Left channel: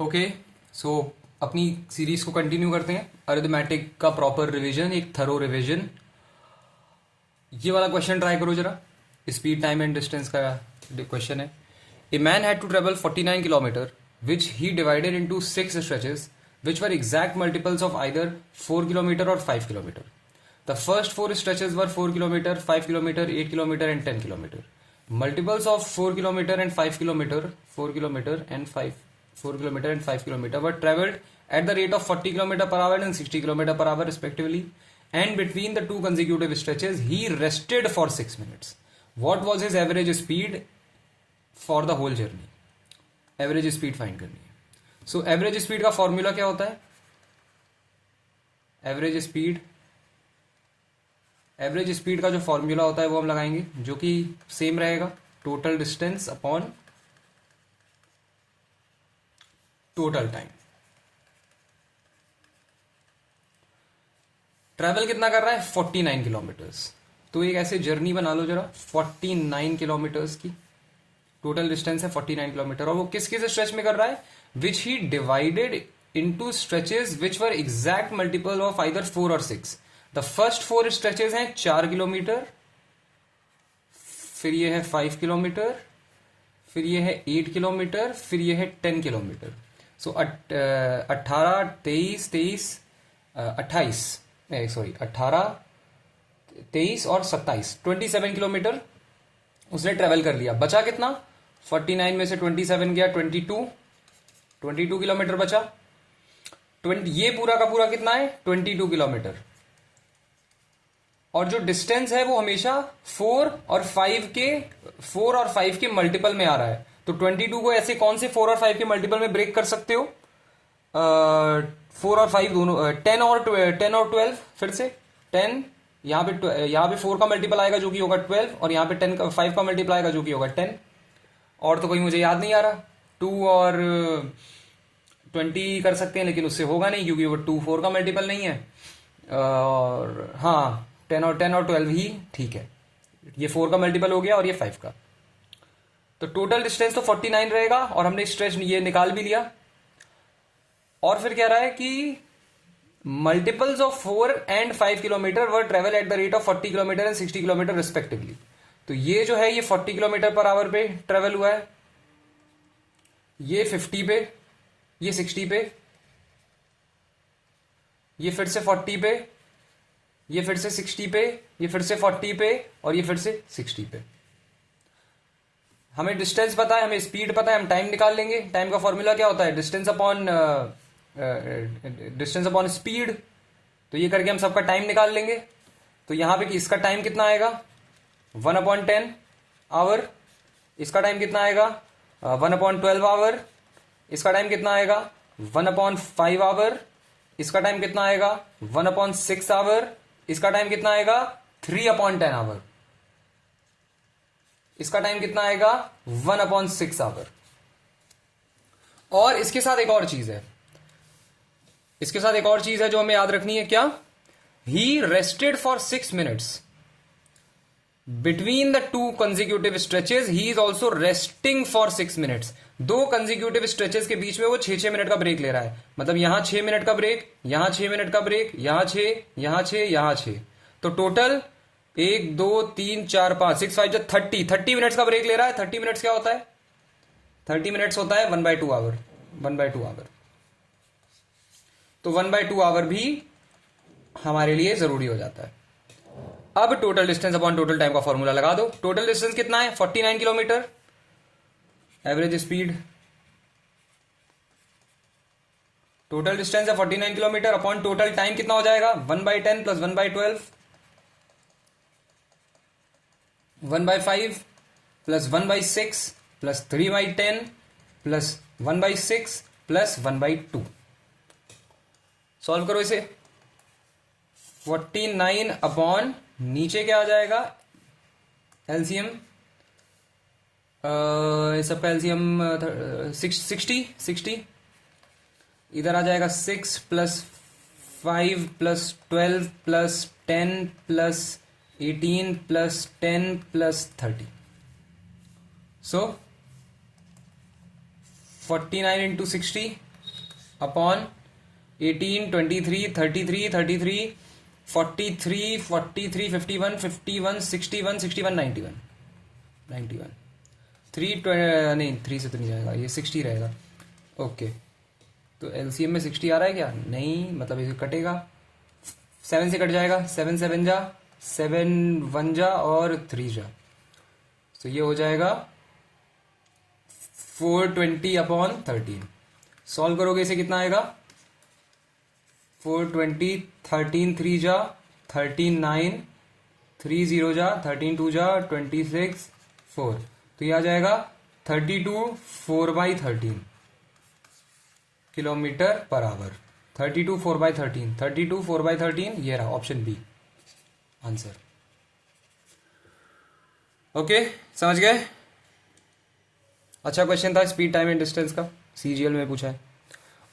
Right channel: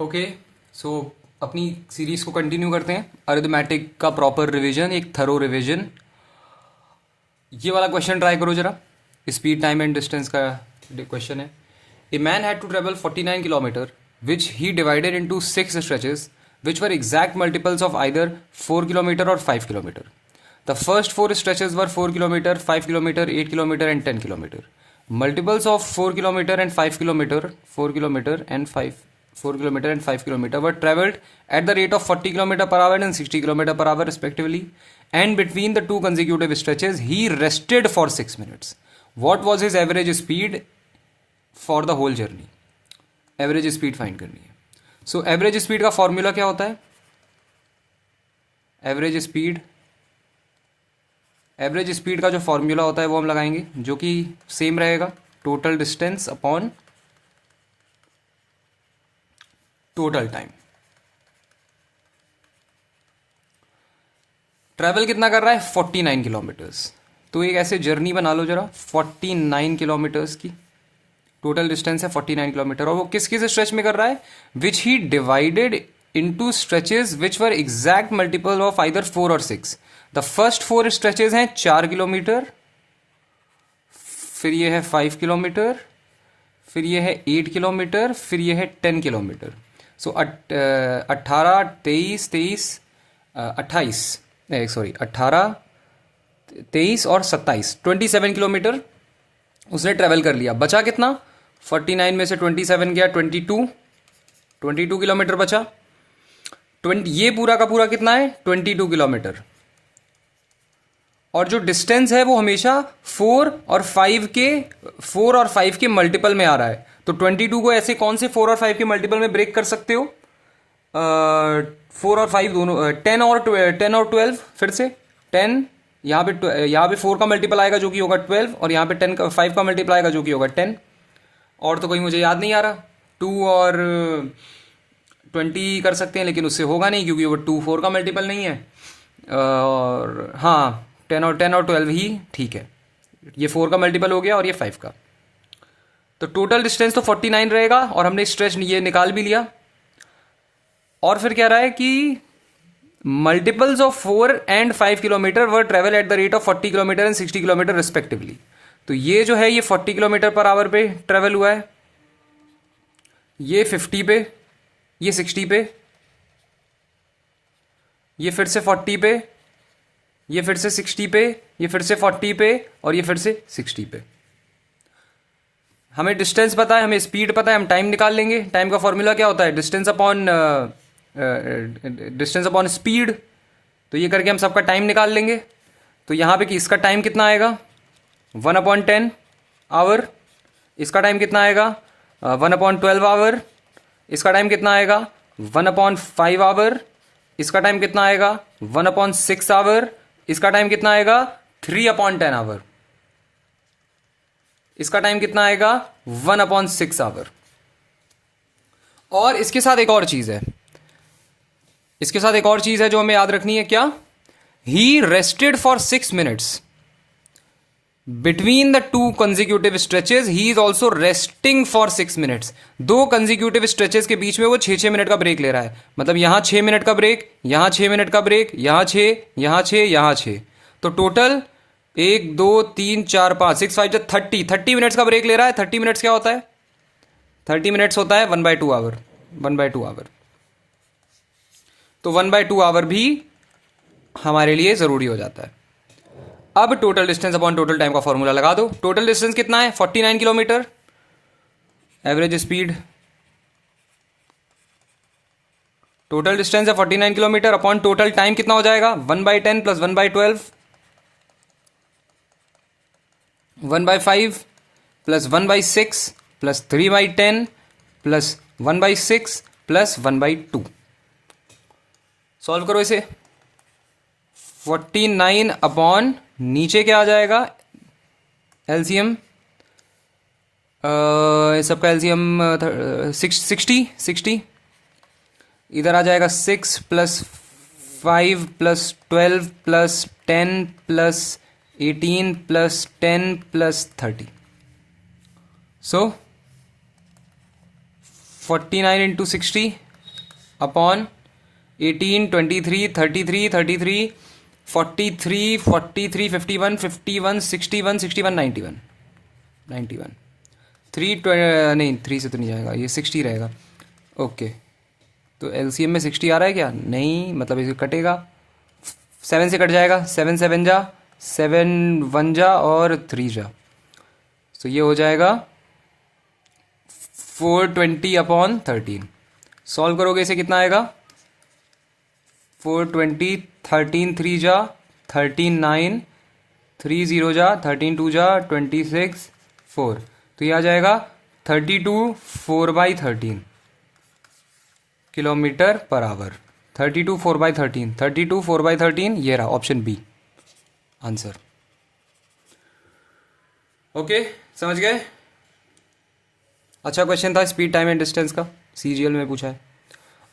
Okay, सो अपनी series को continue करते हैं। अरिथमेटिक का प्रॉपर रिवीजन, एक थरो रिवीजन। ये वाला क्वेश्चन ट्राई करो जरा। स्पीड, टाइम एंड डिस्टेंस का क्वेश्चन है। A man had to travel 49 kilometre which he divided into 6 stretches which were exact multiples of either 4 kilometer or 5 kilometer. The first 4 stretches were 4 kilometer, 5 kilometer, 8 kilometer and 10 kilometer. Multiples of 4 kilometer and 5 kilometer, 4 kilometer and 5 kilometer were traveled at the rate of 40 kilometer per hour and 60 kilometer per hour respectively. And between the two consecutive stretches, he rested for 6 minutes. What was his average speed for the whole journey? Average speed find करनी है। So average speed का formula क्या होता है? Average speed का जो formula होता है वो हम लगाएंगे, जो कि सेम रहेगा, total distance upon total time. Travel कितना कर रहा है? 49 किलोमीटर्स। तो एक ऐसे जर्नी बना लो जरा, 49 किलोमीटर्स की टोटल डिस्टेंस है 49 किलोमीटर। और वो किस किस स्ट्रेच में कर रहा है? Which he divided into stretches which were exact multiple of either 4 और 6। द फर्स्ट 4 स्ट्रेचेस हैं 4 किलोमीटर, फिर ये है 5 किलोमीटर, फिर ये है 8 किलोमीटर, फिर ये है 10 किलोमीटर। सो 18, 23 और 27, 27 किलोमीटर उसने ट्रेवल कर लिया। बचा कितना? 49 में से 27 गया 22 किलोमीटर बचा। 20, ये पूरा का पूरा कितना है? 22 किलोमीटर। और जो डिस्टेंस है वो हमेशा 4 और 5 के मल्टीपल में आ रहा है। तो 22 को ऐसे कौन से 4 और 5 के मल्टीपल में ब्रेक कर सकते हो? 4 और 5 दोनों, 10 और 12। फिर से 10, यहाँ पे 4 का मल्टीपल आएगा जो कि होगा 12, और यहाँ पे 5 का मल्टीपल आएगा जो कि होगा 10। और तो कोई मुझे याद नहीं आ रहा। 2 और 20 कर सकते हैं, लेकिन उससे होगा नहीं क्योंकि वो 2 4 का मल्टीपल नहीं है। और हाँ, 10 और 12 ही ठीक है। ये 4 का मल्टीपल हो गया और ये 5 का। तो टोटल डिस्टेंस तो 49 रहेगा, और हमने स्ट्रेच ये निकाल भी लिया। और फिर कह रहा है कि multiples of 4 and 5 kilometre were travel eight the rate of 40 kilometre and 60 kilometre respectively. तो ये जो है ये 40 किलोमीटर पर आवर पे ट्रेवल हुआ है, ये 50 पे, ये 60 पे, ये फिर से 40 पे, ये फिर से 60 पे, ये फिर से 40 पे, और ये फिर से 60 पे। हमें डिस्टेंस पता है, हमें स्पीड पता है, हम टाइम निकाल लेंगे। टाइम का फॉर्मूला क्या होता है? Distance upon speed. तो ये करके हम सबका टाइम निकाल लेंगे। तो यहां पे कि इसका टाइम कितना आएगा? 1/10 आवर। इसका टाइम कितना आएगा? 1/12 आवर। इसका टाइम कितना आएगा? 1/5 आवर। इसका टाइम कितना आएगा? 1/6 आवर। इसका टाइम कितना आएगा? 3/10 आवर। इसका टाइम कितना आएगा? 1/6 आवर। और इसके साथ एक और चीज है, जो हमें याद रखनी है। क्या? He rested for 6 minutes between the 2 consecutive stretches. He is also resting for 6 minutes. 2 consecutive stretches के बीच में वो 6 मिनट का ब्रेक ले रहा है। मतलब यहां 6 मिनट का ब्रेक, यहां 6 मिनट का ब्रेक, यहां 6, यहां 6, यहां 6। तो टोटल 1 2 3 4 5 6 5 30 मिनट्स का ब्रेक ले रहा है। 30 मिनट्स क्या होता है? 30 मिनट्स होता है 1/2 आवर। 1/2 आवर। तो 1/2 आवर भी हमारे लिए जरूरी हो जाता है। अब total distance upon total time का फॉर्मूला लगा दो। टोटल डिस्टेंस कितना है? 49 kilometre. Average speed, total distance है 49 किलोमीटर अपॉन टोटल टाइम कितना हो जाएगा? 1/10 plus 1/12, 1/5 plus 1/6 plus 3/10 plus 1/6 plus 1/2। Solve करो इसे। 49 अपॉन नीचे क्या आ जाएगा? एलसीएम, सबका एलसीएम 60। इधर आ जाएगा 6 plus 5 plus 12 plus 10 plus 18 plus 10 plus 30। सो 49 into 60 अपॉन 18, 23, 33, 33, 43, 43, 51, 51, 61, 61, 91, 91, 3 नहीं 3 से तो नहीं जाएगा, ये 60 रहेगा। ओके, तो एलसीएम में 60 आ रहा है क्या? नहीं, मतलब इसे कटेगा, 7 से कट जाएगा, 7 7 जा, 7 1 जा और 3 जा, तो ये हो जाएगा 420 अपॉन 13। सॉल्व करोगे इसे कितना आएगा? 420, 13 3 जा 13, 9, 3 0 जा 13 2 जा 26 4, तो ये आ जाएगा 32 4/13 किलोमीटर पर आवर। 32 4/13, 32 4/13, ये रहा ऑप्शन बी आंसर। ओके, समझ गए? अच्छा क्वेश्चन था स्पीड टाइम एंड डिस्टेंस का, सीजीएल में पूछा है।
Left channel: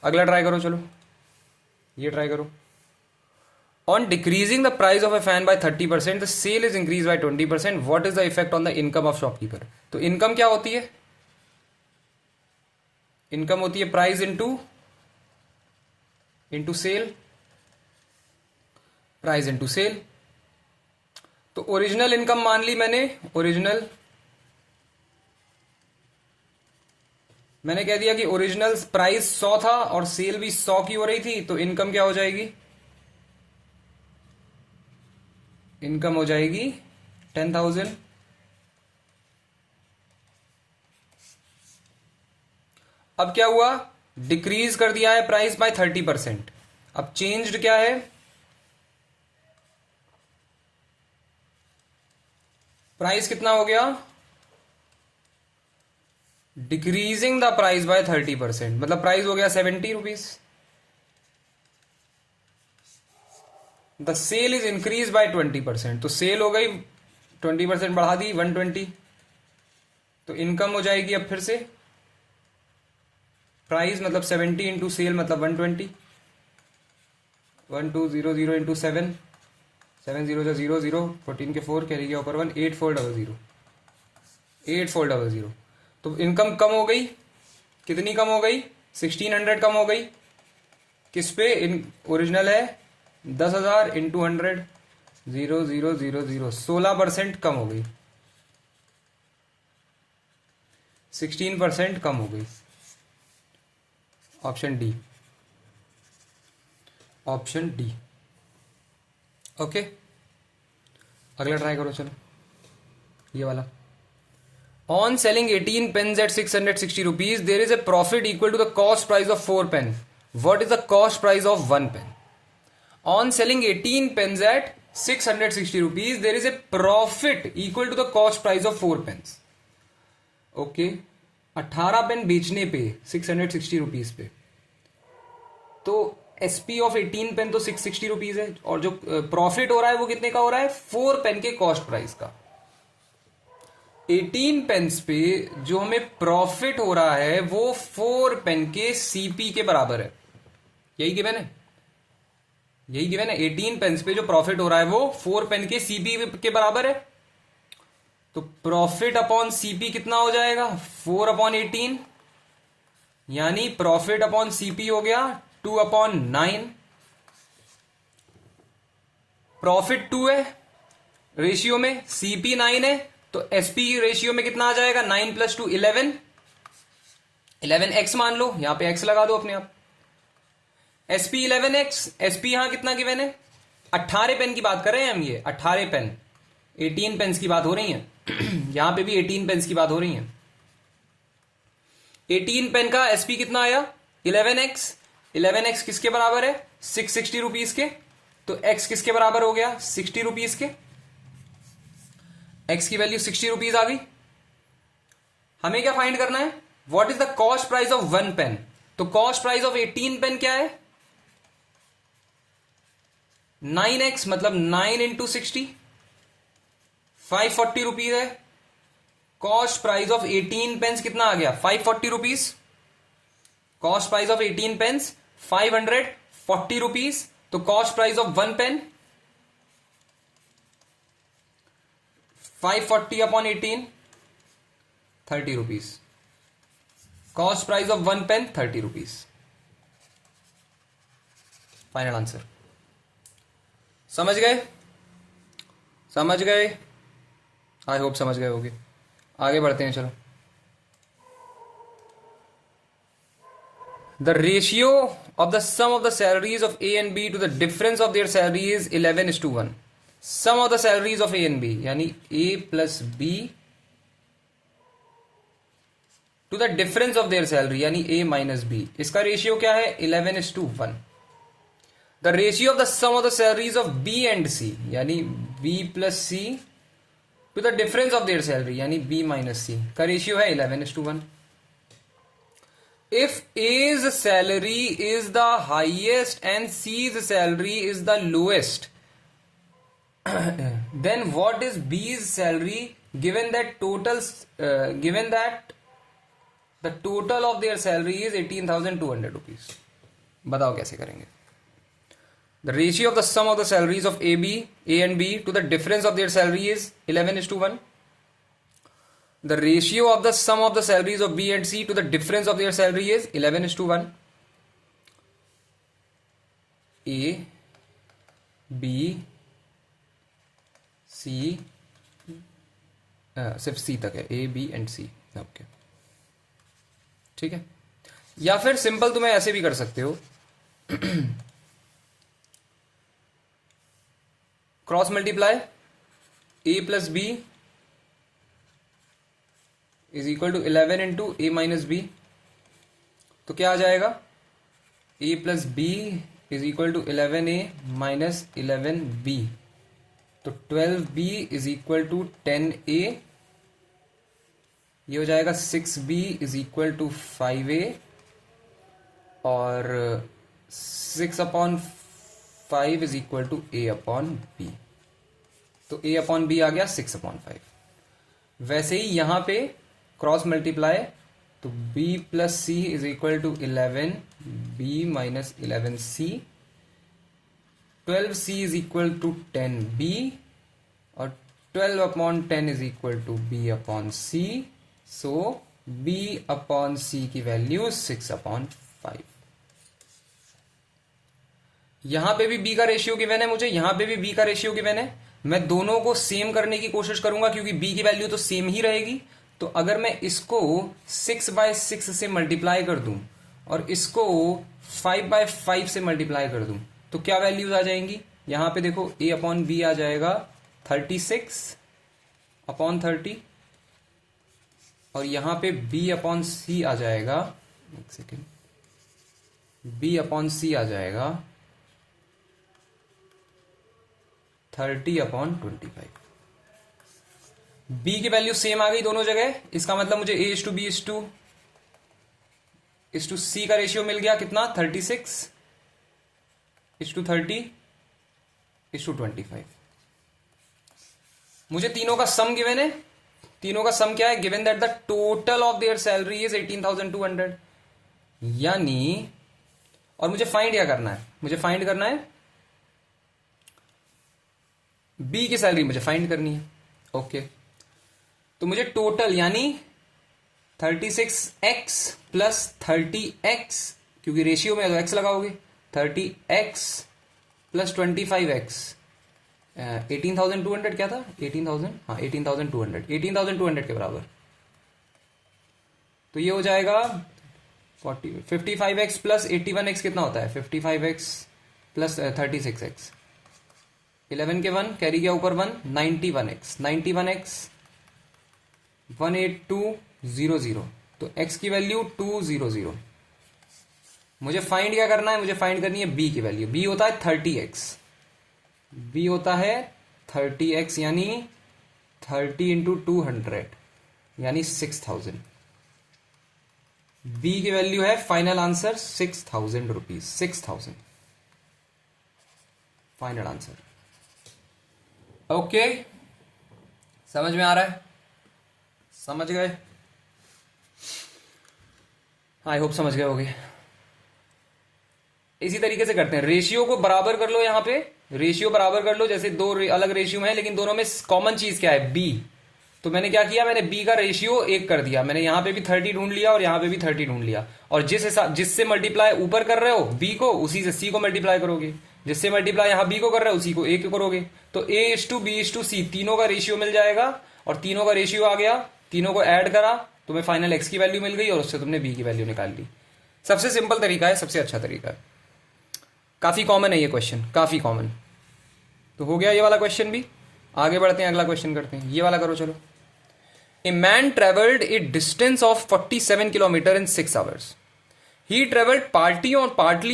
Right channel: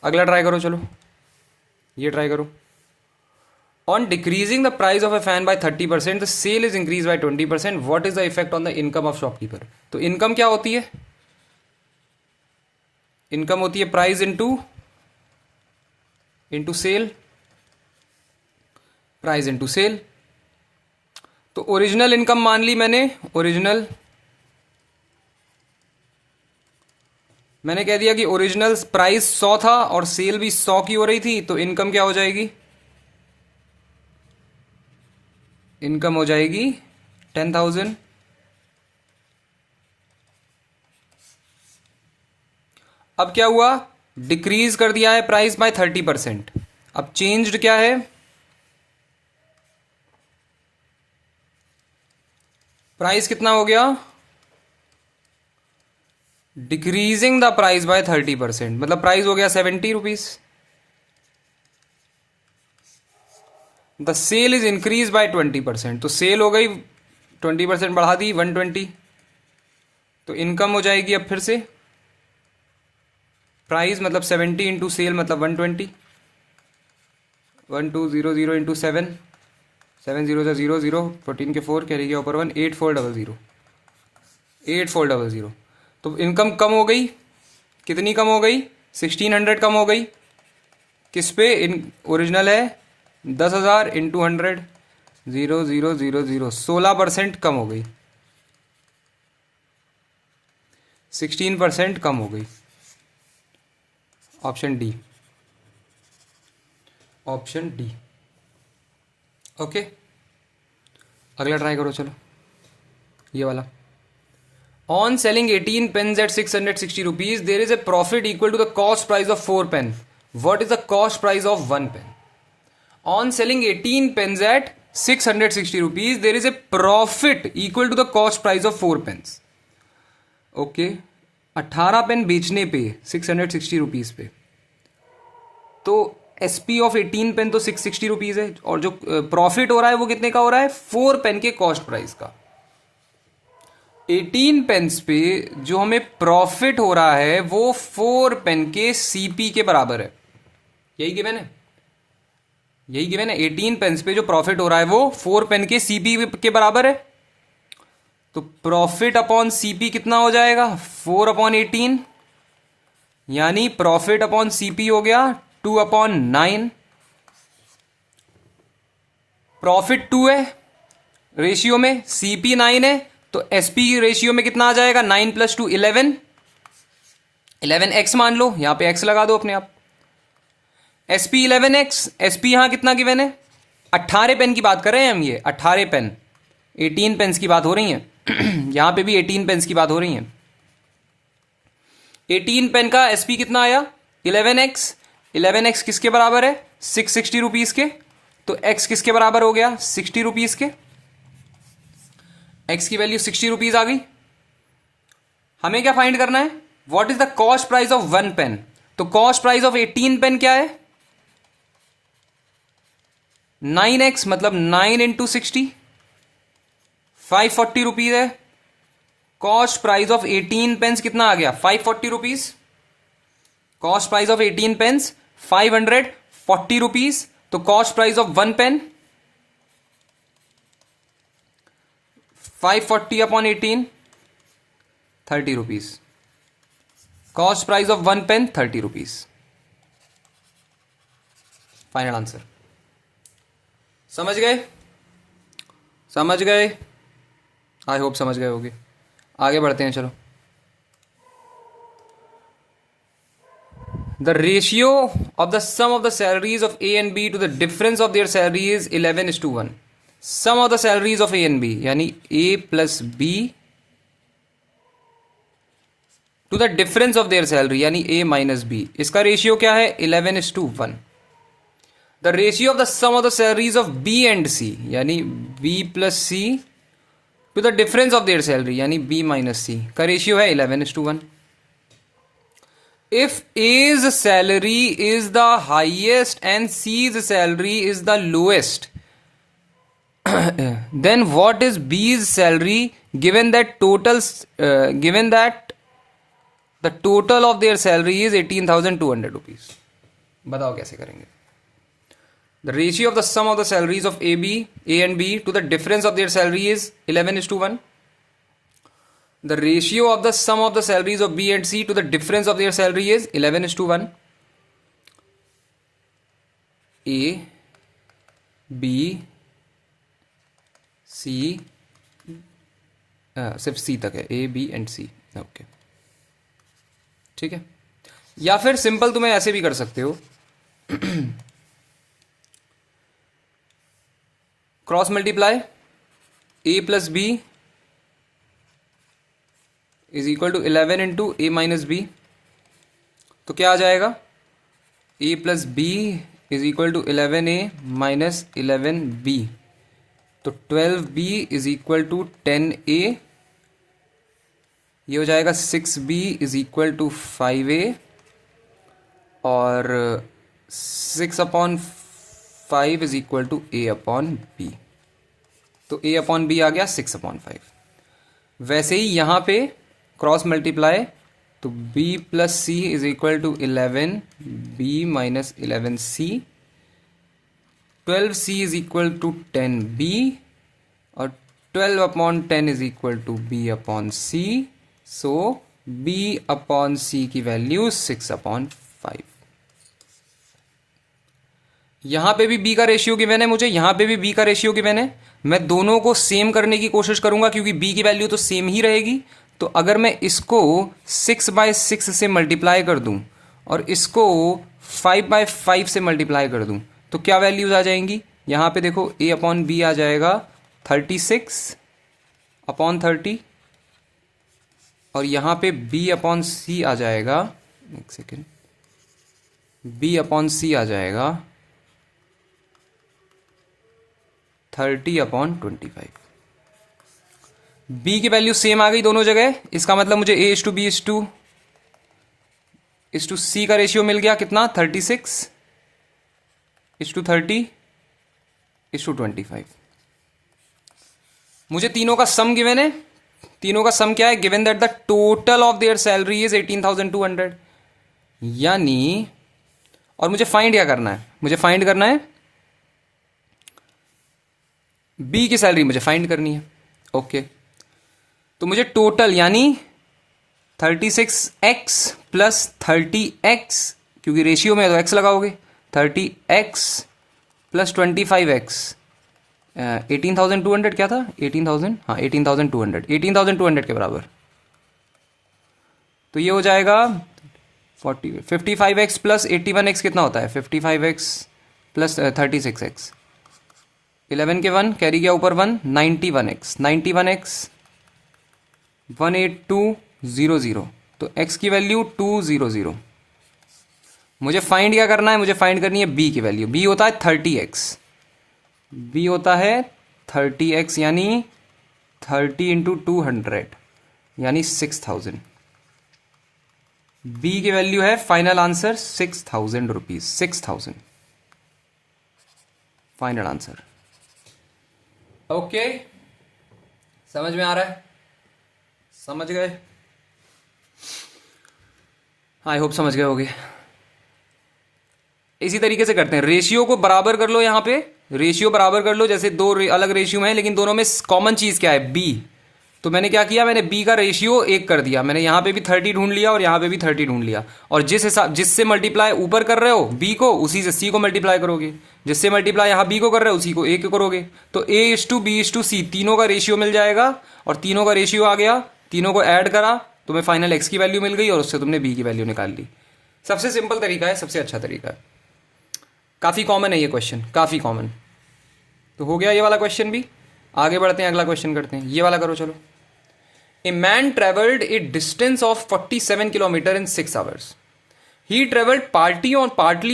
अगला ट्राई करो, चलो ये ट्राई करो। On decreasing the price of a fan by 30%, the sale is increase by 20%, what is the effect on the income of shopkeeper? तो इनकम क्या होती है? इनकम होती है price into sale, price into sale. तो original income मान ली मैंने, ओरिजिनल मैंने कह दिया कि ओरिजिनल प्राइस 100 था और सेल भी 100 की हो रही थी, तो इनकम क्या हो जाएगी? इनकम हो जाएगी 10,000। अब क्या हुआ? डिक्रीज कर दिया है प्राइस बाय 30%। अब चेंज्ड क्या है? प्राइस कितना हो गया? डिक्रीजिंग द प्राइस बाय 30%, मतलब प्राइस हो गया 70 rupees. The sale is increase by 20%, तो सेल हो गई 20% बढ़ा दी 120, तो इनकम हो जाएगी अब फिर से प्राइस मतलब 70 इंटू सेल मतलब 120, 1200 इंटू 7, 7 0 0 0, 14 के 4 कैरी के ऊपर 1, 8400, 8400। तो इनकम कम हो गई, कितनी कम हो गई? 1600 कम हो गई। किस पे? इन ओरिजिनल है 10,000 इंटू 100, 0 0 0 0, 16% कम हो गई, 16% कम हो गई। Option D, option D. Okay, अगला ट्राई करो, चलो ये वाला। On selling 18 pens at 660 rupees, there is a profit equal to the cost price of 4 pen, what is the cost price of 1 pen? On selling 18 pens at 660 rupees, there is a profit equal to the cost price of 4 pens. Okay, 18 pen बेचने पे 660 rupees पे, तो SP of 18 pen तो 660 rupees है, और जो profit हो रहा है वो कितने का हो रहा है? 4 पेन के कॉस्ट प्राइस का। 18 पेन्स पे जो हमें प्रॉफिट हो रहा है वो 4 पेन के सीपी के बराबर है। यही गिवन है, यही गिवन है। 18 पेन्स पे जो प्रॉफिट हो रहा है वो 4 पेन के सीपी के बराबर है। तो प्रॉफिट अपॉन सीपी कितना हो जाएगा? 4/18, यानी प्रॉफिट अपॉन सीपी हो गया 2/9। प्रॉफिट 2 है रेशियो में, सीपी 9 है, तो एसपी रेशियो में कितना आ जाएगा? 9 + 2 11, 11x मान लो, यहां पे x लगा दो अपने आप। एसपी 11x, एसपी यहां कितना गिवन है? 18 पेन की बात कर रहे हैं हम, ये 18 पेन, 18 पेन्स की बात हो रही है यहां पे भी 18 पेन्स की बात हो रही है। 18 पेन का एसपी कितना आया? 11x, 11x किसके बराबर है? 660 रुपीज के, तो x किसके बराबर हो गया? 60 रुपीज के। x की वैल्यू 60 रुपीज आ गई। हमें क्या फाइंड करना है? What is the cost price of 1 pen? तो कॉस्ट प्राइस ऑफ 18 पेन क्या है? 9x, मतलब 9 इंटू 60, 540 रुपीज है। कॉस्ट प्राइस ऑफ 18 पेन्स कितना आ गया? 540 rupees. Cost price of 18 pens 540 rupees, तो cost price of 1 pen 540/18, 30 rupees. Cost price of 1 pen 30 rupees. Final answer. समझ गए? समझ गए? आई होप समझ गए होगे। आगे बढ़ते हैं, चलो। The ratio of the sum of the salaries of A and B to the difference of their salary is 11:1. Sum of the salaries of A and B यानी A plus B to the difference of their salary यानी A minus B, इसका ratio क्या है? 11:1. The ratio of the sum of the salaries of B and C यानी B plus C to the difference of their salary यानी B minus C का ratio है 11:1. If A's salary is the highest and C's salary is the lowest, then what is B's salary given that the total of their salary is 18,200 rupees? बताओ कैसे करेंगे? The ratio of the sum of the salaries of A and B to the difference of their salary is 11:1. The ratio of the sum of the salaries of B and C to the difference of their salary is 11:1. A, B, C, सिर्फ C तक है, A, B and C. Okay, ठीक है। या फिर simple तुम्हें ऐसे भी कर सकते हो, cross multiply A plus B is equal to 11 into A minus B. तो क्या आ जाएगा? A plus B is equal to 11 A minus 11 B. तो 12 B is equal to 10 A. ये हो जाएगा 6 B is equal to 5 A और 6/5 is equal to A upon B. तो ए अपॉन बी आ गया 6/5। वैसे ही यहां पे क्रॉस मल्टीप्लाई, तो b plus C is equal to 11 b minus 11 C. 12 C is equal to 10 b और 12/10 is equal to b upon C. So b upon C की value 6/5। यहां पे भी b का रेशियो गिवन है मुझे, यहां पे भी b का रेशियो गिवन है। मैं दोनों को सेम करने की कोशिश करूंगा क्योंकि b की वैल्यू तो सेम ही रहेगी। तो अगर मैं इसको 6/6 से मल्टीप्लाई कर दूं और इसको 5/5 से मल्टीप्लाई कर दूं तो क्या वैल्यूज आ जाएंगी? यहां पे देखो a अपॉन बी आ जाएगा 36/30 और यहां पे b अपॉन सी आ जाएगा, एक सेकेंड, b अपॉन सी आ जाएगा 30/25। b की वैल्यू सेम आ गई दोनों जगह। इसका मतलब मुझे a इज टू c का रेशियो मिल गया कितना? 36:30:25। मुझे तीनों का सम गिवन है। तीनों का सम क्या है? Given that the total of their salary is 18,200 यानी, और मुझे फाइंड क्या करना है? मुझे फाइंड करना है b की सैलरी मुझे फाइंड करनी है। ओके, तो मुझे टोटल यानी 36x प्लस 30x, क्योंकि रेशियो में है तो x लगाओगे, 30x प्लस 25x 18,200 क्या था? 18,000, हाँ 18,200 के बराबर। तो ये हो जाएगा 55x प्लस 81x कितना होता है? 55x प्लस 36x, 11 के 1 कैरी गया ऊपर 1, 91x 18200। तो x की वैल्यू 200। मुझे फाइंड क्या करना है? मुझे फाइंड करनी है b की वैल्यू। b होता है 30x, b होता है 30x यानी 30 इंटू 200 यानी 6000। b की वैल्यू है final answer 6,000 rupees. 6,000 final answer. Okay, समझ में आ रहा है? समझ गए? आई होप समझ गए होगे। इसी तरीके से करते हैं, रेशियो को बराबर कर लो। यहां पे रेशियो बराबर कर लो, जैसे दो अलग रेशियो में है लेकिन दोनों में कॉमन चीज क्या है? बी। तो मैंने क्या किया, मैंने b का रेशियो 1 कर दिया, मैंने यहाँ पे भी 30 ढूंढ लिया और यहाँ पे भी 30 ढूंढ लिया, और जिससे मल्टीप्लाई ऊपर कर रहे हो b को, उसी से c को मल्टीप्लाई करोगे, जिससे मल्टीप्लाई यहाँ b को कर रहे हो उसी को a को करोगे, तो a:b:c तीनों का रेशियो मिल जाएगा, और तीनों का रेशियो आ गया, तीनों को ऐड करा, तुम्हें फाइनल x की वैल्यू मिल गई और उससे तुमने b की वैल्यू निकाल ली। सबसे सिंपल तरीका है, सबसे अच्छा तरीका है, काफी कॉमन है ये क्वेश्चन, काफी कॉमन। तो हो गया ये वाला क्वेश्चन भी। आगे बढ़ते हैं, अगला क्वेश्चन करते हैं, ये वाला करो चलो। A man travelled A distance of 47 kilometre in 6 hours. He traveled partly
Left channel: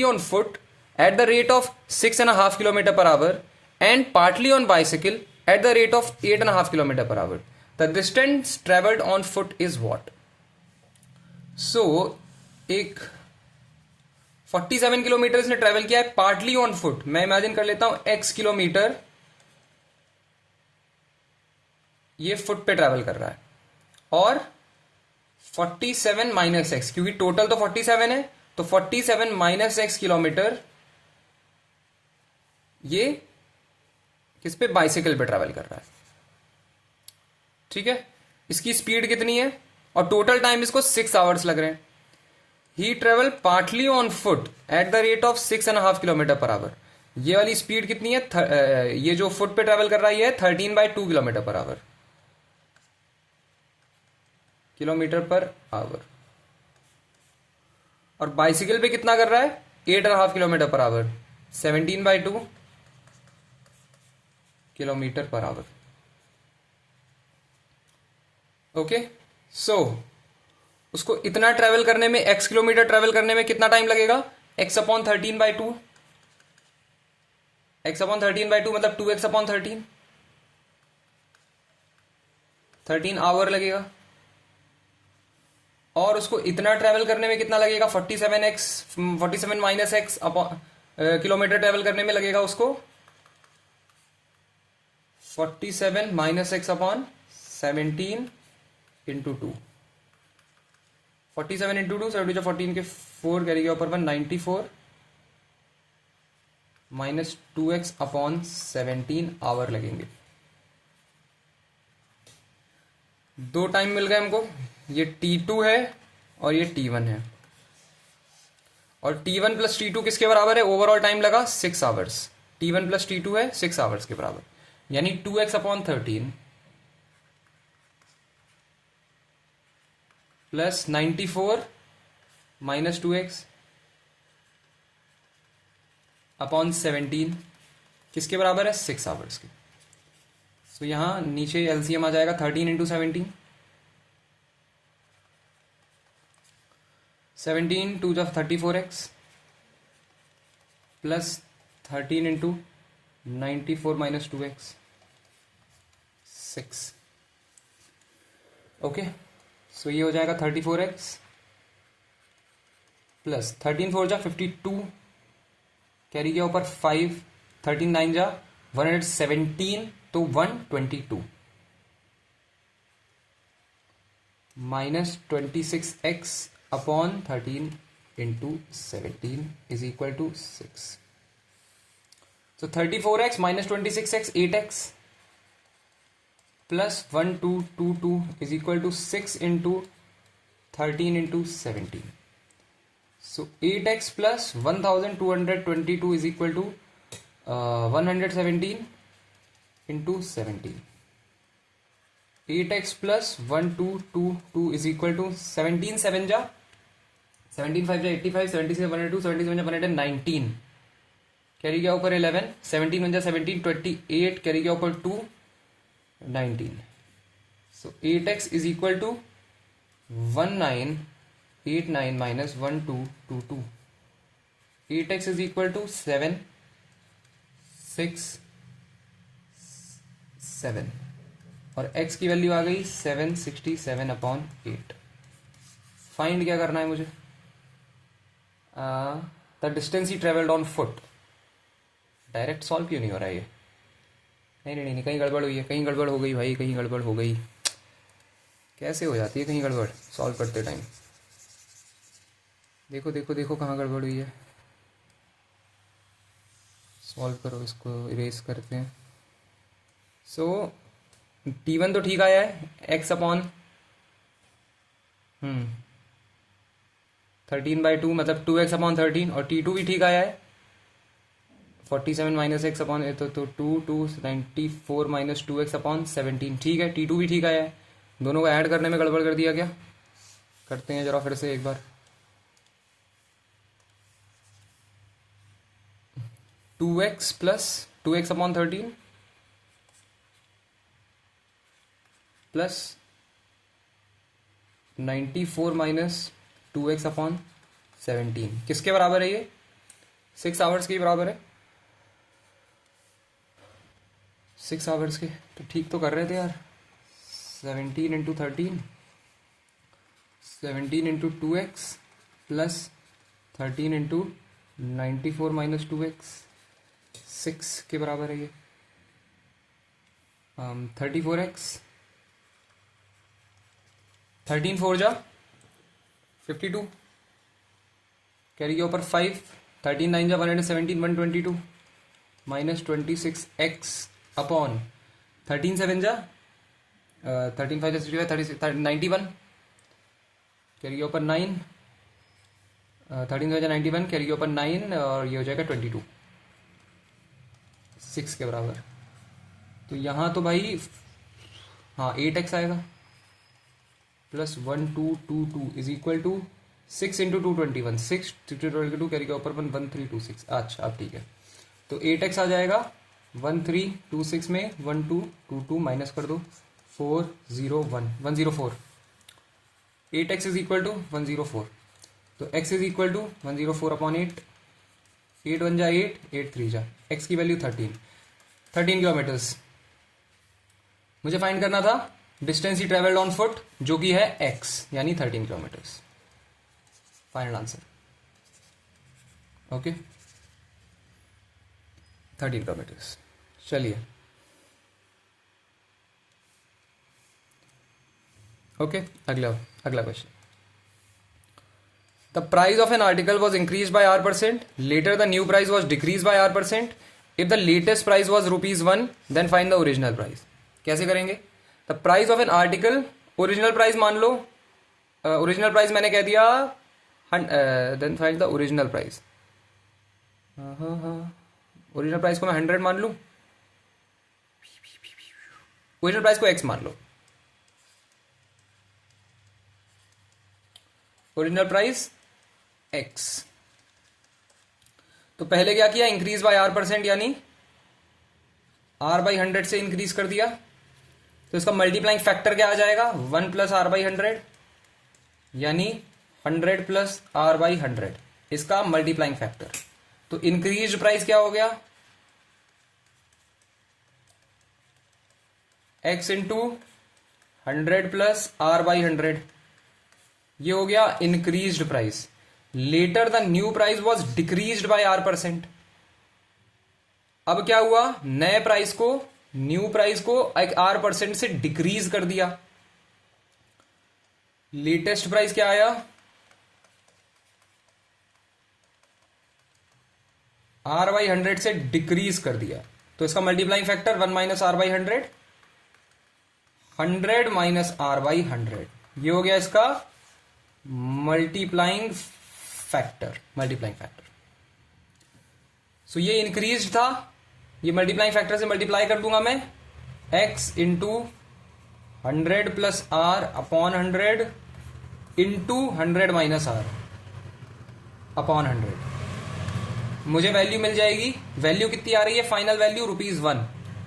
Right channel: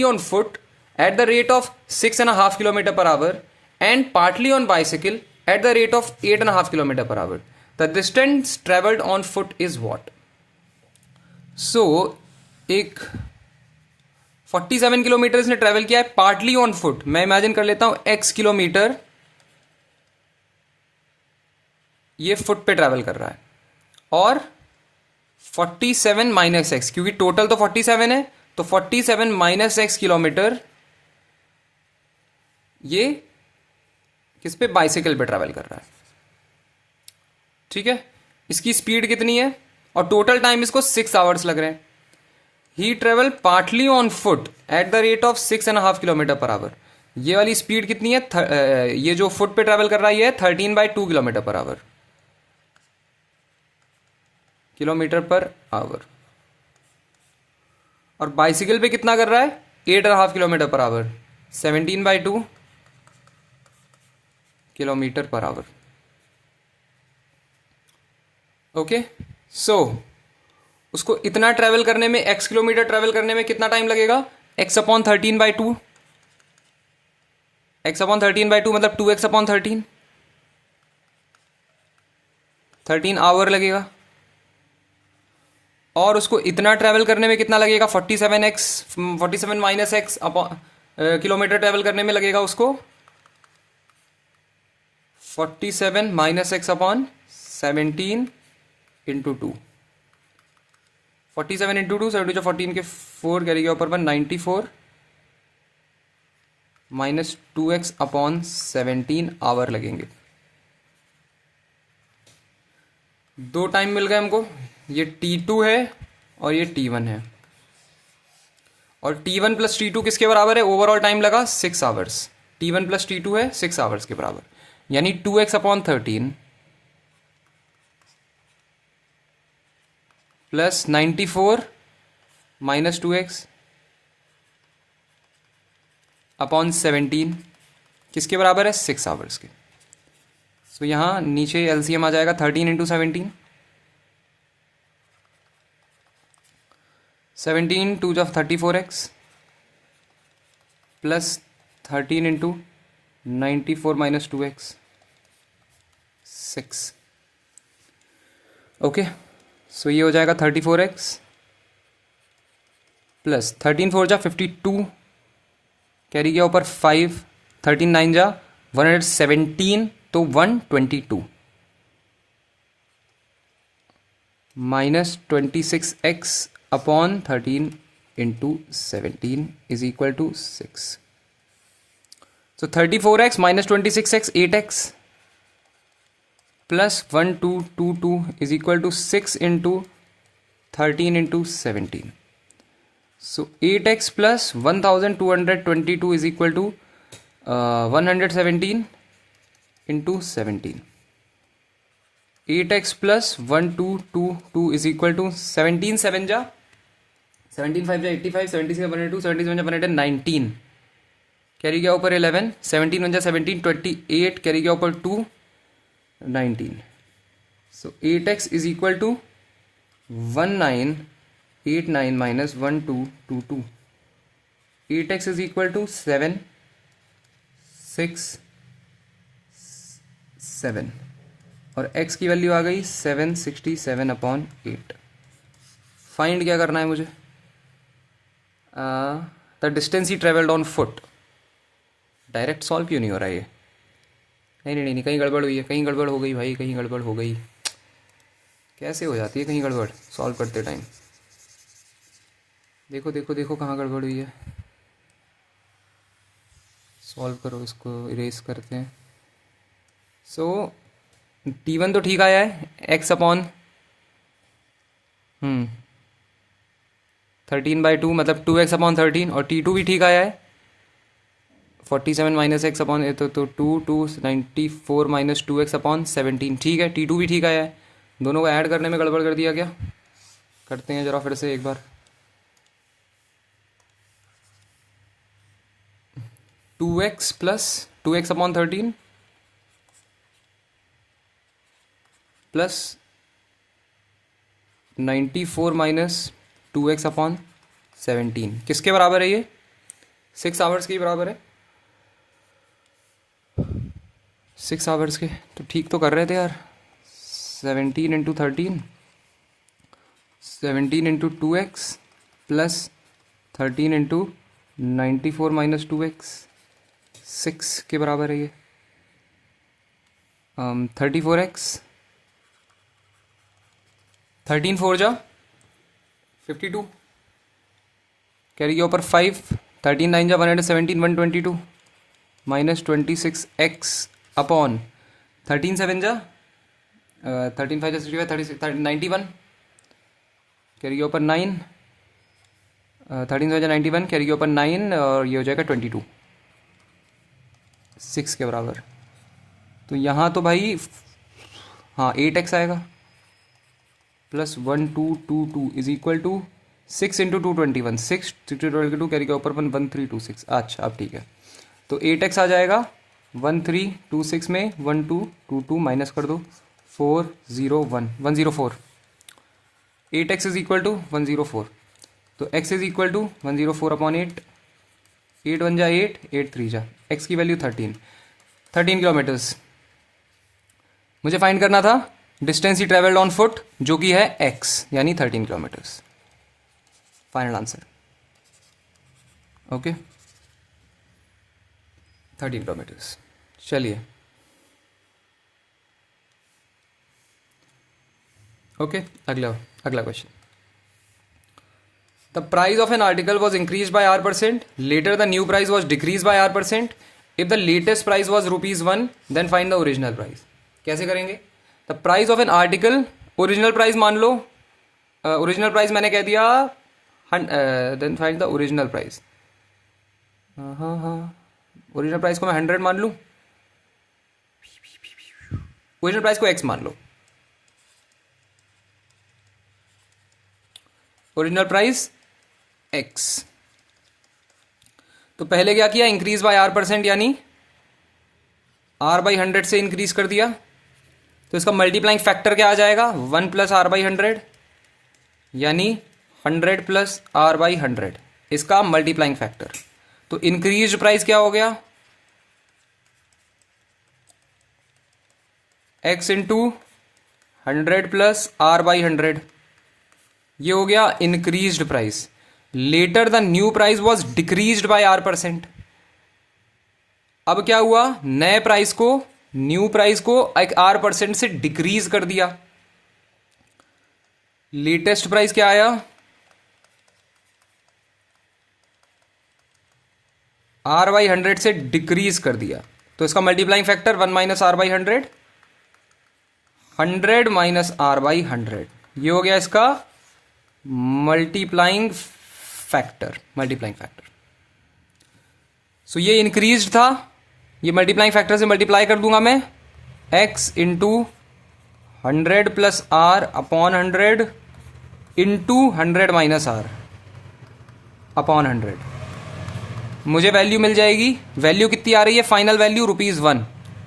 on foot at the rate of 6.5 kilometer per hour and partly on bicycle at the rate of 8.5 kilometer per hour. The distance traveled on foot is what? So एक 47 kilometre इसने travel किया है partly on foot. मैं imagine कर लेता हूं x kilometre ये foot पे ट्रेवल कर रहा है, और 47 माइनस एक्स, क्योंकि टोटल तो 47 है, तो 47 माइनस एक्स किलोमीटर ये किस पे, बाइसिकल पे ट्रेवल कर रहा है। ठीक है, इसकी स्पीड कितनी है, और टोटल टाइम इसको 6 आवर्स लग रहे हैं। He travel partly on foot at the rate of 6.5 kilometre per hour. ये वाली स्पीड कितनी है, ये जो फुट पे ट्रेवल कर रहा है ये 13/2 kilometre per hour, kilometre per hour. और बाइसिकल पे कितना कर रहा है, 8.5 kilometre per hour, 17/2 kilometre per hour. Okay, so उसको इतना ट्रेवल करने में, x किलोमीटर ट्रेवल करने में कितना टाइम लगेगा, x/13/2, x/13/2 मतलब 2x/13, 13 आवर लगेगा। और उसको इतना ट्रैवल करने में कितना लगेगा, 47 माइनस एक्स किलोमीटर ट्रैवल करने में लगेगा उसको 47 minus x upon 17 into 2, 47 into 2, 7 14 के 4 कैरी के ऊपर 94 माइनस 2x अपॉन 17 आवर लगेंगे। दो टाइम मिल गए हमको, ये T2 है और ये T1 है, और T1 प्लस T2 किसके बराबर है, ओवरऑल टाइम लगा 6 आवर्स, T1 प्लस T2 है 6 आवर्स के बराबर, यानी 2x upon 13 plus 94 minus 2x upon 17 किसके बराबर है, 6 आवर्स के। तो यहां नीचे एलसीएम आ जाएगा 13 इंटू 17, 17 2 जा 34x plus 13 into 94 minus 2x 6। Okay, so ये हो जाएगा 34x प्लस 13 4 जा 52, कैरी गया ऊपर 5, 13 9 जा 117, तो 122 minus 26x upon 13 into 17 is equal to 6। So 34x minus 26x 8x plus 1222 is equal to 6 into 13 into 17। So 8x plus 1222 is equal to 117 into 17, 8x plus 1222 is equal to 17 7 जा 17 5 जा 85, 76 102, 77 जा 119, carry गया ऊपर 11, 17 1 जा 17, 28 carry गया ऊपर 2, 19। So 8x is equal to 1989 minus 1222, 8x is equal to 7 6 7, और x की वैल्यू आ गई 767 अपॉन 8। फाइंड क्या करना है मुझे, the distance he travelled on foot. Direct solve क्यों नहीं हो रहा है ये, नहीं नहीं नहीं, कहीं गड़बड़ हुई है, कहीं गड़बड़ हो गई भाई, कहीं गड़बड़ हो गई, कैसे हो जाती है कहीं गड़बड़ सॉल्व करते टाइम। देखो देखो देखो कहाँ गड़बड़ हुई है, सॉल्व करो, इसको इरेज करते हैं। सो T1 तो ठीक आया है, x अपॉन 13/2 मतलब 2x अपॉन 13, और T2 भी ठीक आया है 47 माइनस एक्स अपॉन तो 94 माइनस 2x अपॉन 17, ठीक है। T2 भी ठीक आया है। दोनों को ऐड करने में गड़बड़ कर दिया क्या? करते हैं जरा फिर से एक बार। 2x plus 2x upon 13 plus 94 minus 2x upon 17 किसके बराबर है ये? 6 आवर्स के बराबर है। 6 आवर्स के तो ठीक तो कर रहे थे यार। 17 into 13, 17 into 2x plus 13 into 94 minus 2x, 6 के बराबर है ये। 34x, 13 4 जा 52, कैरी के ऊपर 5, 13 9 जा 117 122 माइनस 26x अपॉन 13 7 जा 13 5 जा 65 36 91, कैरी के ऊपर 9, 13 5 जा 91, कैरी के ऊपर 9 और ये हो जाएगा 22, 6 के बराबर। तो यहाँ तो भाई हाँ 8x आएगा plus 1222 is equal to 6 into 221, 6 22 carry के ऊपर 1326। अच्छा अब ठीक है, तो 8x आ जाएगा 1326 में 1222 माइनस कर दो 401 104, 8x इज इक्वल टू 104, तो x is equal to 104 upon 8, 8 1 जा 8, 8 3 जा, x की वैल्यू 13 किलोमीटर्स मुझे फाइंड करना था। Distance he travelled on foot जो कि है x यानी 13 kilometres. Final answer okay 13 kilometres. चलिए ओके अगला question. The price of an article was increase by R%, later the new price was decrease by R%, if the latest price was ₹1 then find the original price. कैसे करेंगे? The price of an article, original price मान लो, original price मैंने कह दिया, then find the original price. Original price को मैं 100 मान लूं, ओरिजिनल प्राइस को x मान लो, ओरिजिनल प्राइस x। तो पहले क्या किया, इंक्रीज बाय R%, यानी R/100 से इंक्रीज कर दिया, तो इसका मल्टीप्लाइंग फैक्टर क्या आ जाएगा, 1 प्लस R/100 यानी 100 प्लस R/100, इसका मल्टीप्लाइंग फैक्टर। तो इंक्रीज प्राइस क्या हो गया, x इंटू 100 प्लस R/100, ये हो गया increased price. Later the new price was decreased by R%। अब क्या हुआ, नए प्राइस को, न्यू प्राइस को एक R% से डिक्रीज कर दिया। लेटेस्ट प्राइस क्या आया, R/100 से डिक्रीज कर दिया, तो इसका multiplying factor 1 minus R/100, 100 minus R/100, ये हो गया इसका मल्टीप्लाइंग फैक्टर। सो ये इंक्रीज था, ये मल्टीप्लाइंग फैक्टर से मल्टीप्लाई कर दूंगा मैं, x into 100 plus R upon 100 into 100 minus R upon 100, मुझे वैल्यू मिल जाएगी। वैल्यू कितनी आ रही है, फाइनल वैल्यू ₹1,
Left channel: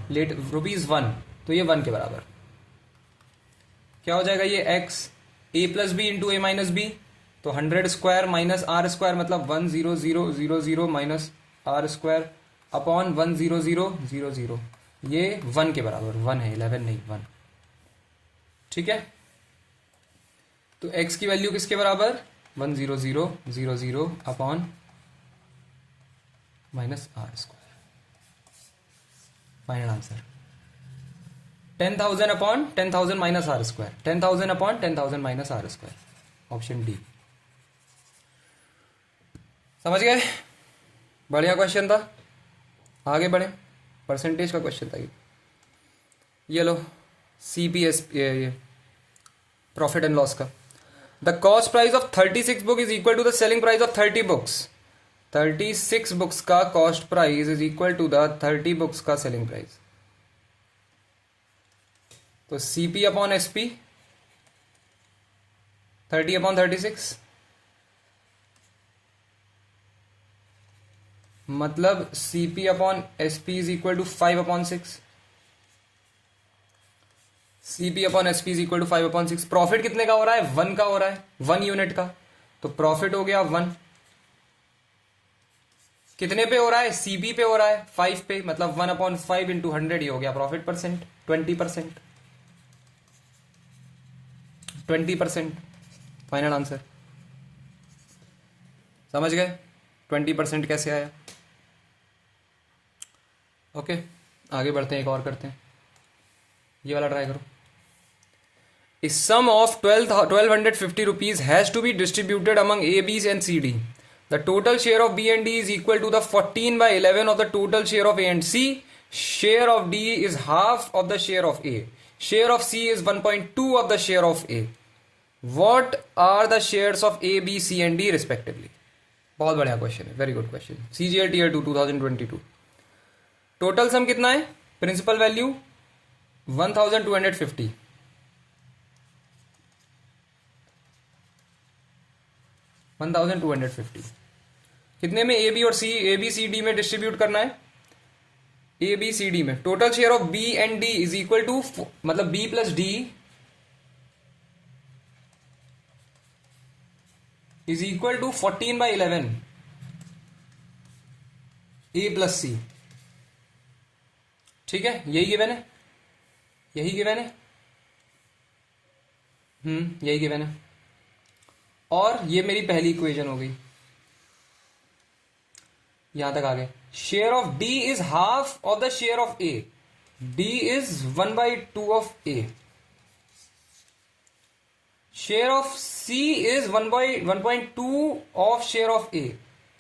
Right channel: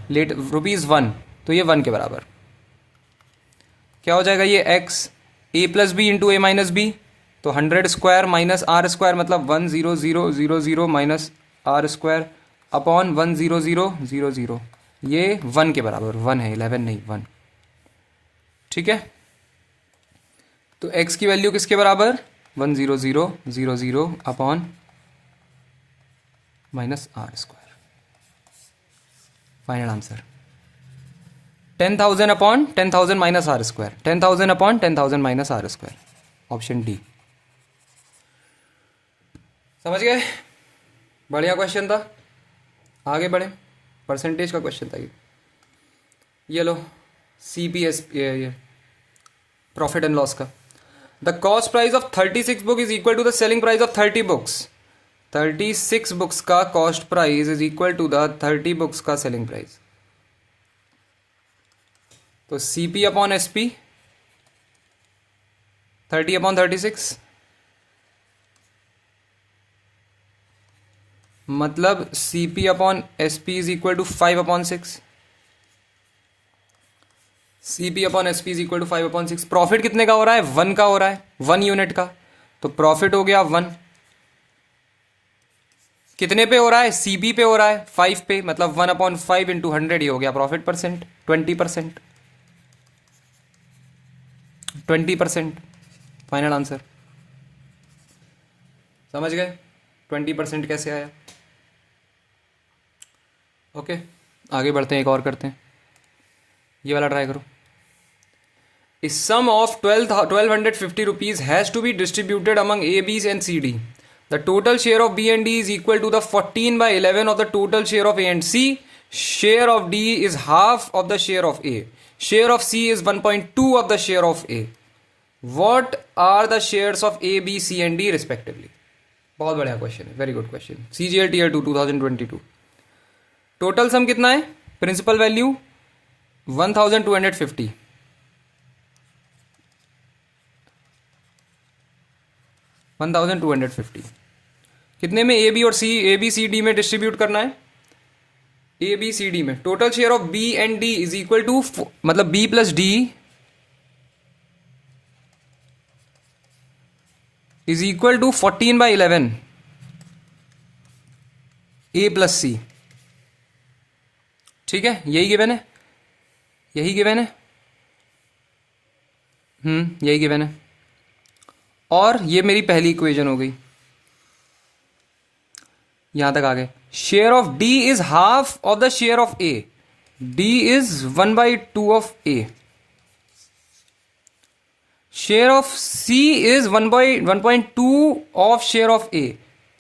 लेट ₹1, तो ये 1 के बराबर क्या हो जाएगा, ये x a plus B into A minus B, तो 100 स्क्वायर माइनस R स्क्वायर मतलब 10000 माइनस R स्क्वायर अपॉन 10000, ये 1 के बराबर, 1 है, 11 नहीं 1, ठीक है। तो x की वैल्यू किसके बराबर, 10000 upon minus R square. Final answer 10,000 upon 10,000 minus R square, 10,000 upon 10,000 minus R square, option D. समझ गए? बढ़िया क्वेश्चन था, आगे बढ़े। परसेंटेज का क्वेश्चन था ये लो, CPS प्रॉफिट एंड लॉस का। The cost price of 36 book is equal to the selling price of 30 books. 36 books का cost price is equal to the 30 books का सेलिंग प्राइस। तो CP अपॉन SP 30 अपॉन 36, मतलब CP upon SP is equal to 5 upon 6। CP upon SP is equal to 5 upon 6। Profit कितने का हो रहा है? 1 का हो रहा है, 1 यूनिट का। तो प्रॉफिट हो गया 1। कितने पे हो रहा है? CP पे हो रहा है 5 पे, मतलब 1 अपॉन 5 इंटू 100 ही हो गया प्रॉफिट परसेंट, 20%। 20% final answer. समझ गए 20% कैसे आया? ओके, आगे बढ़ते हैं, एक और करते हैं। ये वाला ट्राई करो। A sum of 1250 rupees has to be distributed among A, B and C, D. The total share of B and D is equal to the 14 by 11 of the total share of A and C. Share of D is half of the share of A. Share of C is 1.2 of the share of A. What are the shares of A, B, C and D respectively? बहुत बढ़िया question है, very good question. CGL Tier 2 2022। Total sum कितना है? Principal value 1250। 1250 कितने में? A B और C, A B C D में distribute करना है। ए बी सी डी में total share of B and D is equal to, मतलब B plus D is equal to 14 by 11 A plus C. ठीक है, यही given है, यही गिवन है, यही गिवन है। और ये मेरी पहली इक्वेशन हो गई, यहां तक आ गए। Share of D is half of the share of A. D is 1/2 of A. Share of C is 1/2 of share of A.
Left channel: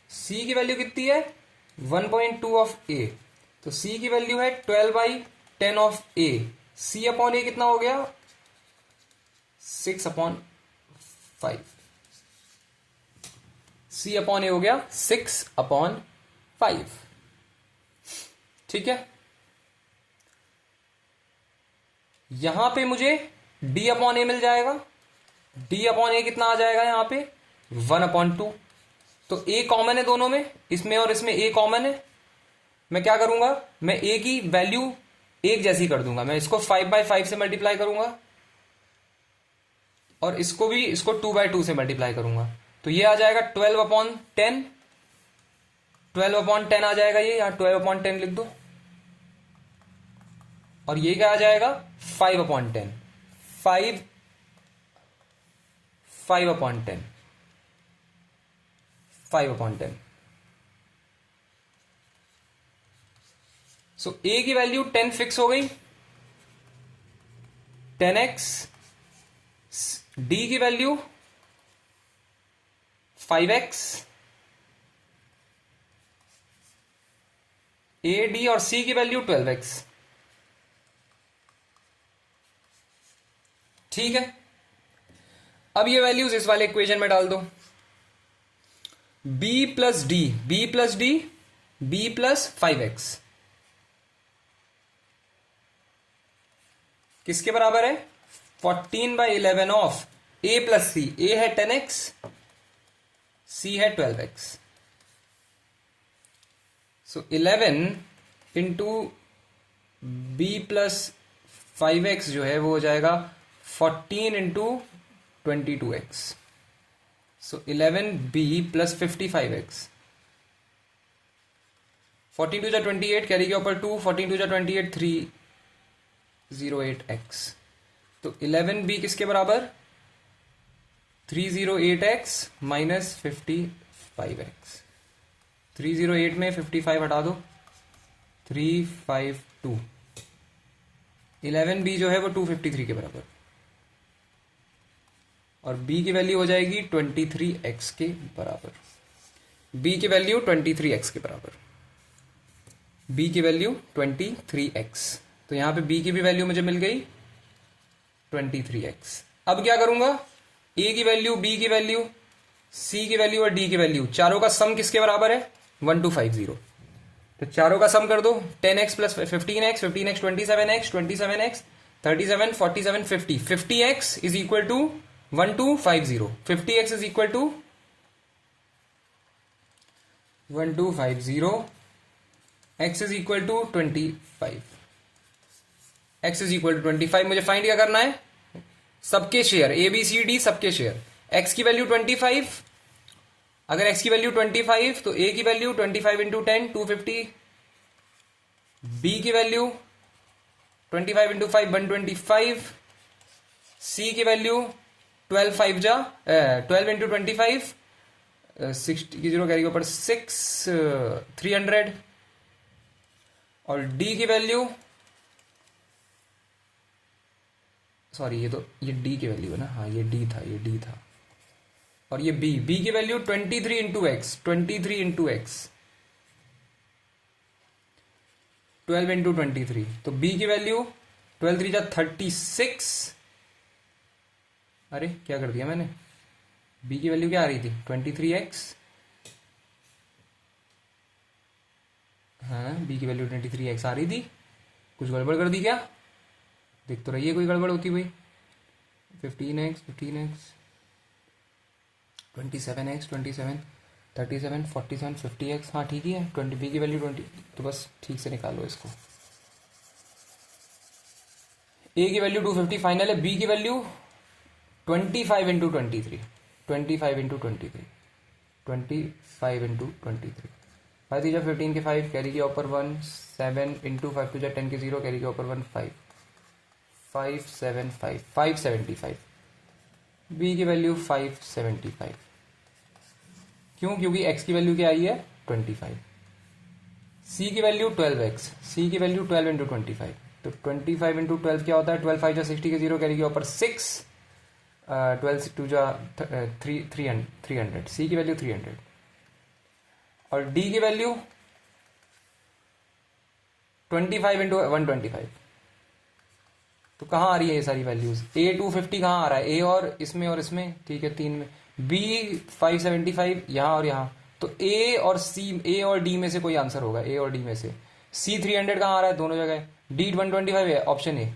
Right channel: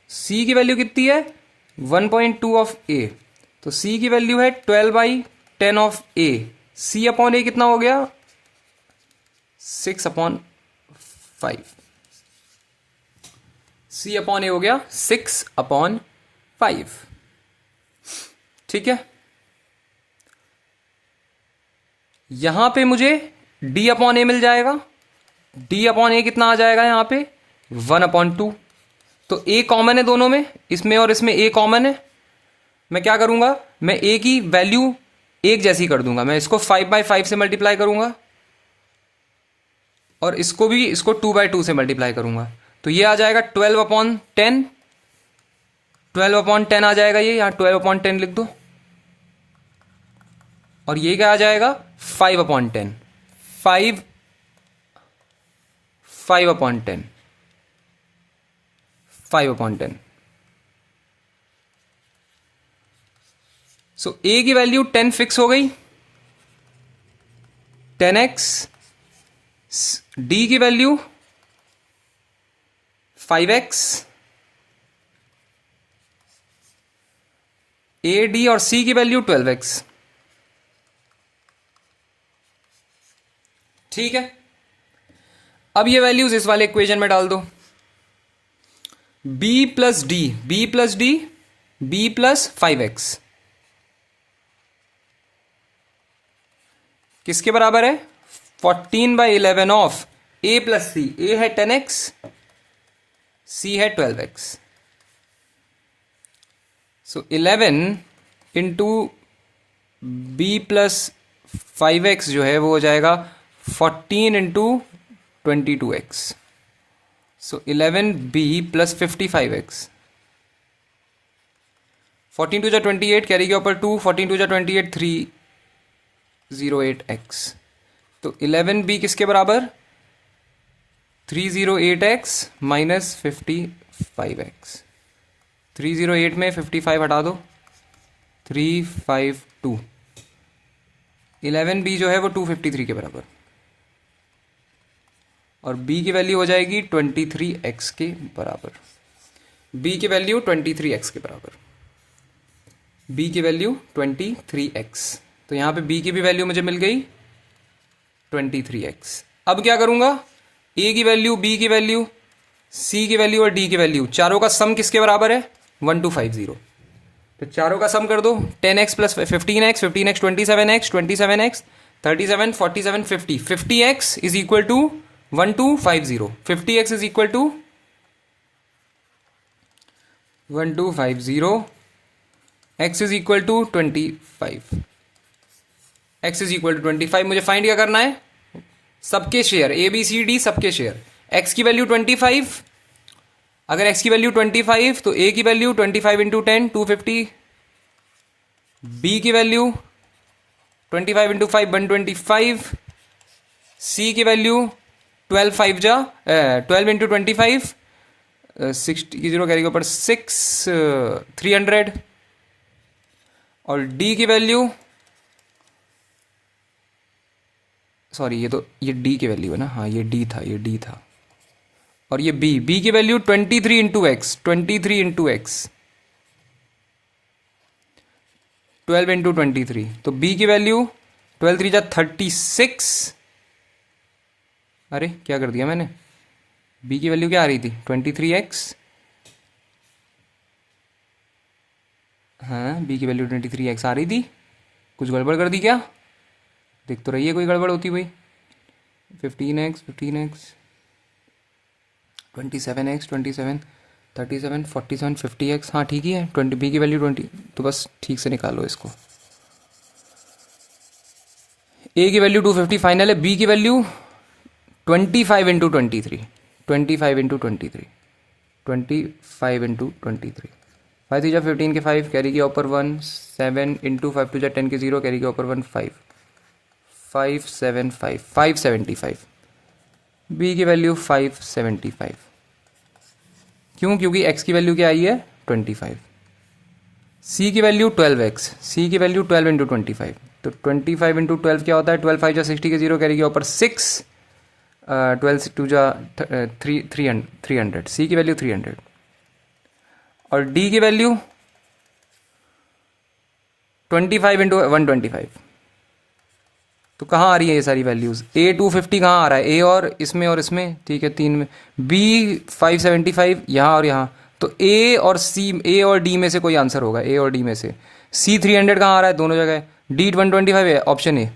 C की वैल्यू कितनी है? 1.2 ऑफ ए। तो सी की वैल्यू है 12/10 ऑफ ए। सी अपॉन ए कितना हो गया? 6/5। सी अपॉन ए हो गया 6/5। ठीक है, यहां पे मुझे डी अपॉन ए मिल जाएगा। डी अपॉन ए कितना आ जाएगा यहां पे? 1/2। तो ए कॉमन है दोनों में, इसमें और इसमें ए कॉमन है। मैं क्या करूंगा? मैं ए की वैल्यू एक जैसी कर दूंगा। मैं इसको 5/5 से मल्टीप्लाई करूंगा और इसको भी, इसको 2/2 से मल्टीप्लाई करूंगा। तो ये आ जाएगा 12/10। 12/10 आ जाएगा ये, यहां 12/10 लिख दो। और ये क्या आ जाएगा? 5/10। 5/10। सो ए की वैल्यू 10 फिक्स हो गई, 10x। डी की वैल्यू 5x। ए, डी और सी की वैल्यू 12x। ठीक है, अब ये वैल्यूज इस वाले इक्वेशन में डाल दो। b plus D, b plus D, b plus 5x किसके बराबर है? 14/11 of a plus C. a है 10x, c है 12x। सो 11 इंटू b प्लस 5x जो है वो हो जाएगा 14 into 22x। So 11b plus 55x। 14 to जा 28, कैरी के ऊपर 2, 14 टू जा 28, 308x। तो 11b किसके बराबर? 308x minus 55x। 308 में 55 हटा दो, 352। 11b जो है वो 253 के बराबर, और b की वैल्यू हो जाएगी 23x के बराबर। b की वैल्यू 23x के बराबर। b की वैल्यू 23x। तो यहां पे b की भी वैल्यू मुझे मिल गई 23x। अब क्या करूंगा, a की वैल्यू, b की वैल्यू, c की वैल्यू और d की वैल्यू, चारों का सम किसके बराबर है, 1250। तो चारों का सम कर दो, 10x plus 15x, 15x 27x, 27x 37, 47, 50, 50x is equal to 1250, 50x is equal to 1250, x is equal to 25, x is equal to 25। मुझे फाइंड क्या करना है, सबके share, A B C D सबके शेयर। x की वैल्यू 25, अगर x की value 25 तो a की वैल्यू 25 इंटू 10 250, b की वैल्यू 25 इंटू 5 125, c की वैल्यू 12 5 जा 12 इंटू 25 60 की जीरो कैरी के ऊपर 6 300, और d की वैल्यू, सॉरी ये d की वैल्यू है ना, हाँ ये d था, और ये b की value 23 into x, 23 into x 12 into 23, तो b की वैल्यू 12 3 जा 36, अरे क्या कर दिया मैंने, b की वैल्यू क्या आ रही थी 23x, हाँ b की वैल्यू 23x आ रही थी, कुछ गड़बड़ कर दी क्या, देख तो रही है कोई गड़बड़ होती हुई, 15x 27x 27 37 47 50x, हाँ ठीक ही है, 20 b की वैल्यू 20, तो बस ठीक से निकालो इसको। a की वैल्यू 250 फाइनल है, b की वैल्यू 25 इंटू 23, 25 इंटू 23, 25 इंटू 23, 5 थी जब 15 के 5 कैरी के ऊपर 1, 7 इंटू 5 टू जा 10 के 0 कैरी के ऊपर 1 5, 575 575, b की वैल्यू 575, क्यों, क्योंकि x की वैल्यू क्या आई है 25, c की वैल्यू 12x, c की वैल्यू 12 इंटू 25, तो 25 इंटू 12 क्या होता है, 12 5 जा 60 के 0 कैरी के ऊपर 6, 12 टू जा 300, c की वैल्यू 300, और d की वैल्यू 25 इंटू 125, तो कहाँ आ रही है ये सारी वैल्यूज, a 250 कहाँ आ रहा है, a और इसमें ठीक है, तीन में, b 575 यहाँ और यहाँ, तो a और d में से कोई आंसर होगा, a और d में से, c 300 कहाँ आ रहा है, दोनों जगह, d 125 है, option A,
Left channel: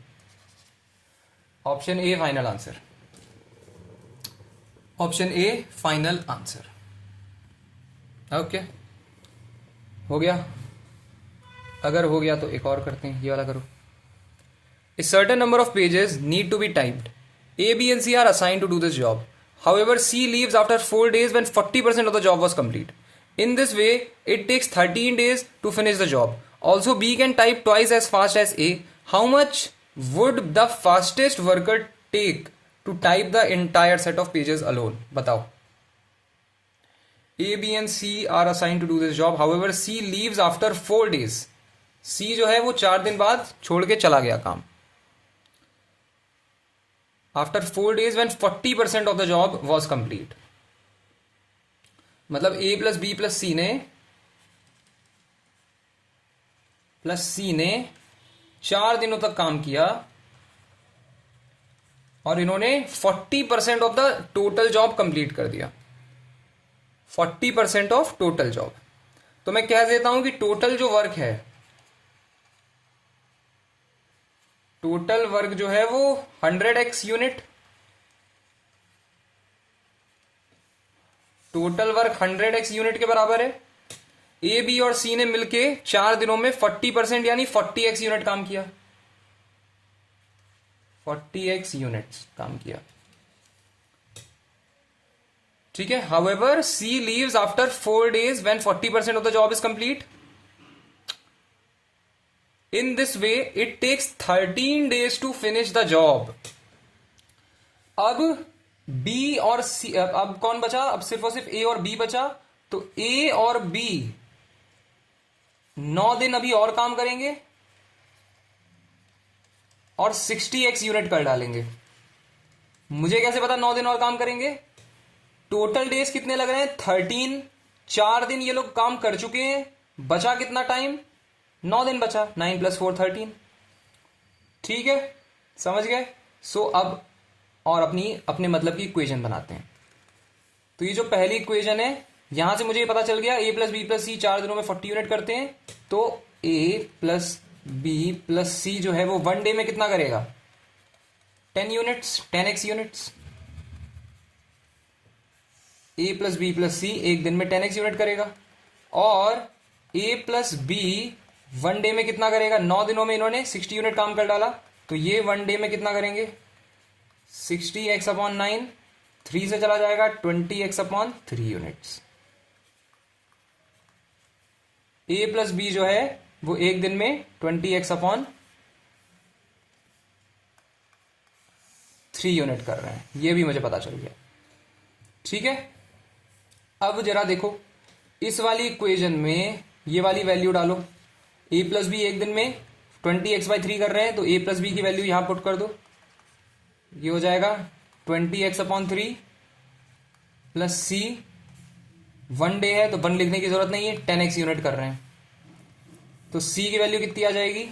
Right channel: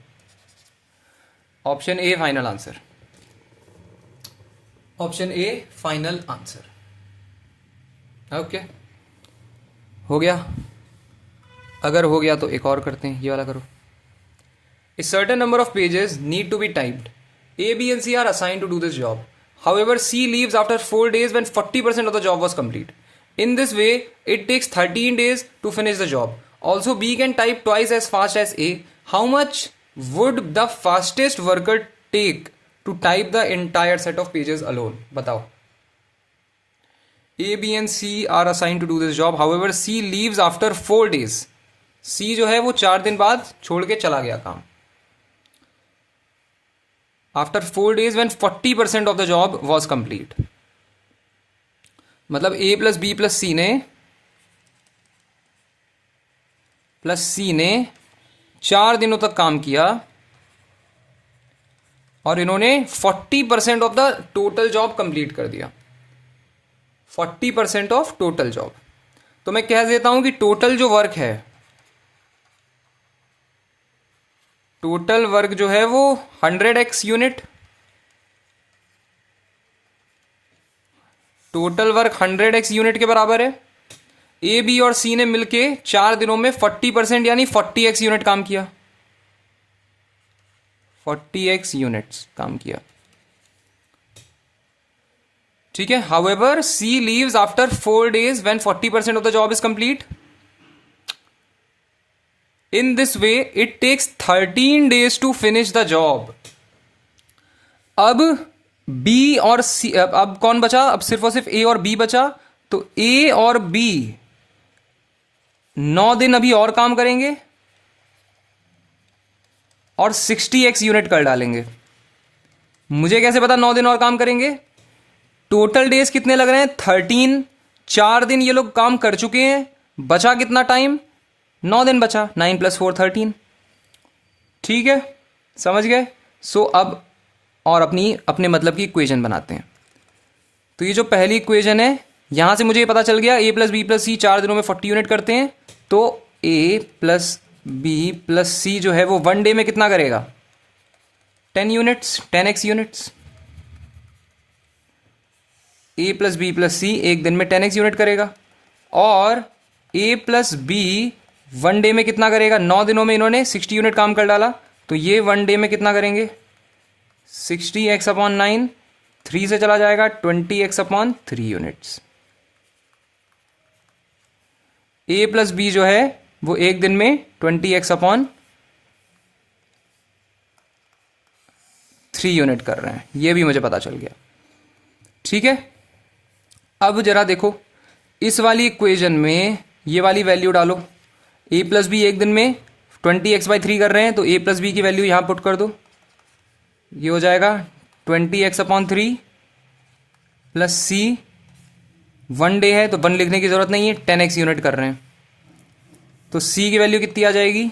option A final answer, option A final answer. Okay हो गया, अगर हो गया तो एक और करते हैं, ये वाला करो। A certain number of pages need to be typed. A, B and C are assigned to do this job. However, C leaves after 4 days when 40% of the job was complete. In this way, it takes 13 days to finish the job. Also, B can type twice as fast as A. How much would the fastest worker take to type the entire set of pages alone? बताओ। A, B and C are assigned to do this job. However, C leaves after 4 days. C जो है वो 4 दिन बाद छोड़ के चला गया काम। After 4 days when 40% of the job was complete. मतलब A plus B plus C ने 4 दिनों तक काम किया और इन्होंने 40% of the total job complete कर दिया, 40% ऑफ टोटल जॉब। तो मैं कह देता हूं कि टोटल जो वर्क है, टोटल वर्क जो है वो 100x unit, total work 100x unit के बराबर है। ए बी और सी ने मिलके 4 दिनों में 40% यानी 40x यूनिट काम किया, 40x यूनिट्स काम किया, ठीक है। However she leaves after 4 days when 40% of the job is complete. In this way, it takes 13 days to finish the job. अब B और C, अब कौन बचा, अब सिर्फ और सिर्फ A और B बचा, तो A और B 9 दिन अभी और काम करेंगे और 60x यूनिट कर डालेंगे। मुझे कैसे पता 9 दिन और काम करेंगे, टोटल डेज कितने लग रहे हैं 13, 4 दिन ये लोग काम कर चुके हैं, बचा कितना टाइम 9 दिन बचा, 9 + 4 13, ठीक है समझ गए। सो अब और अपने मतलब की इक्वेशन बनाते हैं। तो ये जो पहली इक्वेशन है, यहां से मुझे ये पता चल गया a plus B plus C 4 दिनों में 40 यूनिट करते हैं। तो a plus B plus C जो है वो 1 डे में कितना करेगा? 10 units, 10x units. a plus B plus C एक दिन में 10x यूनिट करेगा। और a प्लस बी 1 डे में कितना करेगा? 9 दिनों में इन्होंने 60 यूनिट काम कर डाला, तो ये 1 डे में कितना करेंगे? 60x/9, 3 से चला जाएगा 20x/3 units. a plus B जो है वो एक दिन में 20x/3 यूनिट कर रहे हैं, ये भी मुझे पता चल गया। ठीक है, अब जरा देखो इस वाली इक्वेशन में ये वाली वैल्यू डालो। a प्लस बी एक दिन में 20x/3 कर रहे हैं, तो a प्लस बी की वैल्यू यहां पुट कर दो। ये हो जाएगा 20x/3 प्लस सी 1 डे है तो 1 लिखने की जरूरत नहीं है, 10x यूनिट कर रहे हैं। तो c की वैल्यू कितनी आ जाएगी?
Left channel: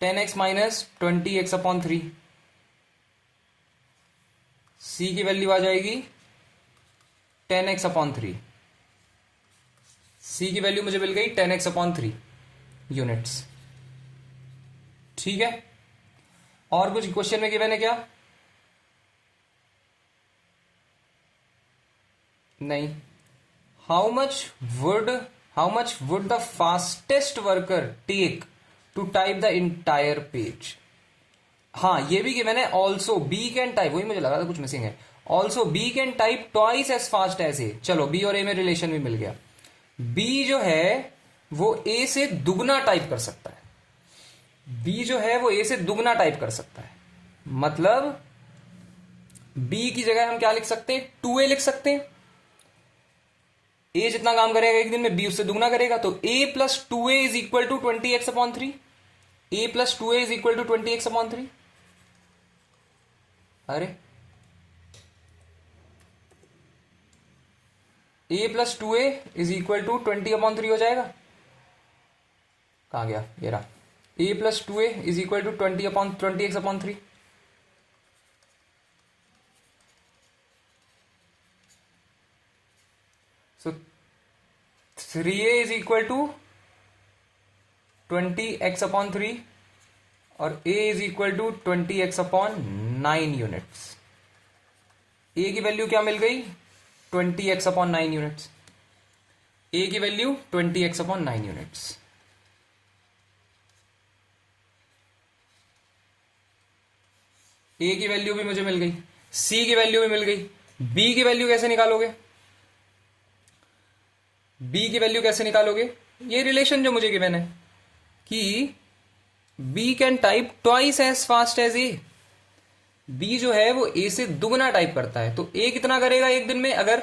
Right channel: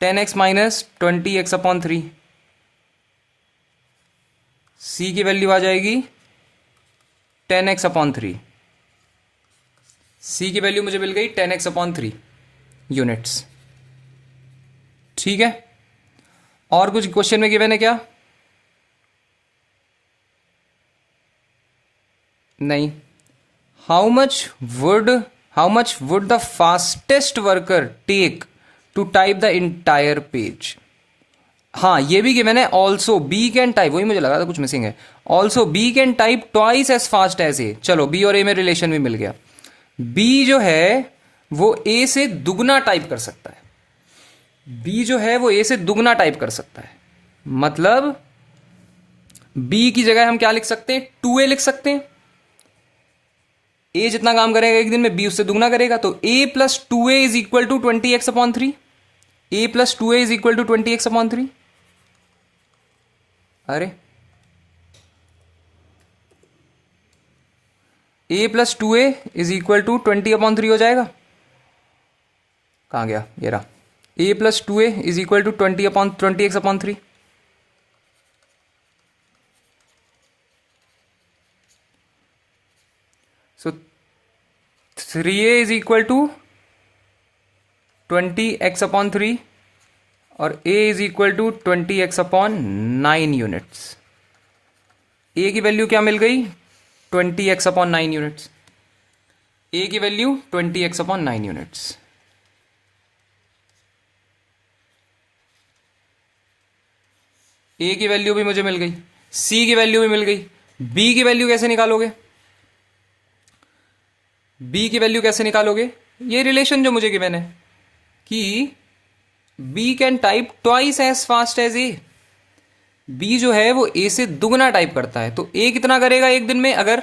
10x minus 20x/3। c की वैल्यू आ जाएगी 10x/3। c की वैल्यू मुझे मिल गई 10x/3 यूनिट्स। ठीक है, और कुछ क्वेश्चन में गिवन है क्या? नहीं। How much would the fastest worker take to type the entire page? हाँ, ये भी गिवन है। ऑल्सो बी कैन टाइप, वही मुझे लगा था कुछ मिसिंग है। Also B can type twice as fast as A. चलो बी और ए में रिलेशन भी मिल गया। बी जो है वो ए से दुगना टाइप कर सकता है। बी जो है वो ए से दुगना टाइप कर सकता है, मतलब बी की जगह हम क्या लिख सकते हैं? 2a लिख सकते हैं। ए जितना काम करेगा एक दिन में बी उससे दुगना करेगा, तो a plus 2a is equal to 20x/3। a plus 2a is equal to 20x/3। अरे a plus 2a is equal to 20/3 हो जाएगा। कहां गया? ये रहा। a plus 2a is equal to 20x/3। So 3a is equal to 20x/3 और a is equal to 20x/9 units. a की value क्या मिल गई? 20x/9 units. a की वैल्यू 20x/9 यूनिट्स। a की वैल्यू भी मुझे मिल गई, c की वैल्यू भी मिल गई। b की वैल्यू कैसे निकालोगे? b की वैल्यू कैसे निकालोगे? ये रिलेशन जो मुझे गिवन है कि b can type twice as fast as a। b जो है वो a से दुगना टाइप करता है, तो a कितना करेगा एक दिन में? अगर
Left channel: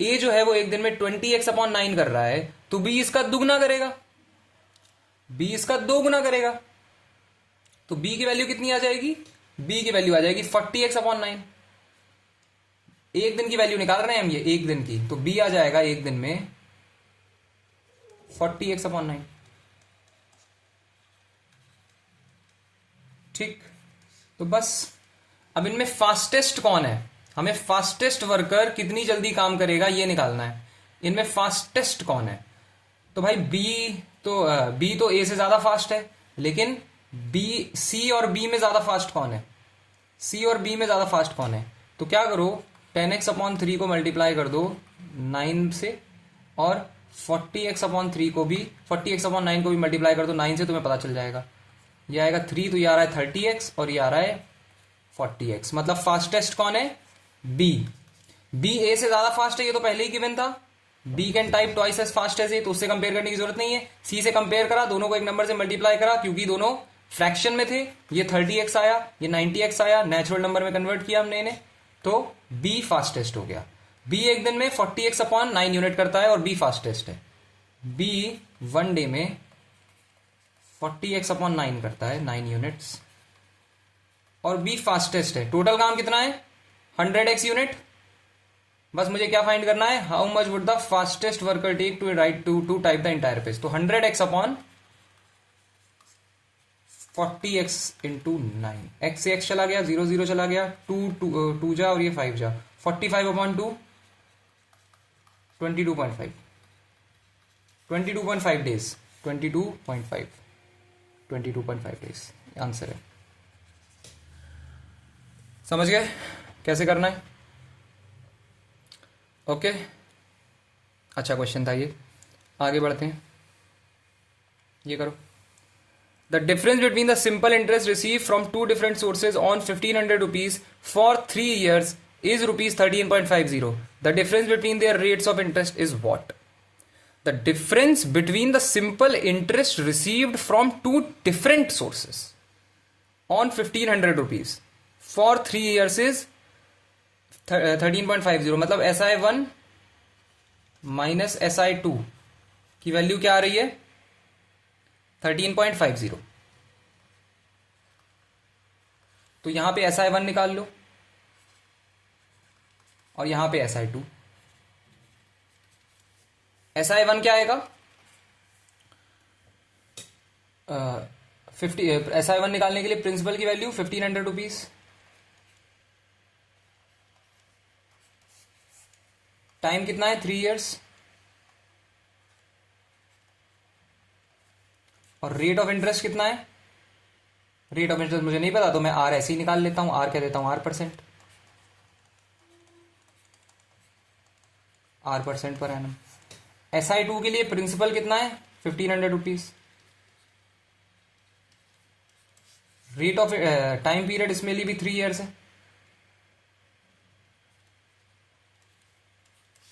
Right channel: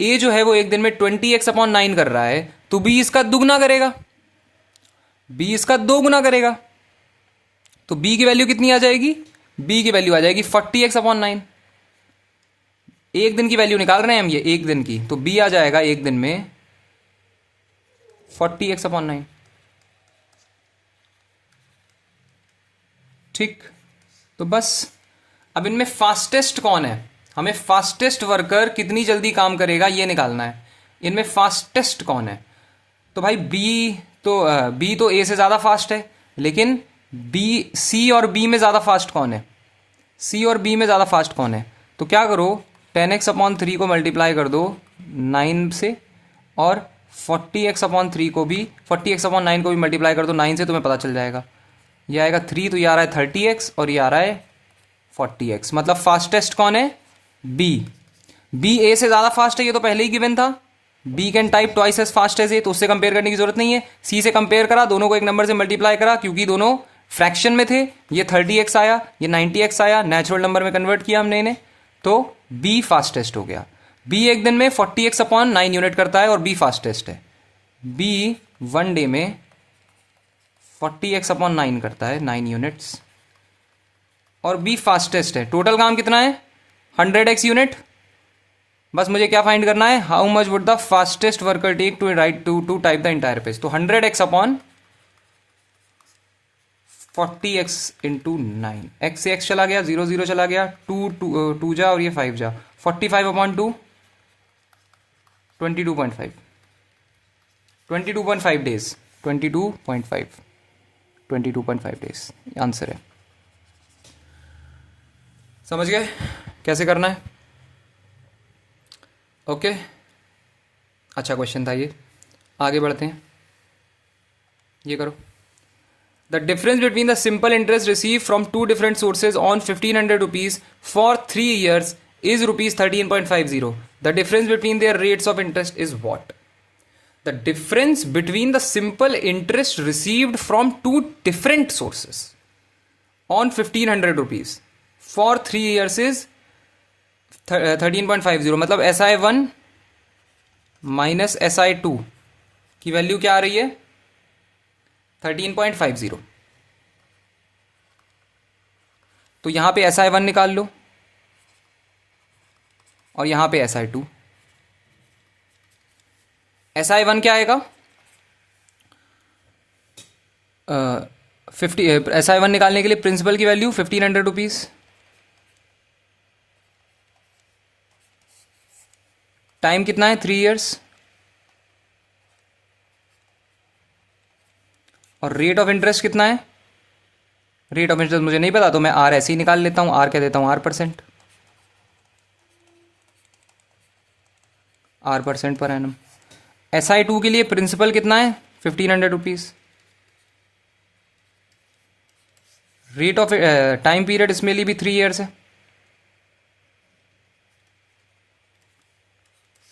a जो है वो एक दिन में 20x/9 कर रहा है, तो b इसका दुगना करेगा, b इसका दोगुना करेगा। तो b की वैल्यू कितनी आ जाएगी? b की वैल्यू आ जाएगी 40x/9। एक दिन की वैल्यू निकाल रहे हैं हम, ये एक दिन की, तो b आ जाएगा एक दिन में 40x/9। ठीक, तो बस अब इनमें फास्टेस्ट कौन है? हमें फास्टेस्ट वर्कर कितनी जल्दी काम करेगा ये निकालना है। इनमें फास्टेस्ट कौन है? तो भाई बी तो ए से ज्यादा फास्ट है, लेकिन सी और बी में ज्यादा फास्ट कौन है? सी और बी में ज्यादा फास्ट कौन है? तो क्या करो, 10x/3 को मल्टीप्लाई कर दो 9 से, और 40x/9 को भी मल्टीप्लाई कर दो 9 से, तुम्हें पता चल जाएगा। ये आएगा 3, तो ये आ रहा है 30x और ये आ रहा है 40x। मतलब फास्टेस्ट कौन है? बी ए से ज्यादा फास्ट है, ये तो पहले ही गिवन था। B can type twice as fast as A, तो उससे कंपेयर करने की जरूरत नहीं है। सी से कंपेयर करा, दोनों को एक नंबर से मल्टीप्लाई करा, क्योंकि दोनों फ्रैक्शन में थे। ये 30x आया, ये 90x आया, नेचुरल नंबर में कन्वर्ट किया हमने इन्हें, तो बी फास्टेस्ट हो गया। बी एक दिन में 40x/9 यूनिट करता है और बी फास्टेस्ट है। बी 1 डे में 40x/9 करता है, 9 यूनिट्स, और बी फास्टेस्ट है। टोटल काम कितना है? 100x unit. बस मुझे क्या फाइंड करना है? How much would the fastest worker take to type the entire page. तो 100x/4 40x इंटू 9, एक्स से एक्स चला गया, 0 0 चला गया, 2 जा और ये 5 जा, 45/2 22.5, 22.5 डेज, 22.5 डेज आंसर है। समझ गए कैसे करना है? ओके, अच्छा क्वेश्चन था ये। आगे बढ़ते हैं, ये करो। The difference between the simple interest receive from two different sources on 1500 rupees for 3 years is rupees 13.50. The difference between their rates of interest is what? The difference between the simple interest received from two different sources on 1500 rupees for 3 years is 13.50. मतलब SI1 minus SI2 की value क्या आ रही है? 13.50. तो यहां पे SI1 निकाल लो और यहां पे SI2. SI1 क्या आएगा? 50. SI1 निकालने के लिए प्रिंसिपल की वैल्यू 1500 रुपीज, टाइम कितना है? 3 years, और रेट ऑफ इंटरेस्ट कितना है? रेट ऑफ इंटरेस्ट मुझे नहीं पता, तो मैं आर ऐसे ही निकाल लेता हूं, आर कह देता हूं R%, R% per annum. SI2 के लिए प्रिंसिपल कितना है? 1500 rupees. Rate of time period इसमें लिए भी 3 years है,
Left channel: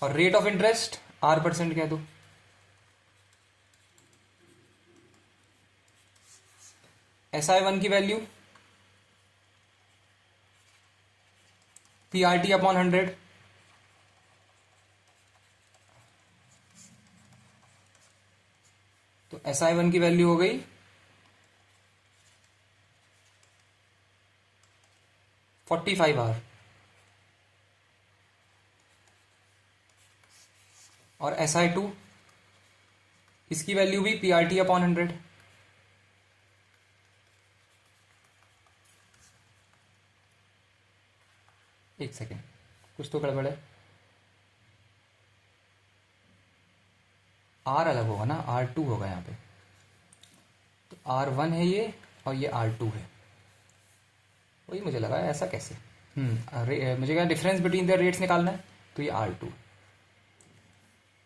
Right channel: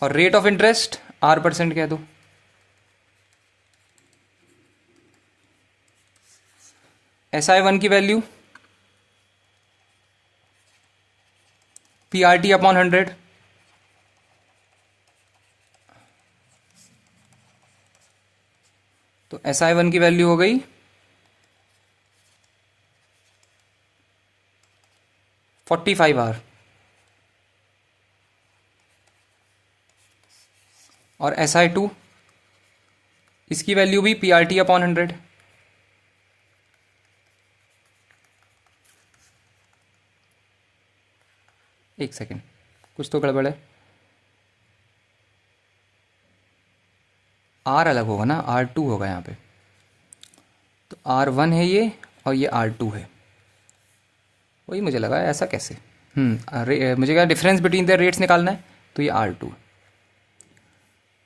और रेट ऑफ इंटरेस्ट R% कह दो। SI1 की वैल्यू PRT/100, तो SI1 की वैल्यू हो गई 45 आवर, और SI2 इसकी वैल्यू भी PRT/100। एक सेकेंड, कुछ तो गड़बड़ है। R अलग होगा ना, R2 होगा यहाँ पे, तो R1 है ये और ये R2 है। वही मुझे लगा ऐसा कैसे। मुझे क्या डिफरेंस बिटवीन द रेट्स निकालना है, तो ये R2,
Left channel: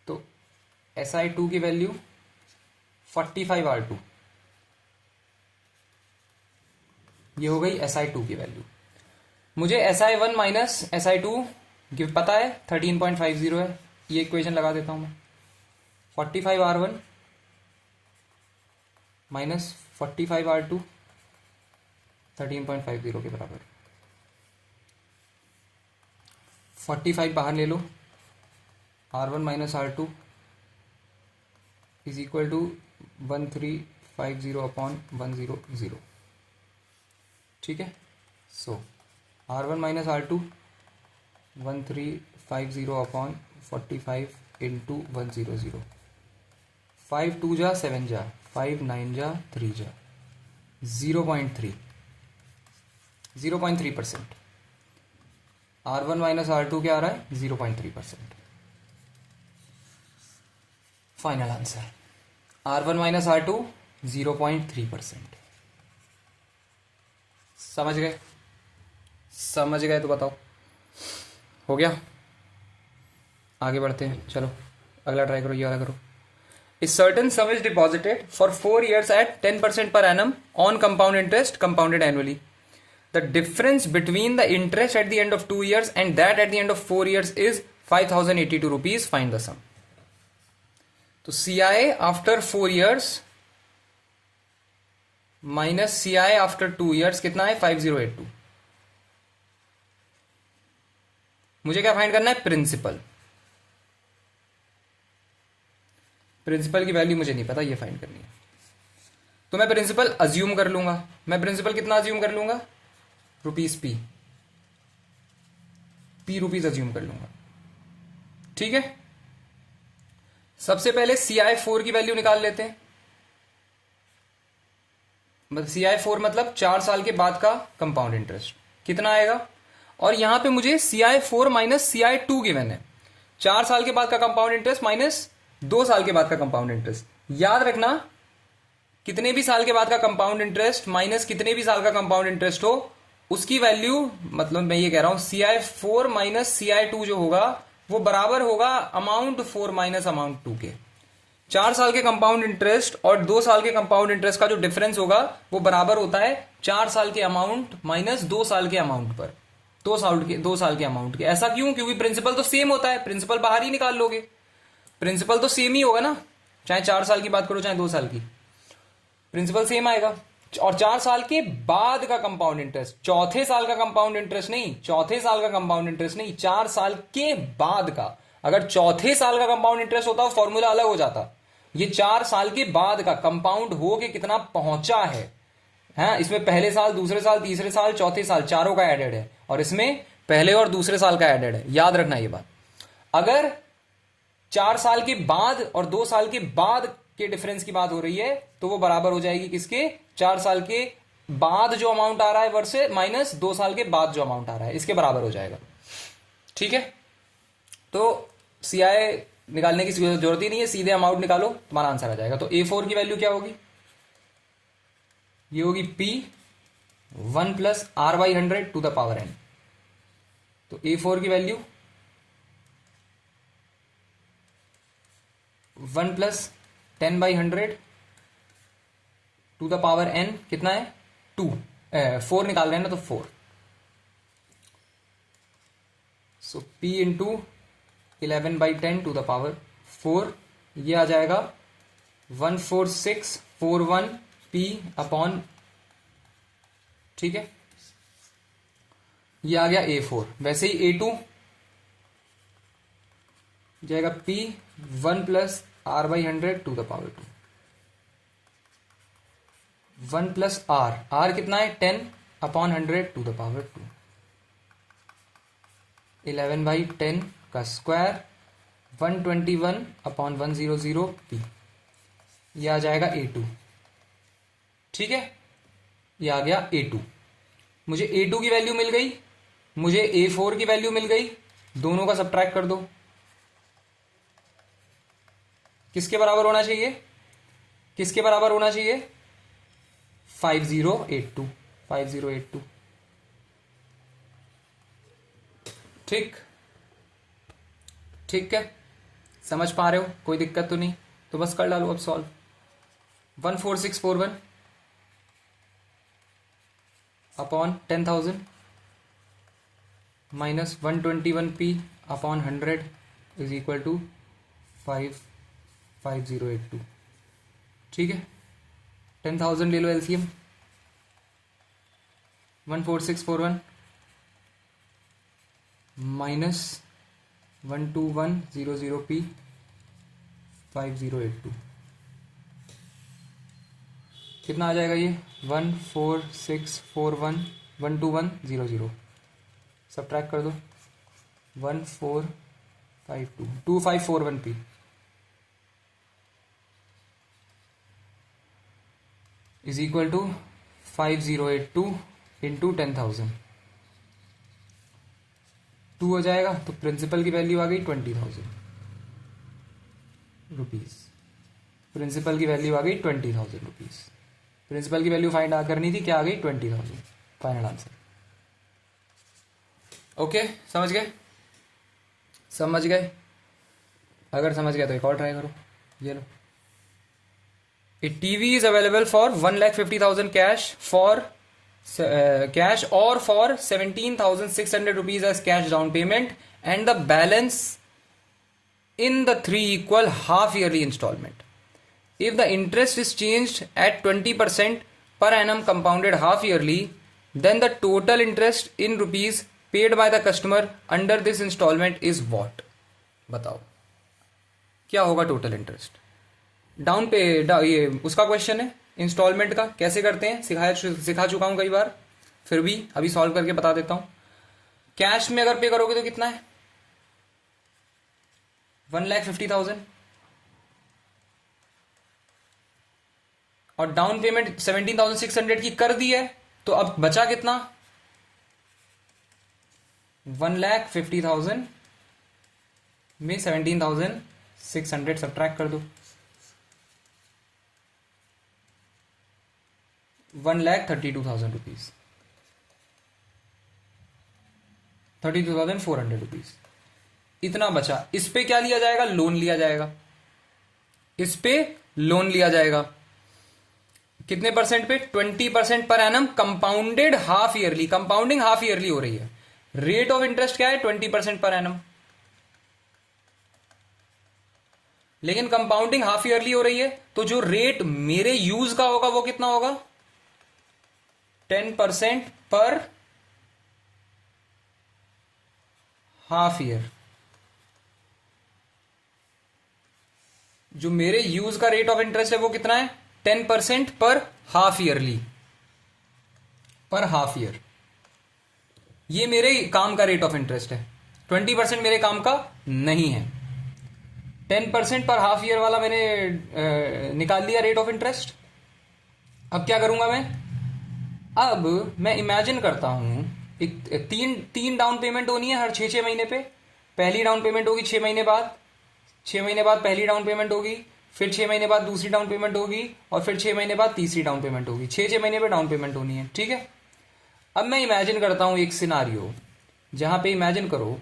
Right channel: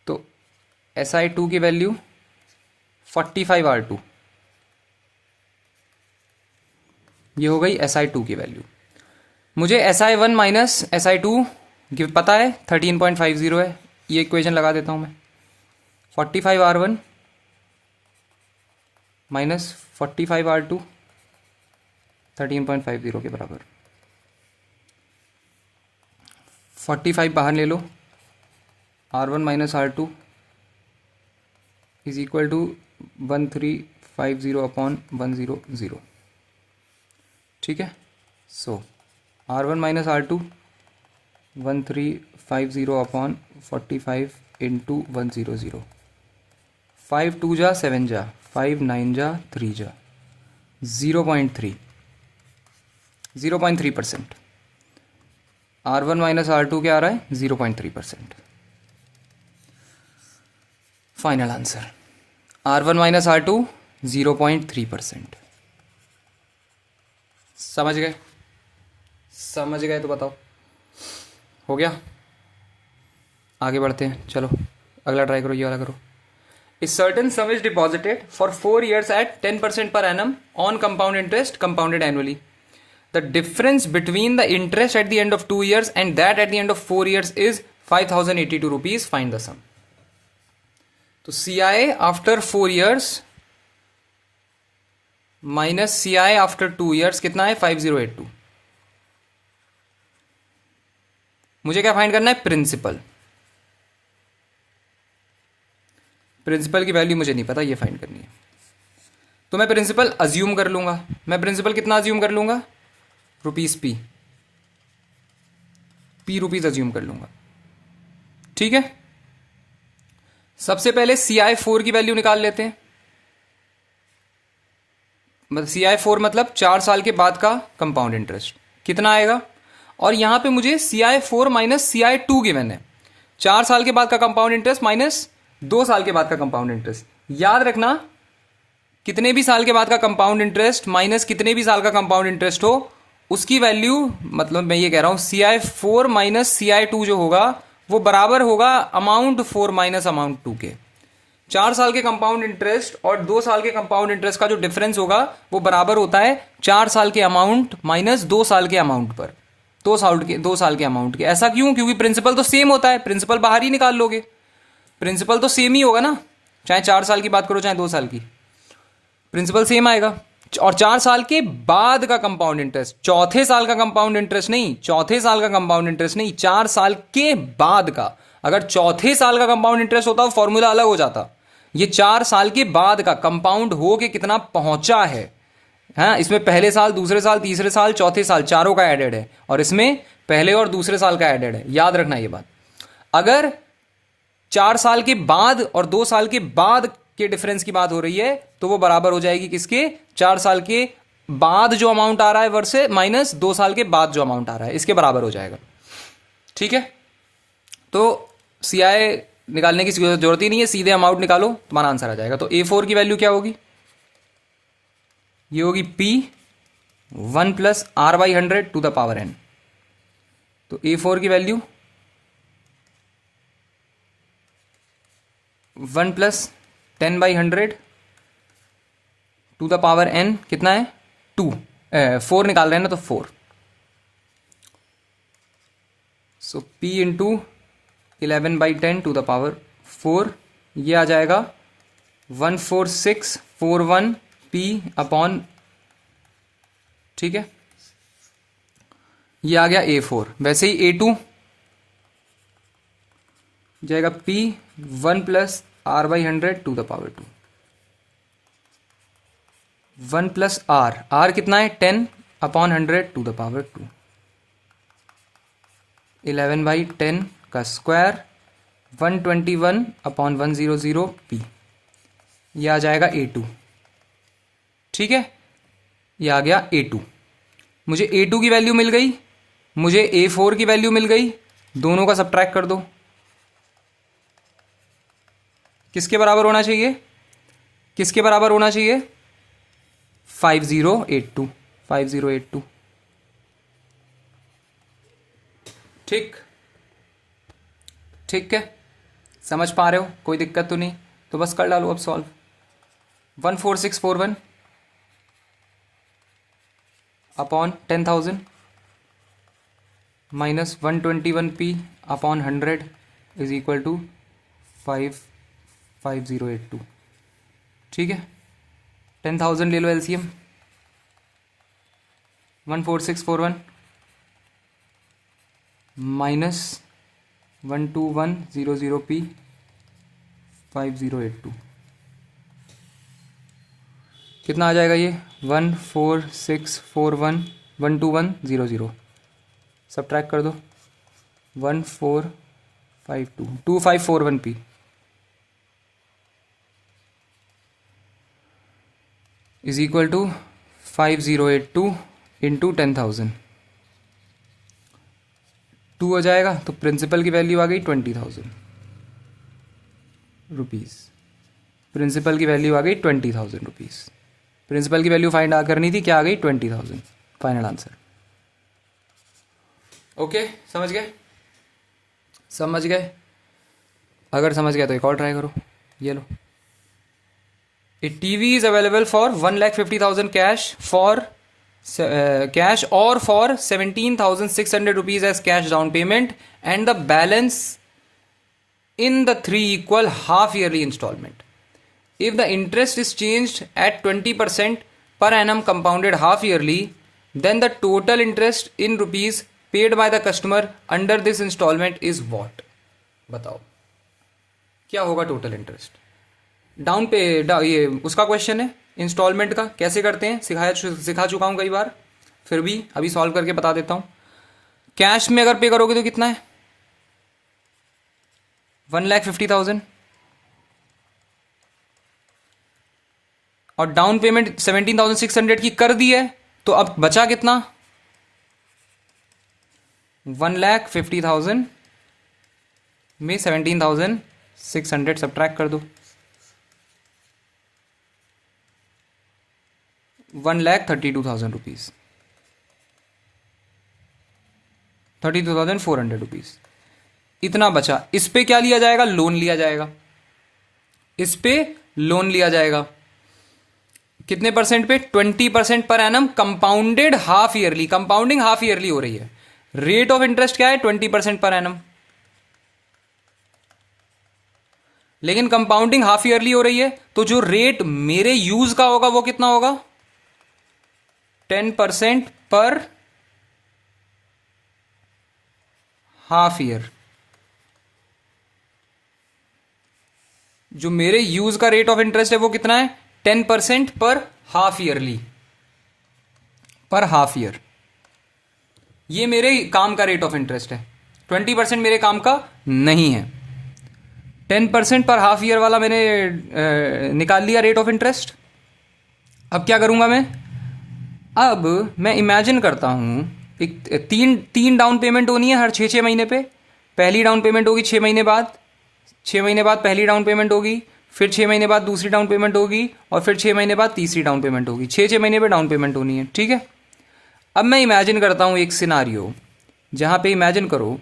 तो SI2 की वैल्यू 45 R2, ये हो गई SI2 की वैल्यू। मुझे SI1 माइनस SI2 पता है 13.50 है, ये इक्वेशन लगा देता हूं मैं। 45 R1 माइनस 45 R2 13.50 के बराबर। 45 बाहर ले लो, R1 minus R2 is equal to 1350/100। ठीक है, सो R1 माइनस R2 1350/45 इंटू 100। 5 2 जा 7 जा, 5 9 जा 3 जा, 0.3%। R1 माइनस R2 क्या आ रहा है? 0.3%। Final answer R1 minus R2 0.3%। समझ गए? समझ गए तो बताओ, हो गया? आगे बढ़ते हैं, चलो अगला ट्राई करो, ये वाला करो। A certain sum is deposited for 4 years at 10% per annum on compound interest compounded annually. The difference between the interest at the end of 2 years and that at the end of 4 years is 5082 rupees. Find the sum. तो CI after 4 years minus CI after 2 years कितना है? 5082। मुझे क्या find करना है? Principal. Principal की value मुझे नहीं पता, ये फाइंड करनी है। तो मैं प्रिंसिपल अज्यूम कर लूंगा। मैं प्रिंसिपल कितना अज्यूम कर लूंगा? रुपीस P रुपीस अज्यूम कर लूंगा। ठीक है, सबसे पहले CI4 की वैल्यू निकाल लेते हैं। मतलब CI4 मतलब 4 साल के बाद का कंपाउंड इंटरेस्ट कितना आएगा, और यहां पे मुझे CI4 माइनस CI2 गिवन है, 4 साल के बाद का कंपाउंड इंटरेस्ट माइनस 2 साल के बाद का कंपाउंड इंटरेस्ट। याद रखना, कितने भी साल के बाद का कंपाउंड इंटरेस्ट माइनस कितने भी साल का कंपाउंड इंटरेस्ट हो, उसकी वैल्यू, मतलब मैं ये कह रहा हूं CI4 माइनस CI2 जो होगा वो बराबर होगा अमाउंट 4 माइनस अमाउंट 2 के। 4 साल के कंपाउंड इंटरेस्ट और 2 साल के कंपाउंड इंटरेस्ट का जो डिफरेंस होगा वो बराबर होता है 4 साल के अमाउंट माइनस 2 साल के अमाउंट पर, 2 साल के अमाउंट के। ऐसा क्यों? क्योंकि प्रिंसिपल तो सेम होता है, प्रिंसिपल बाहर ही निकाल लोगे, प्रिंसिपल तो सेम ही होगा ना, चाहे 4 साल की बात करो चाहे 2 साल की, प्रिंसिपल सेम आएगा। और 4 साल के बाद का कंपाउंड इंटरेस्ट, चौथे साल का कंपाउंड इंटरेस्ट नहीं, चौथे साल का कंपाउंड इंटरेस्ट नहीं, 4 साल के बाद का। अगर चौथे साल का कंपाउंड इंटरेस्ट होता तो फॉर्मूला अलग हो जाता। ये 4 साल के बाद का कंपाउंड हो के कितना पहुंचा है, हाँ, इसमें पहले साल, दूसरे साल, तीसरे साल, चौथे साल चारों का एडेड है, और इसमें पहले और दूसरे साल का एडेड है। याद रखना ये बात। अगर 4 साल के बाद और 2 साल के बाद के डिफरेंस की बात हो रही है तो वो बराबर हो जाएगी किसके? 4 साल के बाद जो अमाउंट आ रहा है वर्से माइनस 2 साल के बाद जो अमाउंट आ रहा है, इसके बराबर हो जाएगा। ठीक है, तो CI निकालने की जरूरत ही नहीं है, सीधे अमाउंट निकालो, तुम्हारा आंसर आ जाएगा। तो A4 की वैल्यू क्या होगी? ये होगी P 1 plus R/100 to the power n। तो A4 की value 1 plus 10/100 to the power n कितना है? 2। 4 निकाल रहे हैं ना, तो 4। So P into 11/10 to the power 4, ये आ जाएगा 14641 P अपॉन, ठीक है, ये आ गया A4। वैसे ही A2 जाएगा P 1 plus R/100 to the power 2, 1 plus R कितना है? 10 अपॉन 100 टू द पावर 2, 11/10 का स्क्वायर, 121 अपॉन 100 P, ये आ जाएगा A2। ठीक है, ये आ गया A2। मुझे A2 की वैल्यू मिल गई, मुझे A4 की वैल्यू मिल गई, दोनों का सब्ट्रैक्ट कर दो। किसके बराबर होना चाहिए? किसके बराबर होना चाहिए? 5082, 5082। ठीक, ठीक है, समझ पा रहे हो? कोई दिक्कत तो नहीं? तो बस कर डालो अब solve. 14641 upon 10,000 minus 121P upon 100 is equal to 5082। ठीक है, 10,000 ले लो LCM, 14641 माइनस 12100P 5082, कितना आ जाएगा ये? 14641 12100, सब्ट्रैक्ट कर दो, 1452 2541P is equal to 5082 into 10,000, 2 हो जाएगा। तो प्रिंसिपल की वैल्यू आ गई 20,000 रुपीज़। प्रिंसिपल की वैल्यू आ गई 20,000 रुपीज़। प्रिंसिपल की वैल्यू फाइंड करनी थी, क्या आ गई? 20,000। Final answer. ओके, समझ गए? समझ गए? अगर समझ गए तो एक और ट्राई करो, ये लो। A TV is available for 1,50,000 cash for cash or for 17,600 rupees as cash down payment and the balance in the 3 equal half yearly installment. If the interest is changed at 20% per annum compounded half yearly, then the total interest in rupees paid by the customer under this installment is what? बताओ क्या होगा total interest? Down पे ये उसका question है, instalment का कैसे करते हैं सिखा चुका हूं कई बार, फिर भी अभी सॉल्व करके बता देता हूं। कैश में अगर पे करोगे तो कितना है? 1,50,000 और डाउन पेमेंट 17,600 की कर दी है, तो अब बचा कितना? 1,50,000 में 17,600 सब्ट्रैक्ट कर दो, 1,32,000 रुपीज, 32,400 रुपीज इतना बचा। इस पे क्या लिया जाएगा? लोन लिया जाएगा। इस पे लोन लिया जाएगा कितने परसेंट पे? 20% per annum, compounded half yearly. Compounding half yearly हो रही है। रेट ऑफ इंटरेस्ट क्या है? 20% पर एनम, लेकिन कंपाउंडिंग हाफ ईयरली हो रही है, तो जो रेट मेरे यूज का होगा वो कितना होगा? 10% पर हाफ ईयर। जो मेरे यूज का रेट ऑफ इंटरेस्ट है वो कितना है? 10% पर हाफ ईयरली, पर हाफ ईयर। ये मेरे काम का रेट ऑफ इंटरेस्ट है, 20% मेरे काम का नहीं है। 10% पर हाफ ईयर वाला मैंने निकाल लिया रेट ऑफ इंटरेस्ट। अब क्या करूंगा मैं? अब मैं इमेजिन करता हूं, एक तीन डाउन पेमेंट होनी है हर 6 महीने पे। पहली डाउन पेमेंट होगी 6 महीने बाद, 6 महीने बाद पहली डाउन पेमेंट होगी, फिर 6 महीने बाद दूसरी डाउन पेमेंट होगी, और फिर 6 महीने बाद तीसरी डाउन पेमेंट होगी। 6 महीने पे डाउन पेमेंट होनी है, ठीक है। अब मैं इमेजिन करता हूं एक सिनारियो, जहां पे इमेजिन करो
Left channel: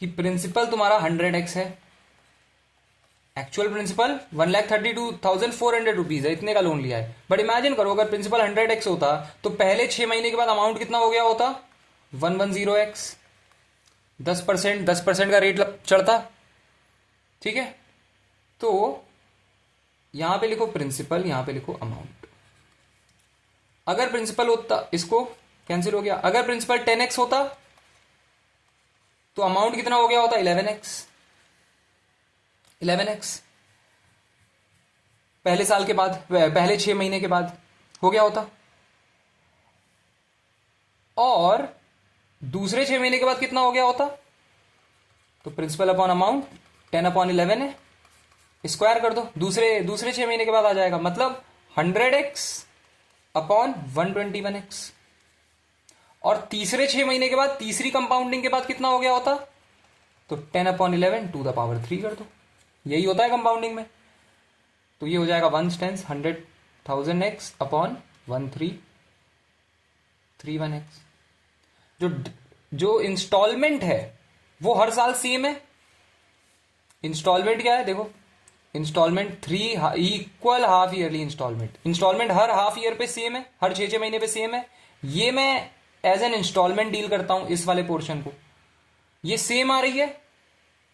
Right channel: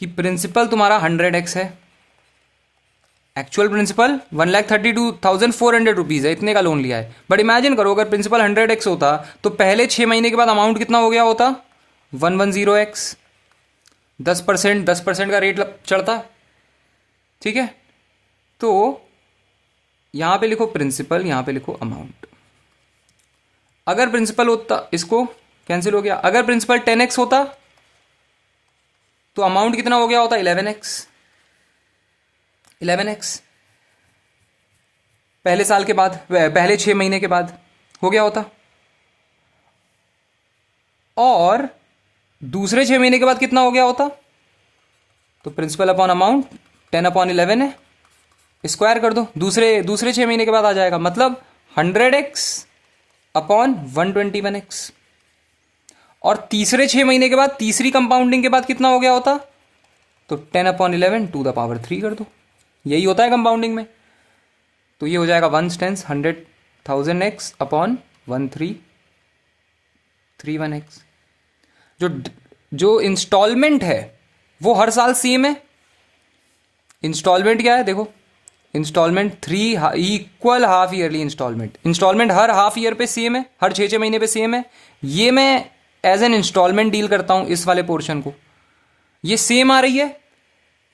कि प्रिंसिपल तुम्हारा 100x है, एक्चुअल प्रिंसिपल 1,32,400 रुपीज है, इतने का लोन लिया है। बट इमेजिन करो अगर प्रिंसिपल 100x होता तो पहले 6 महीने के बाद अमाउंट कितना हो गया होता? 110x। 10% का रेट चढ़ता, ठीक है। तो यहां पे लिखो प्रिंसिपल, यहां पे लिखो अमाउंट। अगर प्रिंसिपल होता, इसको कैंसिल हो गया, अगर प्रिंसिपल 10x होता तो अमाउंट कितना हो गया होता? 11x। 11x पहले साल के बाद, पहले 6 महीने के बाद हो गया होता। और दूसरे 6 महीने के बाद कितना हो गया होता? तो प्रिंसिपल अपॉन अमाउंट 10/11 है, स्क्वायर कर दो, दूसरे 6 महीने के बाद आ जाएगा, मतलब 100x अपॉन 121x। और तीसरे 6 महीने के बाद, तीसरी कंपाउंडिंग के बाद कितना हो गया होता? तो 10/11 टू द पावर 3 कर दो। यही होता है कंपाउंडिंग में। तो ये हो जाएगा 1 टेंस 100,000x अपॉन 1331x। जो इंस्टॉलमेंट है वो हर साल सेम है। इंस्टॉलमेंट क्या है? देखो, instalment 3 equal half yearly instalment. Instalment हर हाफ ईयर पे सेम है, हर 6 महीने पे सेम है। ये मैं एज एन इंस्टॉलमेंट डील करता हूं, इस वाले पोर्शन को। ये सेम आ रही है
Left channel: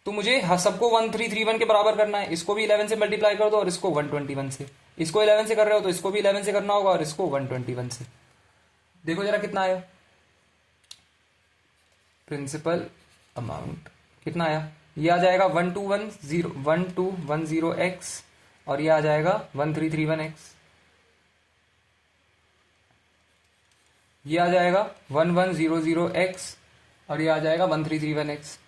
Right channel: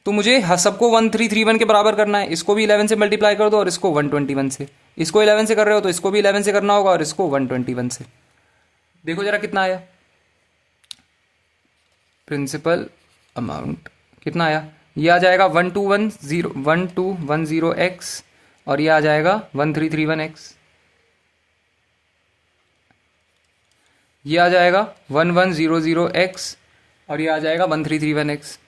तो मुझे सबको 1331 के बराबर करना है। इसको भी 11 से मल्टीप्लाई कर दो और इसको 121 से। इसको 11 से कर रहे हो तो इसको भी 11 से करना होगा और इसको 121 से। देखो जरा कितना आया प्रिंसिपल अमाउंट, कितना आया? ये आ जाएगा 1210x और ये आ जाएगा 1331x। ये आ जाएगा 1100x और ये आ जाएगा 1331x।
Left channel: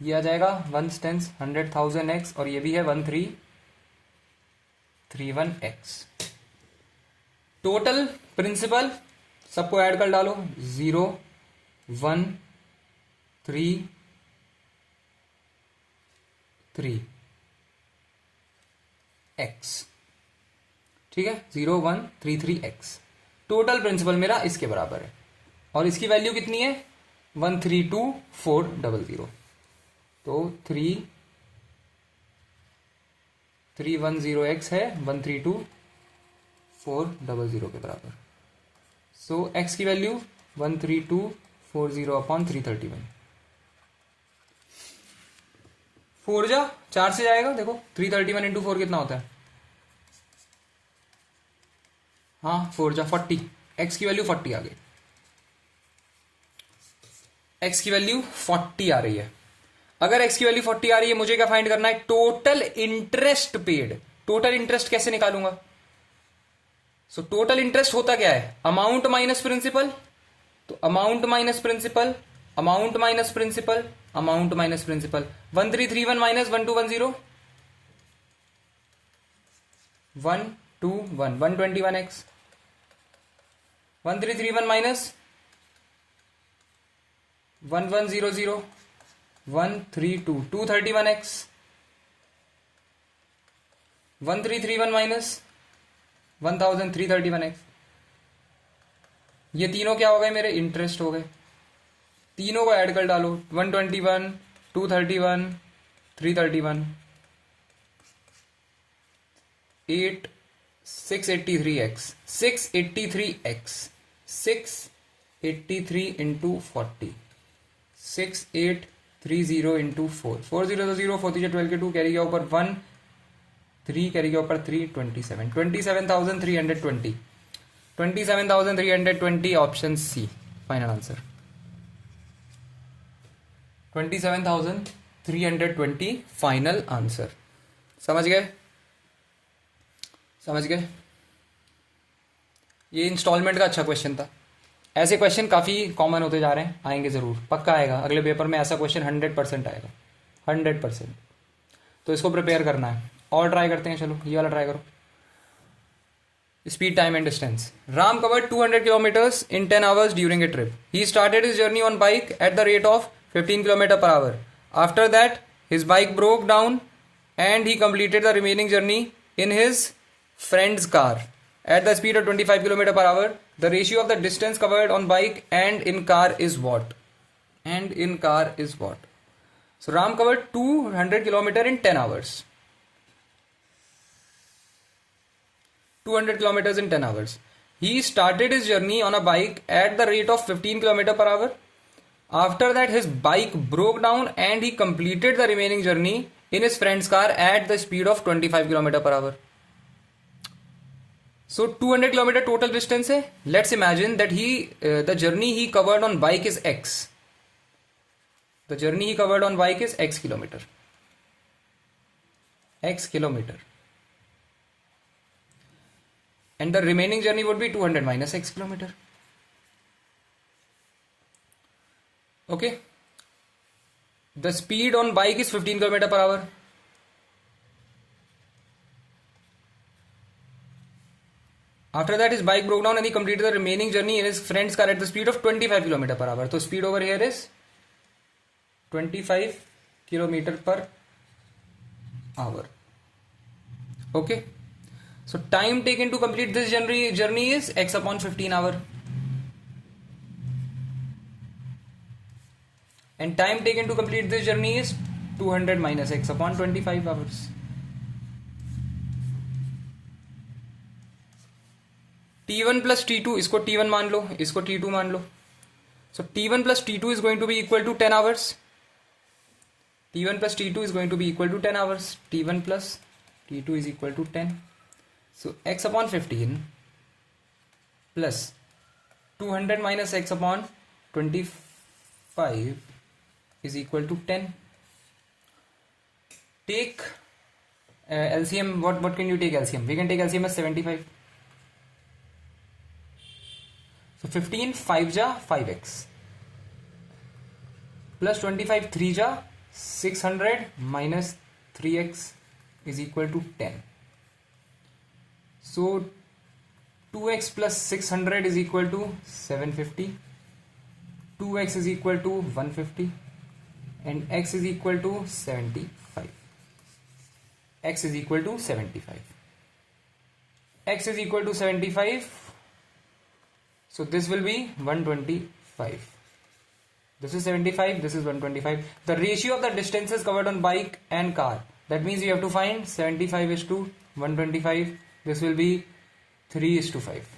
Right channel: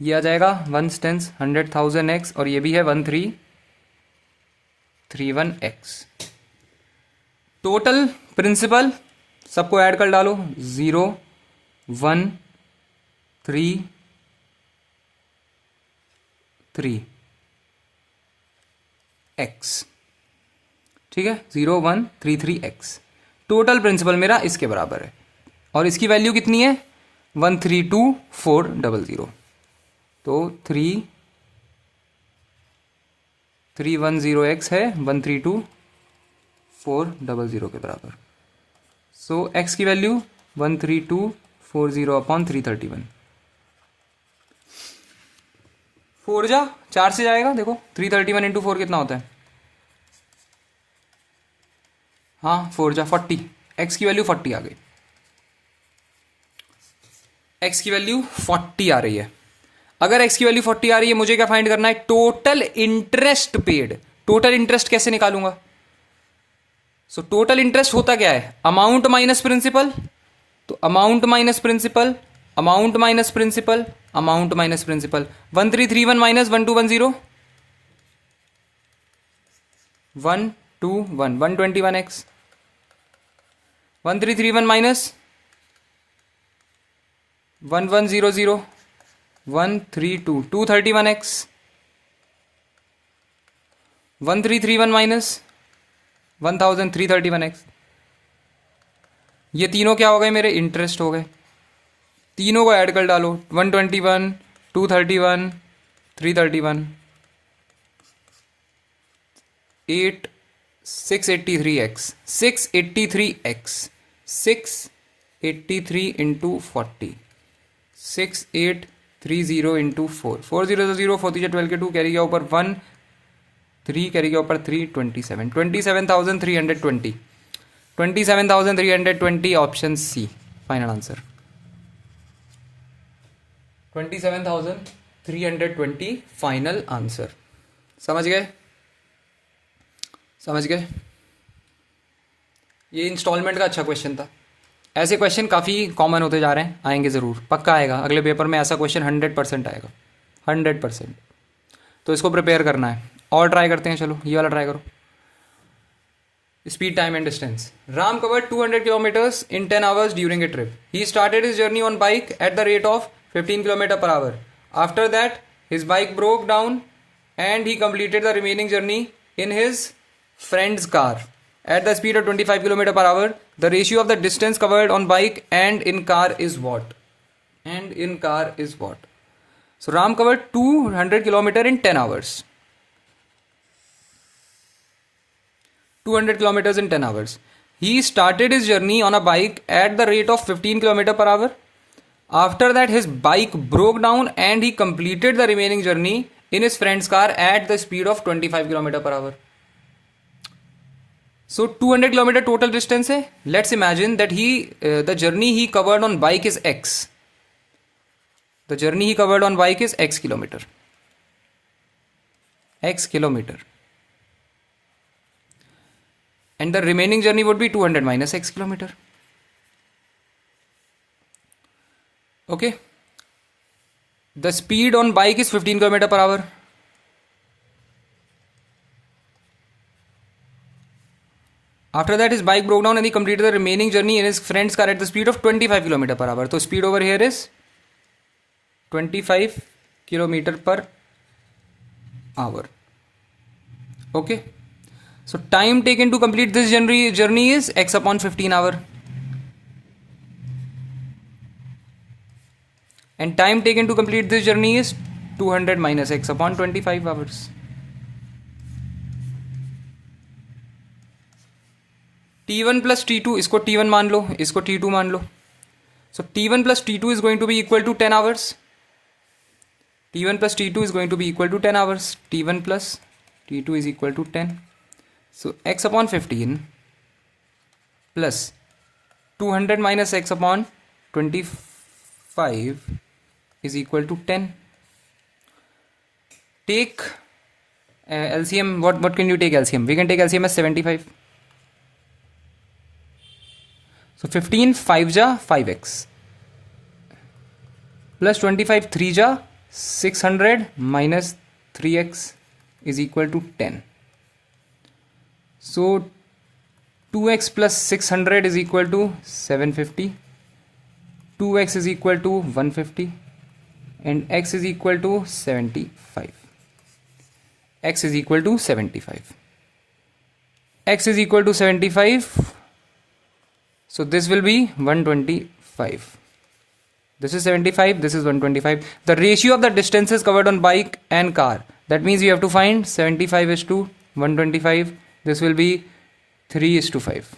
ये आ जाएगा 1 टेंस 100,000x और ये भी है 1331x। टोटल प्रिंसिपल सबको ऐड कर डालो, 0 1 3 3 x, ठीक है, 0133x। टोटल प्रिंसिपल मेरा इसके बराबर है और इसकी वैल्यू कितनी है? 132,400। तो 310x है 132,400 के बराबर। सो x की वैल्यू 132,400 अपॉन 331। 4 जा 4 से जाएगा, देखो 331 इंटू 4 कितना होता है? हाँ 4 जा 40। x की वैल्यू 40 आ गई। x की वैल्यू 40 आ रही है। अगर x की वैल्यू 40 आ रही है, मुझे क्या फाइंड करना है? Total interest paid. Total interest कैसे निकालूंगा? सो टोटल इंटरेस्ट होता क्या है? Amount minus principal. तो amount minus principal, amount minus principal, amount minus principal. 1331 minus 1210, 1 2 1 121x 1331 minus 1100 132 231x 1331 minus 1331x. ये तीनों क्या हो गए मेरे? इंटरेस्ट हो गए. तीनों को ऐड कर डालो. 121 231 331 8 683x 683x 683 इंटू 40 6830 इंटू 4 400 4 12 के 2 कैरी गया ऊपर 1 3 कैरी गया ऊपर 3 27 27320 27320 option C final answer. 27320 final answer. समझ गए? समझ गए? ये इंस्टॉलमेंट का अच्छा क्वेश्चन था. ऐसे क्वेश्चन काफ़ी कॉमन होते जा रहे हैं. आएंगे ज़रूर, पक्का आएगा. अगले पेपर में ऐसा क्वेश्चन 100% आएगा. 100%. तो इसको प्रिपेयर करना है. और ट्राई करते हैं. चलो ये वाला ट्राई करो. Speed, time and distance. Ram covered 200 kilometers in 10 hours during a trip. He started his journey on bike at the rate of 15 km per hour. After that, his bike broke down and he completed the remaining journey in his friend's car at the speed of 25 km per hour. The ratio of the distance covered on bike and in car is what? And in car is what? So Ram covered 200 km in 10 hours. 200 kilometers in 10 hours. He started his journey on a bike at the rate of 15 km per hour. After that, his bike broke down and he completed the remaining journey in his friend's car at the speed of 25 km per hour. So 200 km total distance hai. Let's imagine that the journey he covered on bike is x. The journey he covered on bike is x kilometer. X kilometer. And the remaining journey would be 200 minus x kilometer. Okay. The speed on bike is 15 km per hour. After that, his bike broke down and he completed the remaining journey in his friend's car at the speed of 25 km per hour. So speed over here is 25 km per hour. Okay. So time taken to complete this journey is x upon 15 hour. And time taken to complete this journey is 200 minus x upon 25 hours. T1 plus T2, इसको T1 मान लो, इसको T2 मान लो. So T1 plus T2 is going to be equal to 10 hours. T1 plus T2 is going to be equal to 10 hours. T1 plus T2 is equal to 10. So x upon 15 plus 200 minus x upon 25 is equal to 10. Take LCM. What can you take LCM? We can take LCM as 75. So 15 5 ja 5x plus 25 3 ja 600 minus 3x is equal to 10. So 2x plus 600 is equal to 750. 2x is equal to 150 and x is equal to 75. X is equal to 75. X is equal to 75. So this will be 125. This is 75. This is 125. The ratio of the distances covered on bike and car. That means you have to find 75 is to 125. This will be 3 is to 5.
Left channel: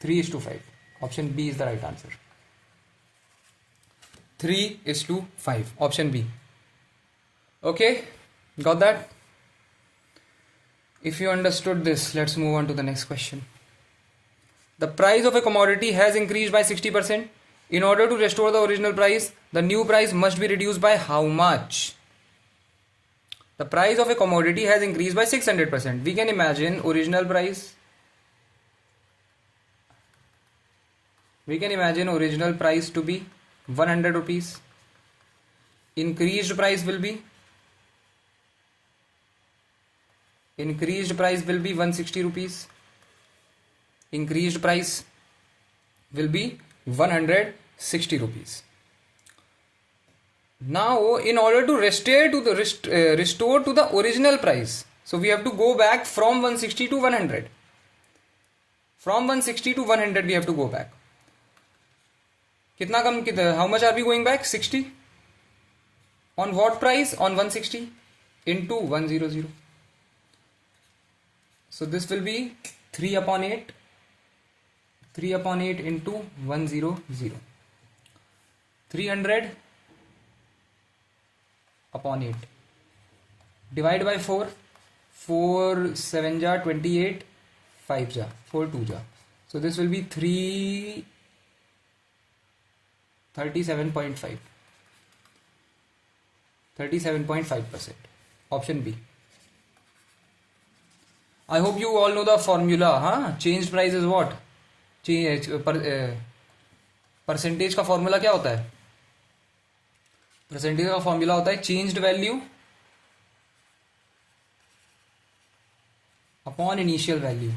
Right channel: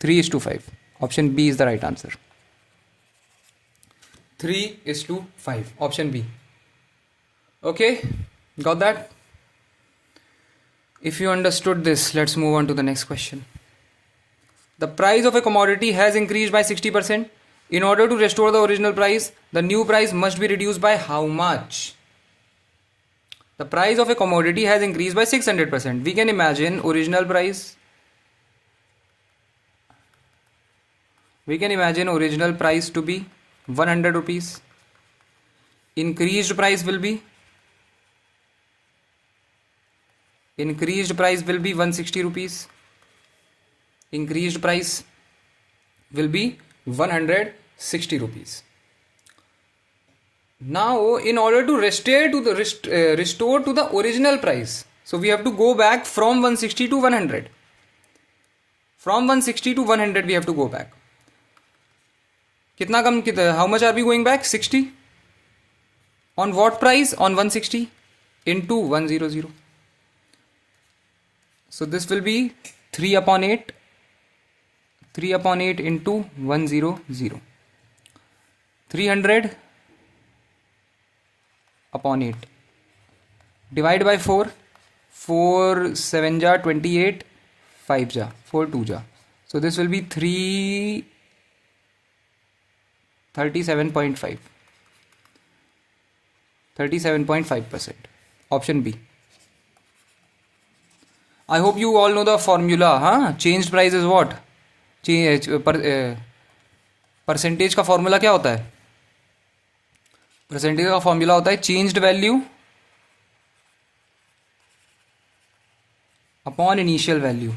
3 is to 5. Option B is the right answer. 3 is to 5. Option B. Okay, got that? If you understood this, let's move on to the next question. The price of a commodity has increased by 60%. In order to restore the original price, the new price must be reduced by how much? The price of a commodity has increased by 600%. We can imagine original price. We can imagine original price to be 100 rupees. Increased price will be increased price will be 160 rupees. Increased price will be 160 rupees. Now, in order to restore to the original price, so we have to go back from 160 to 100. From 160 to 100 we have to go back. कितना कम कितना? How much are we going back? 60. On what price? On 160 into 100. So this will be 3 upon 8. 3 upon 8 into 100. 300 upon 8. Divide by 4. 4 7 ja 28. 5 ja 4 2 ja. So this will be 37.5. 37.5%. Option B. I hope you all know the formula. हाँ, changed price is what? Percentage का formula क्या होता है? Percentage का formula होता है changed value upon initial value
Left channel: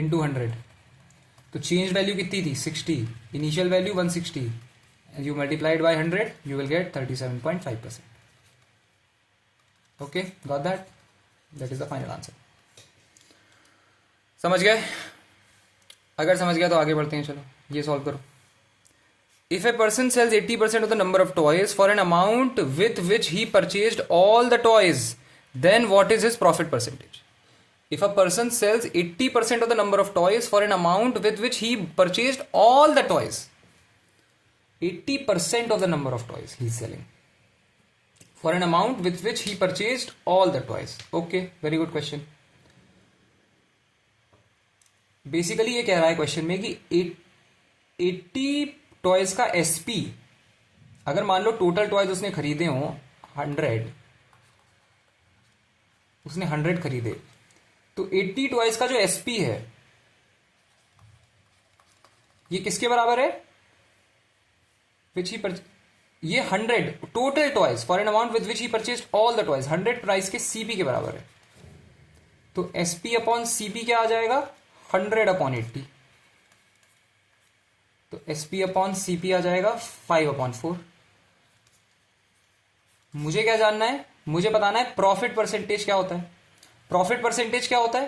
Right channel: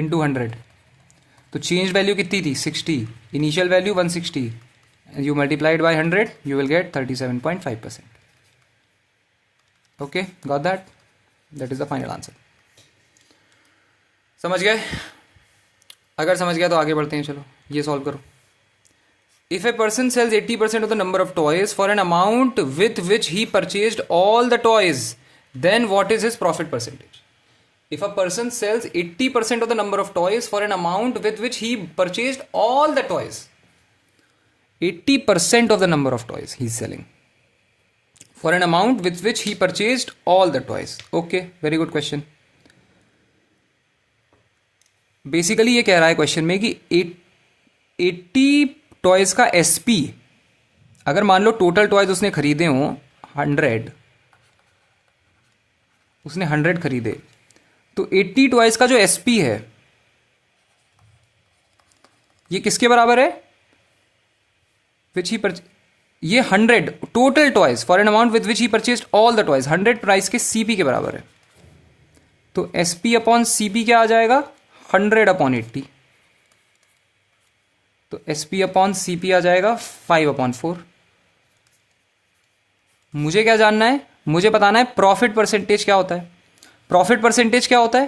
into 100. तो change value कितनी थी? 60. Initial value 160. You multiplied by 100, you will get 37.5%. Okay, got that? That is the final answer. समझ गए? अगर समझ गया तो आगे बढ़ते हैं. चलो ये सॉल्व करो. If a person sells 80% of the number of toys for an amount with which he purchased all the toys, then what is his profit percentage? If a person sells 80% of the number of toys for an amount with which he purchased all the toys, 80% of the number of toys he is selling for an amount with which he purchased all the toys. Okay, very good question. Basically ये कह रहा है question में कि 80 toys का SP, अगर मान लो total toys उसने खरीदे हो 100, उसने 100 खरीदे, तो 80 टॉयज का जो एसपी है ये किसके बराबर है? ये 100 total toys for an amount with which he purchased all the toys, 100 price के सीपी के बराबर है. तो एसपी अपॉन सीपी क्या आ जाएगा? 100 अपॉन 80. तो एसपी अपॉन सीपी आ जाएगा 5 अपॉन 4. मुझे क्या जानना है? मुझे बताना है प्रॉफिट परसेंटेज क्या होता है. प्रॉफिट परसेंटेज क्या होता है?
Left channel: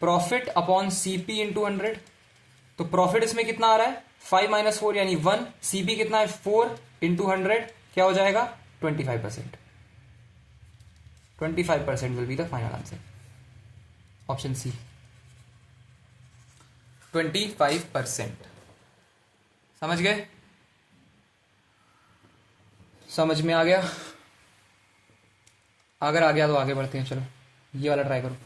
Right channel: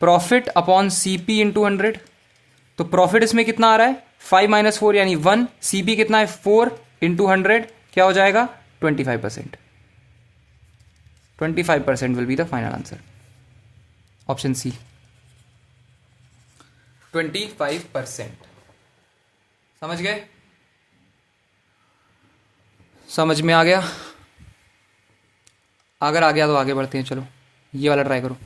Profit upon CP into 100. तो प्रॉफिट इसमें कितना आ रहा है? 5 माइनस 4 यानी 1. सीपी कितना है? 4 इंटू 100 क्या हो जाएगा? 25%. 25% will be the final answer. Option C 25%. समझ गए? समझ में आ गया? अगर आ गया तो आगे बढ़ते हैं. चलो ये वाला ट्राई करो.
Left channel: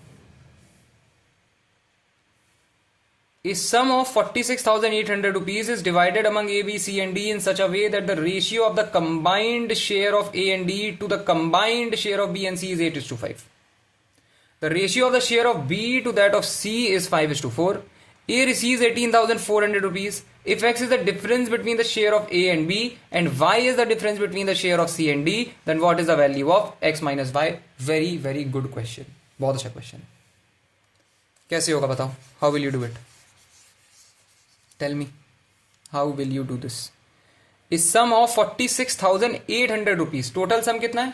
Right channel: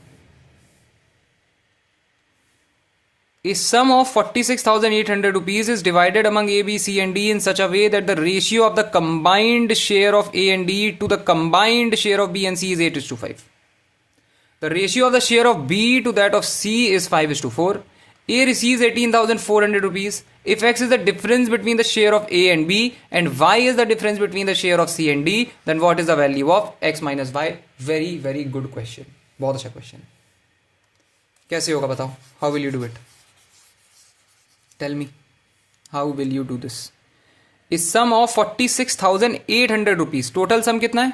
A sum of 46,800 rupees is divided among A, B, C and D in such a way that the ratio of the combined share of A and D to the combined share of B and C is 8:5. The ratio of the share of B to that of C is 5:4. A receives 18,400 rupees. If X is the difference between the share of A and B and Y is the difference between the share of C and D, then what is the value of X minus Y? Very very good question. बहुत अच्छा question है. कैसे होगा बताओ? How will you do it? Tell me, how will you do this? Is sum of 46,800 rupees. Total sum कितना है?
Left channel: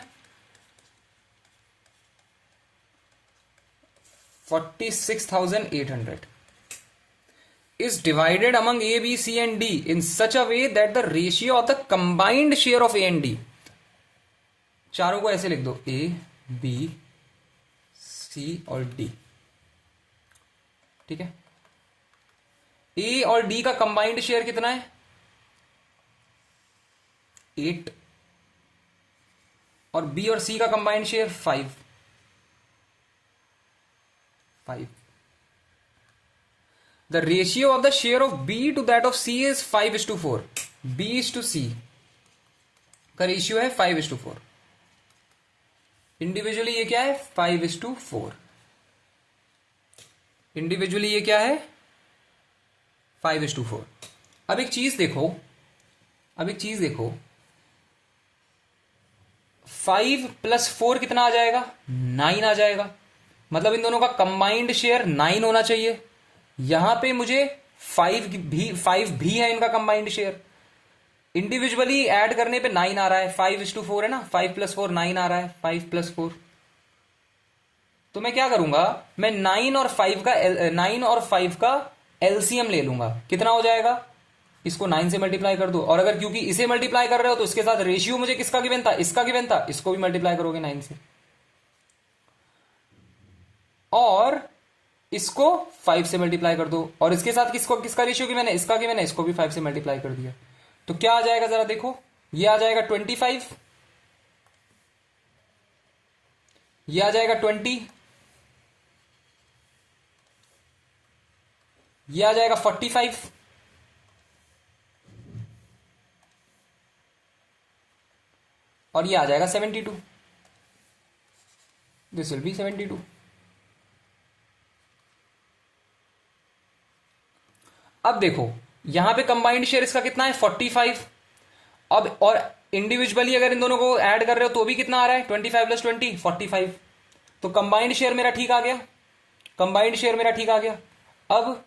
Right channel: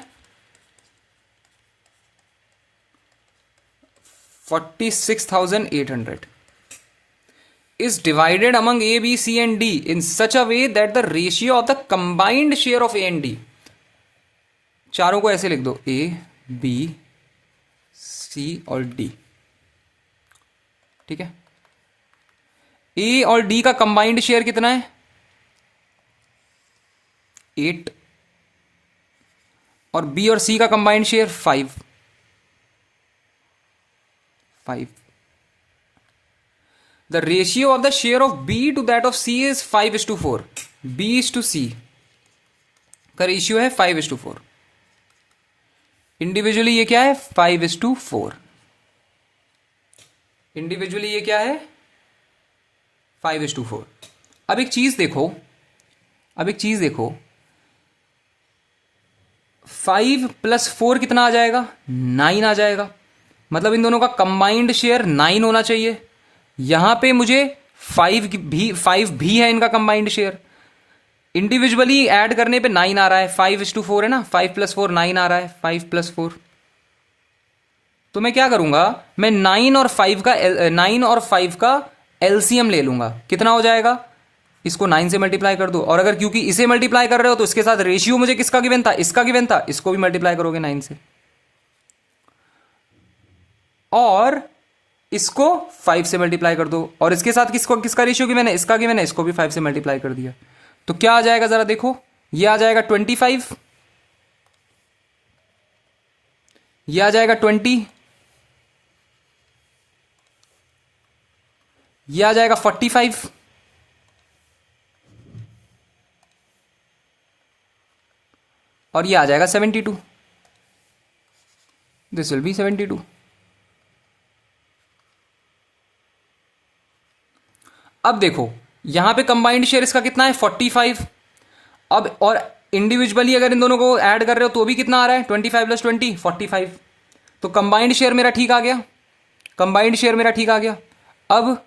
46,800 is divided among A, B, C and D in such a way that the ratio of the combined share of A and D, चारों को ऐसे लिख दो, A, B, C और D. ठीक है? ए और डी का कंबाइंड शेयर कितना है? 8. और बी और सी का combined share 5. The ratio of the share of B to that of C is 5:4. B is to C का रेशियो है 5:4. इंडिविजुअली ये क्या है? 5:4. इंडिविजुअली ये क्या है? 5:4. अब एक चीज देखो, 5 + 4 कितना आ जाएगा? 9 आ जाएगा। मतलब इन दोनों का कंबाइंड शेयर 9 होना चाहिए। यहां पे मुझे 5 भी है इनका कंबाइंड शेयर। इंडिविजुअली ऐड करने पे 9 आ रहा है, 5:4 है ना, 5 + 4 9 आ रहा है, 5 + 4। तो मैं क्या करूंगा, मैं 9 और 5 का एलसीएम ले लूंगा। कितना हो जाएगा? इसको 9 से मल्टीप्लाई कर दो, और अगर क्योंकि इसे मल्टीप्लाई कर रहे हो तो इसके साथ रेशियो मुझे किसका गिवन था? इसका गिवन था। इसको भी मल्टीप्लाई करोगे 9 से, और इसको 5 से मल्टीप्लाई कर दो, और इसके साथ किसका रेशियो गिवन है? इसका गिवन है। इसको भी 5 से मल्टीप्लाई कर दिया। तो क्या आ जाएगा जरा देखो, ये आ जाएगा 25, ये आ जाएगा 20, ये आ जाएगा 45, और ये आ जाएगा 72। This will be 72। अब देखो यहां पे कंबाइंड शेयर इसका कितना है? 45। अब और इंडिविजुअली अगर इन दोनों को ऐड कर रहे हो तो भी कितना आ रहा है? 25 + 20 45। तो कंबाइंड शेयर मेरा ठीक आ गया, कंबाइंड शेयर मेरा ठीक आ गया। अब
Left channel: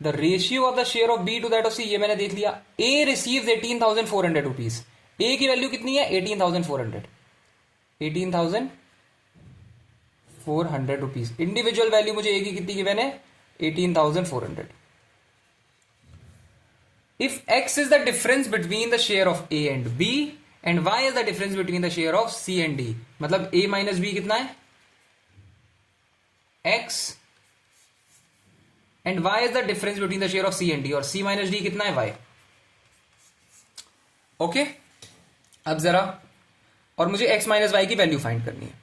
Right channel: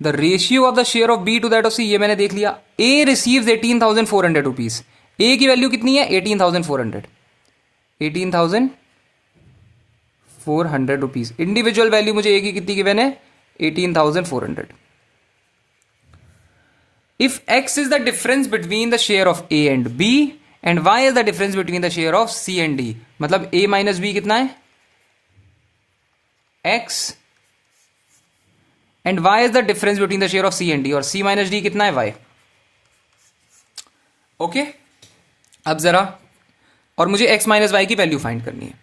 the ratio of the share of B to that of C, ये मैंने देख लिया। ए रिसीव्स 18,400 रुपीज। ए की वैल्यू कितनी है? 18,400, 18,400 रुपीज। इंडिविजुअल वैल्यू मुझे ए की कितनी गिवन है? 18,400। If x is the difference between the share of A and B and y is the difference between the share of C and D, मतलब A minus B कितना है? X, and y is the difference between the share of C and D, और C minus D कितना है? Y। Okay, अब जरा, और मुझे x minus y की वैल्यू फाइंड करनी है।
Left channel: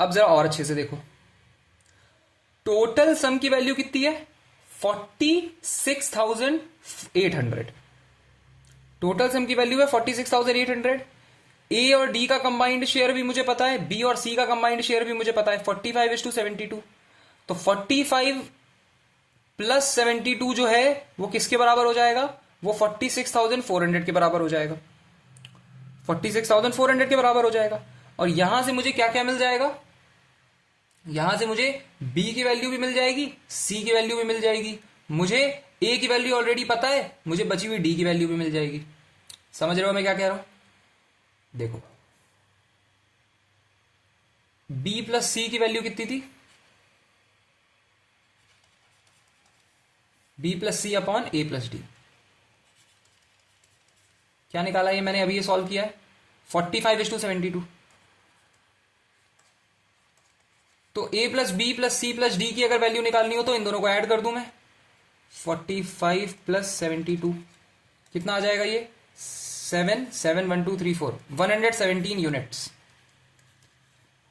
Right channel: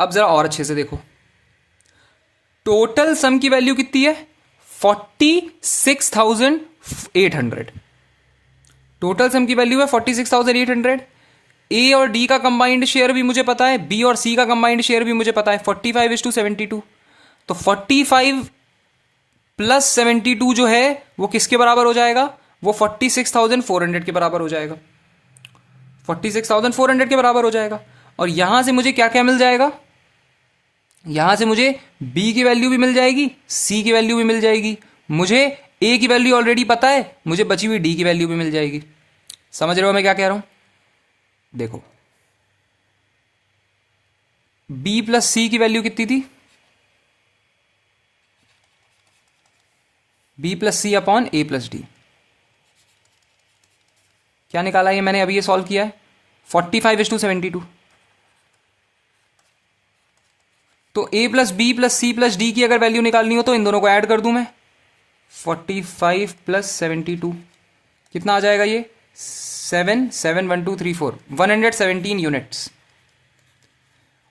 अब जरा और अच्छे से देखो, टोटल सम की वैल्यू कितनी है? 46,800। टोटल सम की वैल्यू है 46,800। ए और डी का कंबाइंड शेयर भी मुझे पता है, बी और सी का कंबाइंड शेयर भी मुझे पता है, 45:72। तो 45 + 72 जो है वो किसके बराबर हो जाएगा? वो 46,400 के बराबर हो जाएगा, 46,400 के बराबर हो जाएगा। और यहां से मुझे क्या क्या मिल जाएगा? यहां से मुझे b की वैल्यू भी मिल जाएगी, c की वैल्यू भी मिल जाएगी, मुझे a की वैल्यू ऑलरेडी पता है, मुझे बची हुई d की वैल्यू भी मिल जाएगी। समझ रहे हो मैं क्या कह रहा हूं? देखो b + c की वैल्यू कितनी थी? b + c upon a + d। क्या निकाला ये मैंने अभी? ये सॉल्व किया है, 45:72। तो a + b + c + d की अगर वैल्यू निकालनी हो तो इन दोनों को ऐड कर दूं मैं। 45 + 72 कितना आ जाएगा? ये 7 7 1 2 3 4 117 यूनिट्स,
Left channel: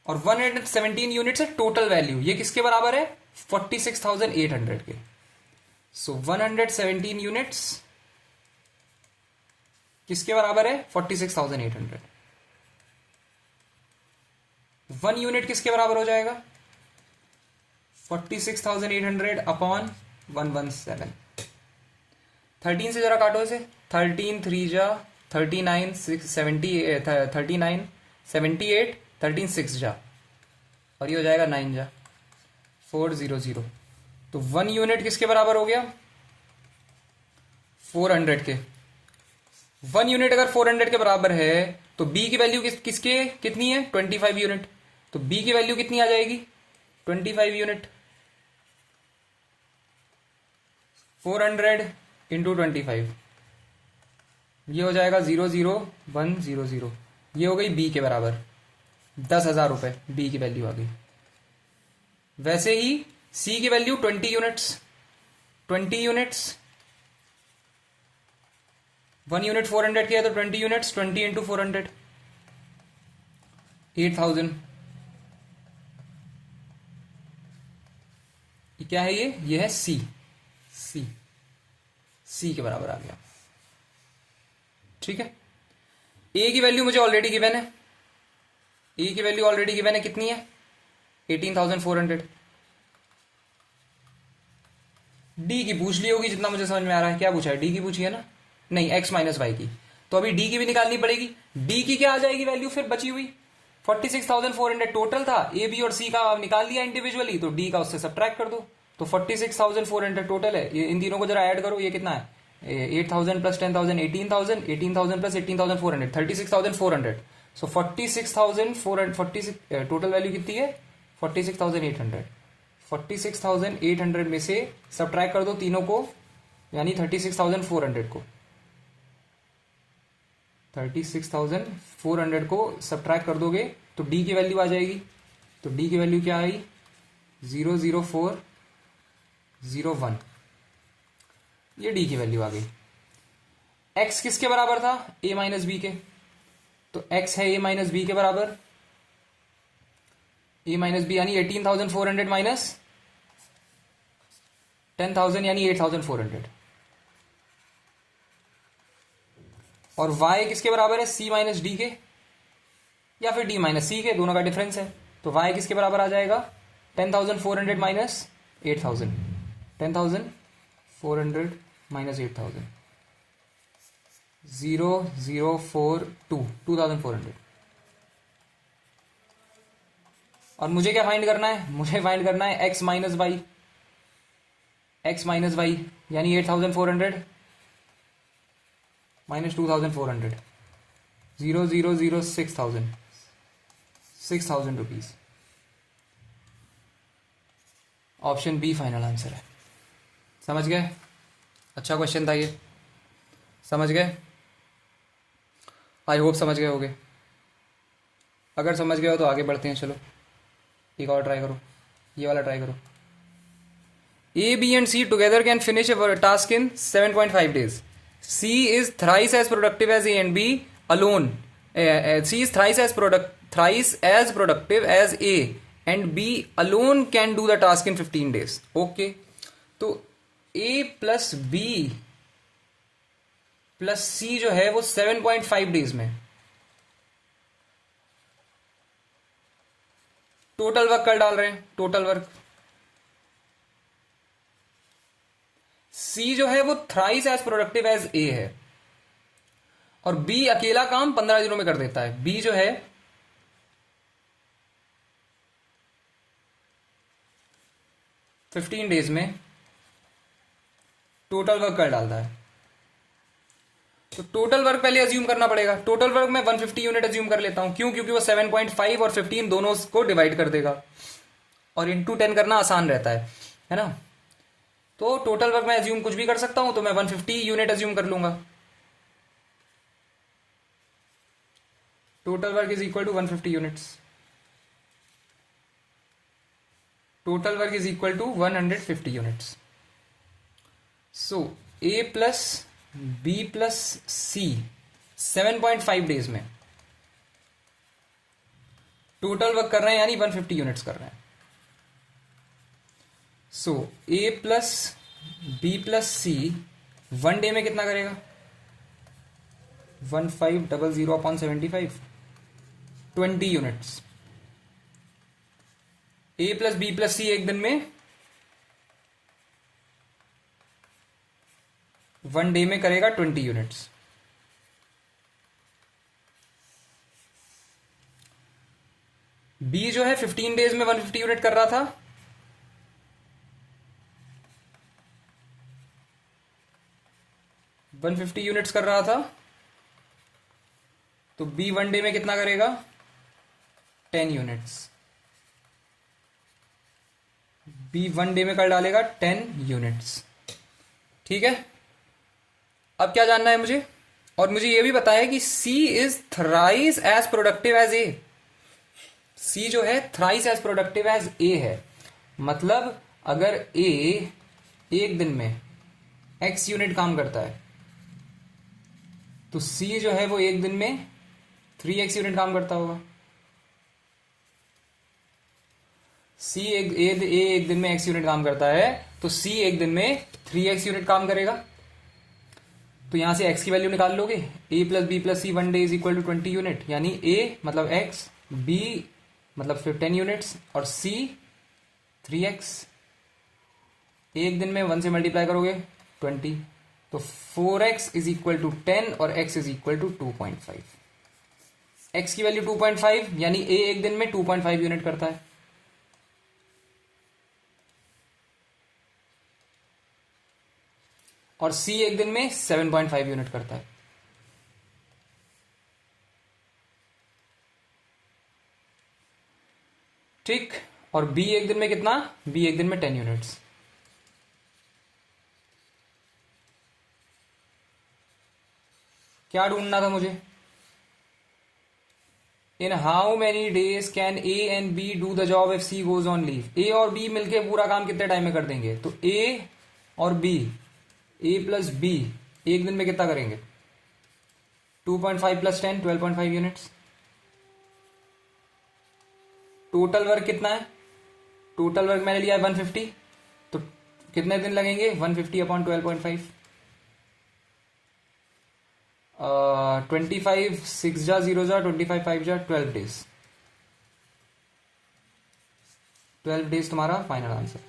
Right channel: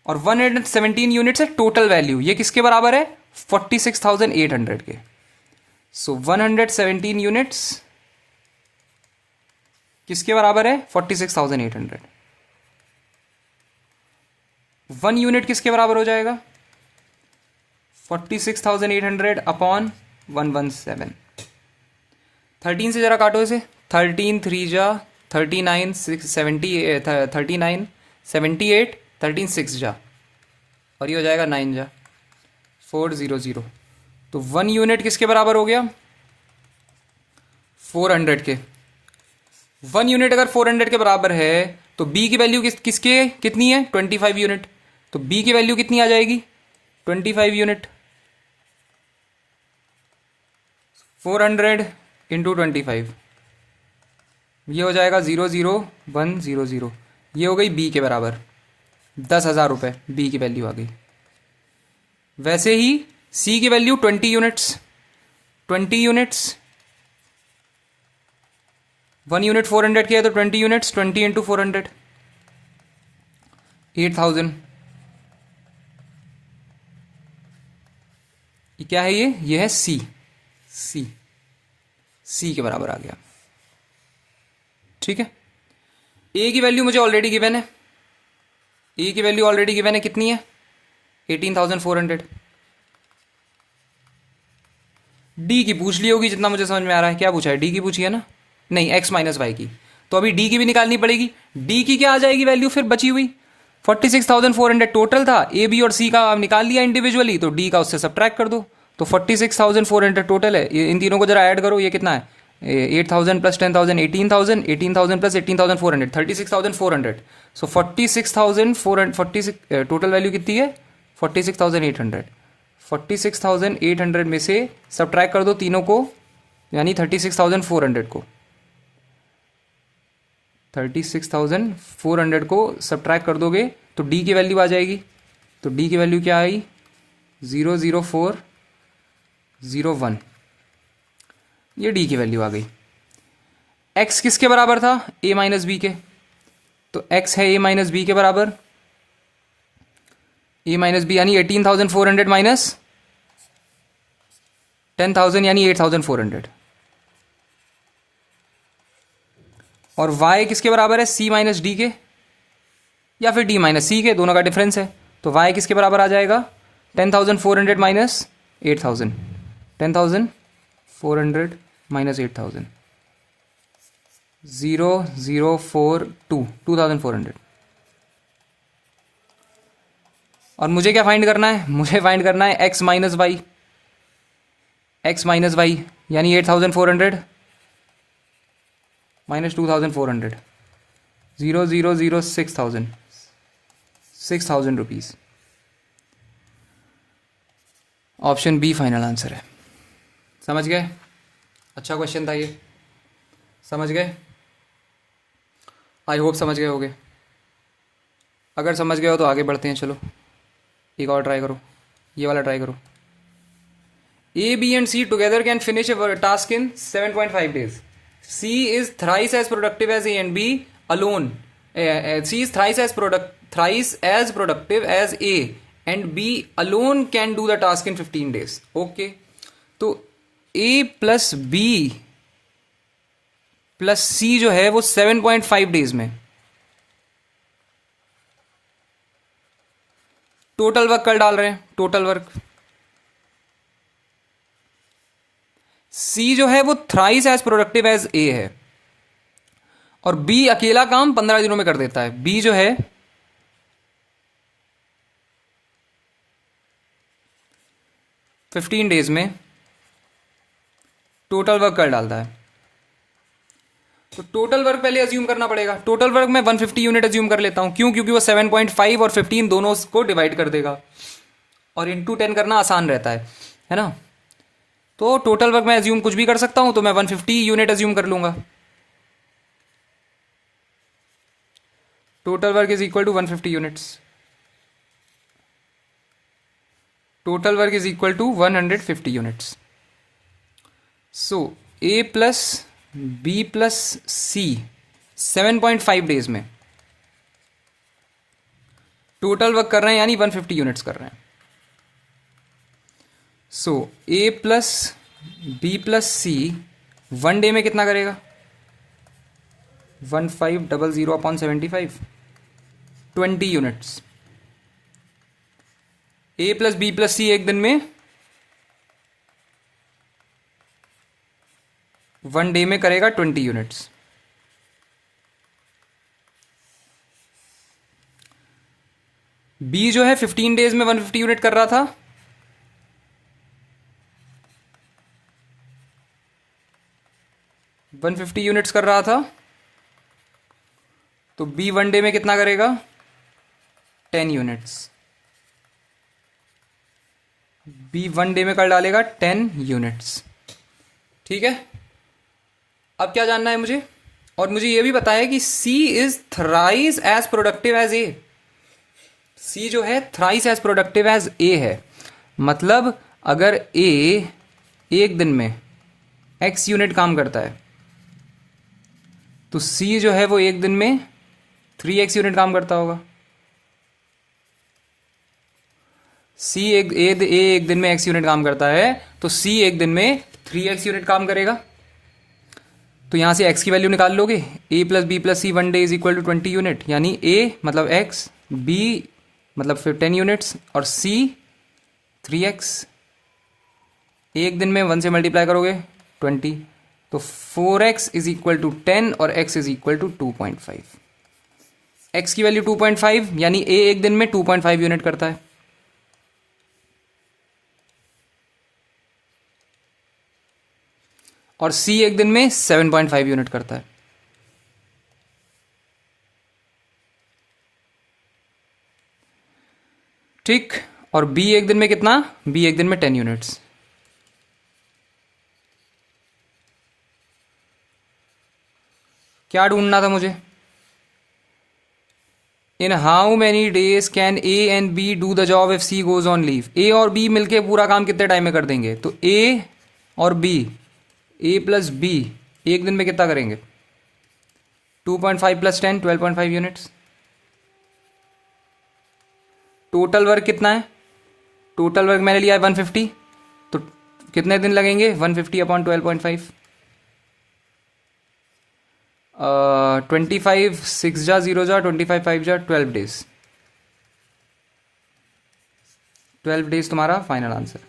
और 117 यूनिट्स है टोटल वैल्यू। ये किसके बराबर है? 46,800 के। सो 117 यूनिट्स किसके बराबर है? 46,800। 1 यूनिट किसके बराबर हो जाएगा? 46,800 अपॉन 117। 13 से जरा काटो इसे, 13 3 जा 39 6 70 39 78 13 6 जा, और ये हो जाएगा 9 जा 400। तो 1 यूनिट किसके बराबर हो गया? 400 के। 1 यूनिट अगर 400 के बराबर है तो b की वैल्यू किसके कितनी है? 25 यूनिट। तो b की वैल्यू कितनी आ जाएगी? 25 यूनिट। 400 इंटू 25, ये हो जाएगा 00100। ये हो गई b के बराबर, 10,000 रुपये b की वैल्यू आ गई। वैसे ही c की वैल्यू 20 यूनिट्स, 20 यूनिट्स। 1 यूनिट 400 की है तो 20 यूनिट्स, 20 इंटू 400 8,000। क्या है ये है c, c के बराबर आ गया। ठीक है, a की वैल्यू मुझे ऑलरेडी गिवन है, a की वैल्यू ऑलरेडी गिवन है, कितनी है? 18,400। d की पूछ ली होगी जितना मुझे समझ में आ रहा है। क्या पूछा है? d की पूछी है ना? नहीं, x - y की। तो अभी d की भी निकालनी पड़ेगी। d की क्या आ जाएगी वैल्यू फिर बची हुई? 46,400 टोटल था, ए बी और सी का आप निकाल लिया इंडिविजुअली, तो डी का उससे सब्ट्रैक्ट कर दो, तो 46,400 टोटल है। इन तीनों को जरा ऐड करो, ये कितना है, 8,000 प्लस 10,000 18,000, 18,000 प्लस 18,400 36,400। सो 46,400 46 टोटल वैल्यू कितनी है 46,800। 46,800 में से सब्ट्रैक्ट कर दो तीनों को, यानी 36,400 को, 36,400 को सब्ट्रैक्ट कर दोगे तो डी की वैल्यू आ जाएगी। तो डी की वैल्यू क्या आई, 00401, ये डी की वैल्यू आ गई। एक्स किसके बराबर था, ए माइनस बी के, तो एक्स है ए माइनस बी के बराबर, ए माइनस बी यानी 18,400 माइनस 10,000 यानी 8,400, और y किसके बराबर है, c माइनस डी के या फिर d माइनस सी के, दोनों का डिफरेंस है। तो y किसके बराबर आ जाएगा, 10,400 माइनस 8,000, 10,400 माइनस 8,000, 0,042 2,400। और मुझे क्या फाइंड करना है, मुझे फाइंड करना है x minus y, x minus y यानी 8,400 minus 2,400, 0,006,000, 6,000 rupees. Option B final answer है। समझ गए, अच्छा क्वेश्चन था ये, समझ गए, आई होप समझ गए होगे। अगर समझ गए हो तो आगे बढ़ते हैं, चलो एक और ट्राई करो, ये वाला ट्राई करो। A, B and C together can finish a task in 7.5 days. C is thrice as productive as A and B alone. C is thrice as productive as A and B alone can do the task in 15 days. Okay. तो A plus B plus C जो है वो 7.5 days में total work कर डाल रहे हैं, total work. सी जो है वो thrice as productive as A है, और बी अकेला काम 15 दिनों में कर देता है। बी जो है 15 डेज में टोटल वर्क कर डालता है। तो टोटल वर्क पहले अज्यूम करना पड़ेगा। टोटल वर्क में 150 यूनिट अज्यूम कर लेता हूं, क्यों, क्योंकि वो 7.5 और 15 दोनों को डिवाइड कर देगा, और इंटू 10 करना आसान रहता है ना। तो टोटल वर्क मैं अज्यूम कुछ भी कर सकता हूं, तो मैं 150 यूनिट अज्यूम कर लूंगा। Total work is equal to 150 units, total work is equal to 150 units. So A plus B plus C 7.5 days में टोटल वर्क कर रहे हैं, यानी 150 यूनिट्स कर रहे हैं। So A plus B plus C 1 day में कितना करेगा, 1500 upon 75, 20 units. A plus B plus C एक दिन में 1 डे में करेगा 20 यूनिट्स। बी जो है 15 डेज में 150 यूनिट कर रहा था, वन 150 यूनिट्स कर रहा था, तो बी 1 डे में कितना करेगा, 10 यूनिट्स। बी 1 डे में कर डालेगा 10 यूनिट्स। ठीक है, अब क्या जानना है मुझे, और मुझे यह भी पता है कि C is thrice as productive as A. C जो है thrice as productive as A है, मतलब अगर ए एक दिन में x यूनिट काम करता है, तो सी जो है वो एक दिन में 3x यूनिट काम करता होगा। सी एक दिन में x यूनिट काम करता है, तो सी एक दिन में 3x यूनिट काम करेगा। तो यहां से x की वैल्यू निकाल लोगे, a plus B plus C 1 day is equal to 20 unit, यानी a मतलब x, b मतलब फिर 10 यूनिट्स, और c 3x। एक दिन में 1 से मल्टीप्लाई करोगे 20, तो 4x इज इक्वल टू 10 और x is equal to 2.5। x की वैल्यू 2.5, यानी a एक दिन में 2.5 यूनिट करता है, और c एक दिन में 7.5 यूनिट करता है। ठीक, और b एक दिन में कितना, b एक दिन में 10 यूनिट्स। क्या ढूंढना था मुझे? In how many days can A and B do the job if C goes on leave. A और बी मिलके पूरा काम कितने टाइम में कर देंगे? तो ए और बी, ए प्लस बी एक दिन में कितना करेंगे? 2.5 प्लस 10, 12.5 यूनिट्स। टोटल वर्क कितना है? टोटल वर्क मैंने लिया है 150, तो कितने दिन लगेंगे? 150 अपॉन 12.5, 25 6 जा 0 जा 25 5 जा 12 डेज। 12 डेज तुम्हारा final answer,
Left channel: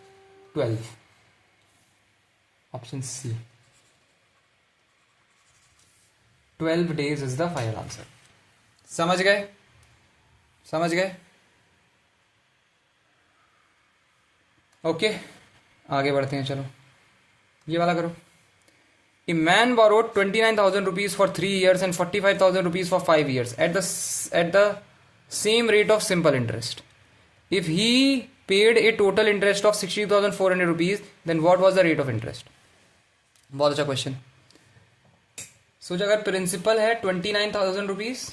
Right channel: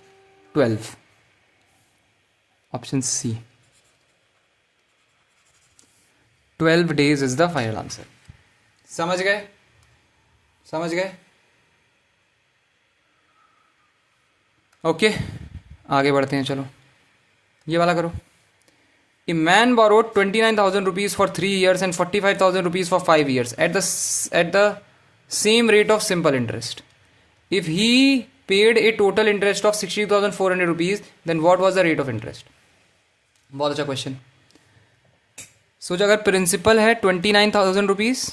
12, option C, 12 days is the final answer. समझ गए? समझ गए? ओके, आगे बढ़ते हैं, चलो ये वाला करो। A man borrowed 29,000 rupees for 3 years and 45,000 rupees for 5 years at the same rate of simple interest. If he paid a total interest of 60,400 rupees, then what was the rate of interest? बहुत अच्छा question. सोच, अगर principal है 29,000 rupees,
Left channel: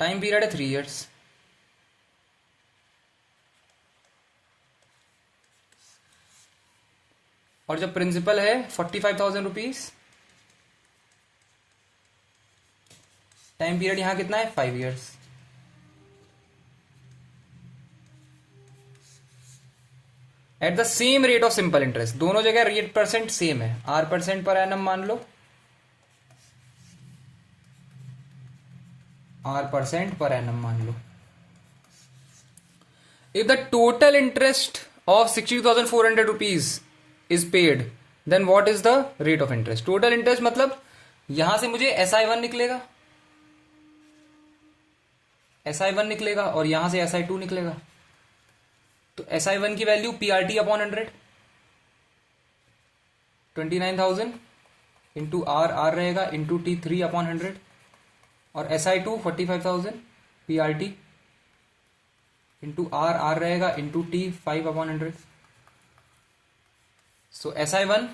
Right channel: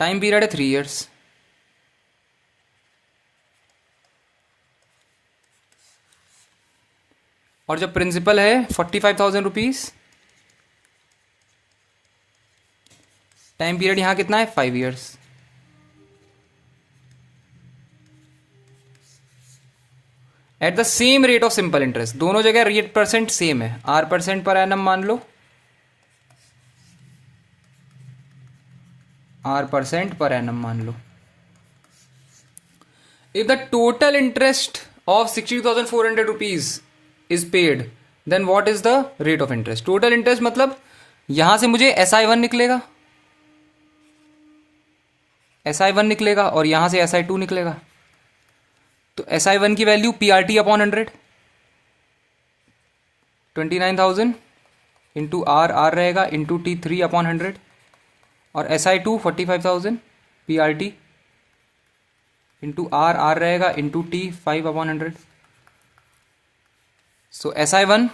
time period है 3 years, और जब principal है 45,000 rupees, time period यहां कितना है? 5 years। At the same rate of simple interest, दोनों जगह रेट परसेंट सेम है, R% पर एनम मान लो, R% पर एनम मान लो। If the total interest of 60,400 rupees is paid, then what is the rate of interest? Total interest मतलब यहां से मुझे SI1 निकलेगा, SI1 निकलेगा, और यहां से SI2 निकलेगा। तो SI1 की value PRT upon 100, 29,000 into R रहेगा, इंटू T 3 अपॉन 100, और SI2 45,000 PRT इंटू R रहेगा, इंटू T 5 अपॉन 100। सो SI1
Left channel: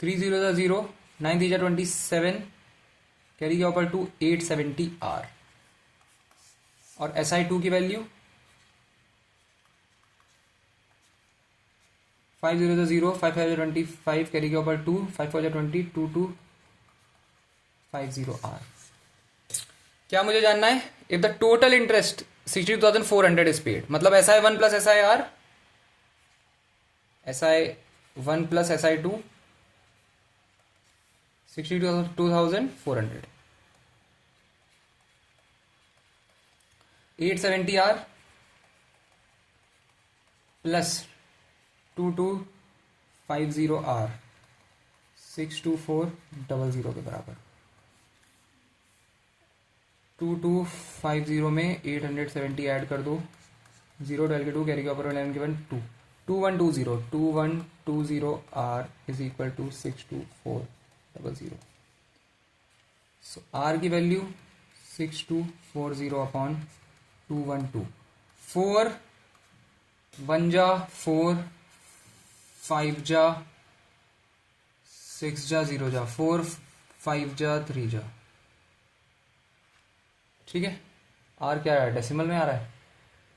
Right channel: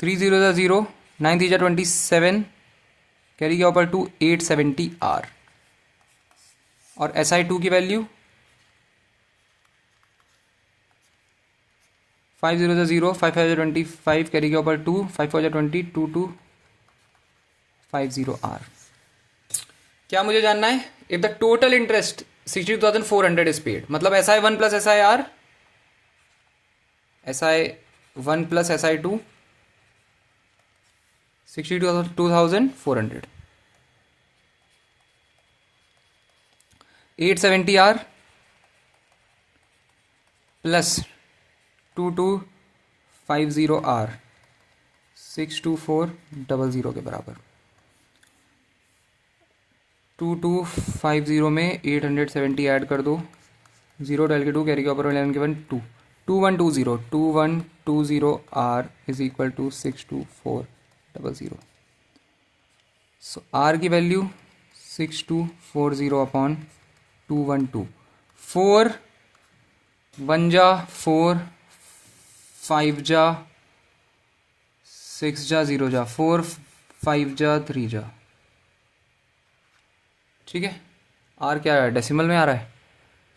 3 0 0, 9 3 27, कैरी के ऊपर 2 870 R, और SI2 की वैल्यू 5 0 0, 5 5 25, कैरी के ऊपर 2 5 4 20, 2 2 50 R। क्या मुझे जानना है? If the total interest 60,400 is paid, मतलब SI1 plus SIR, SI1 plus SI2, 62,400, 870 R plus 2250 R, 62400 के बराबर। 2250 में 870 ऐड कर दो, 0 डाल के 2, कैरी के ऊपर 11 के 1 2, 2120 R is equal to 62400। So R की वैल्यू 6240 अपॉन 212, 4 1 जा 4, 5 जा 6 जा 0 जा 4, 5 जा 3 जा। ठीक है, R क्या है? डेसिमल में आ रहा है,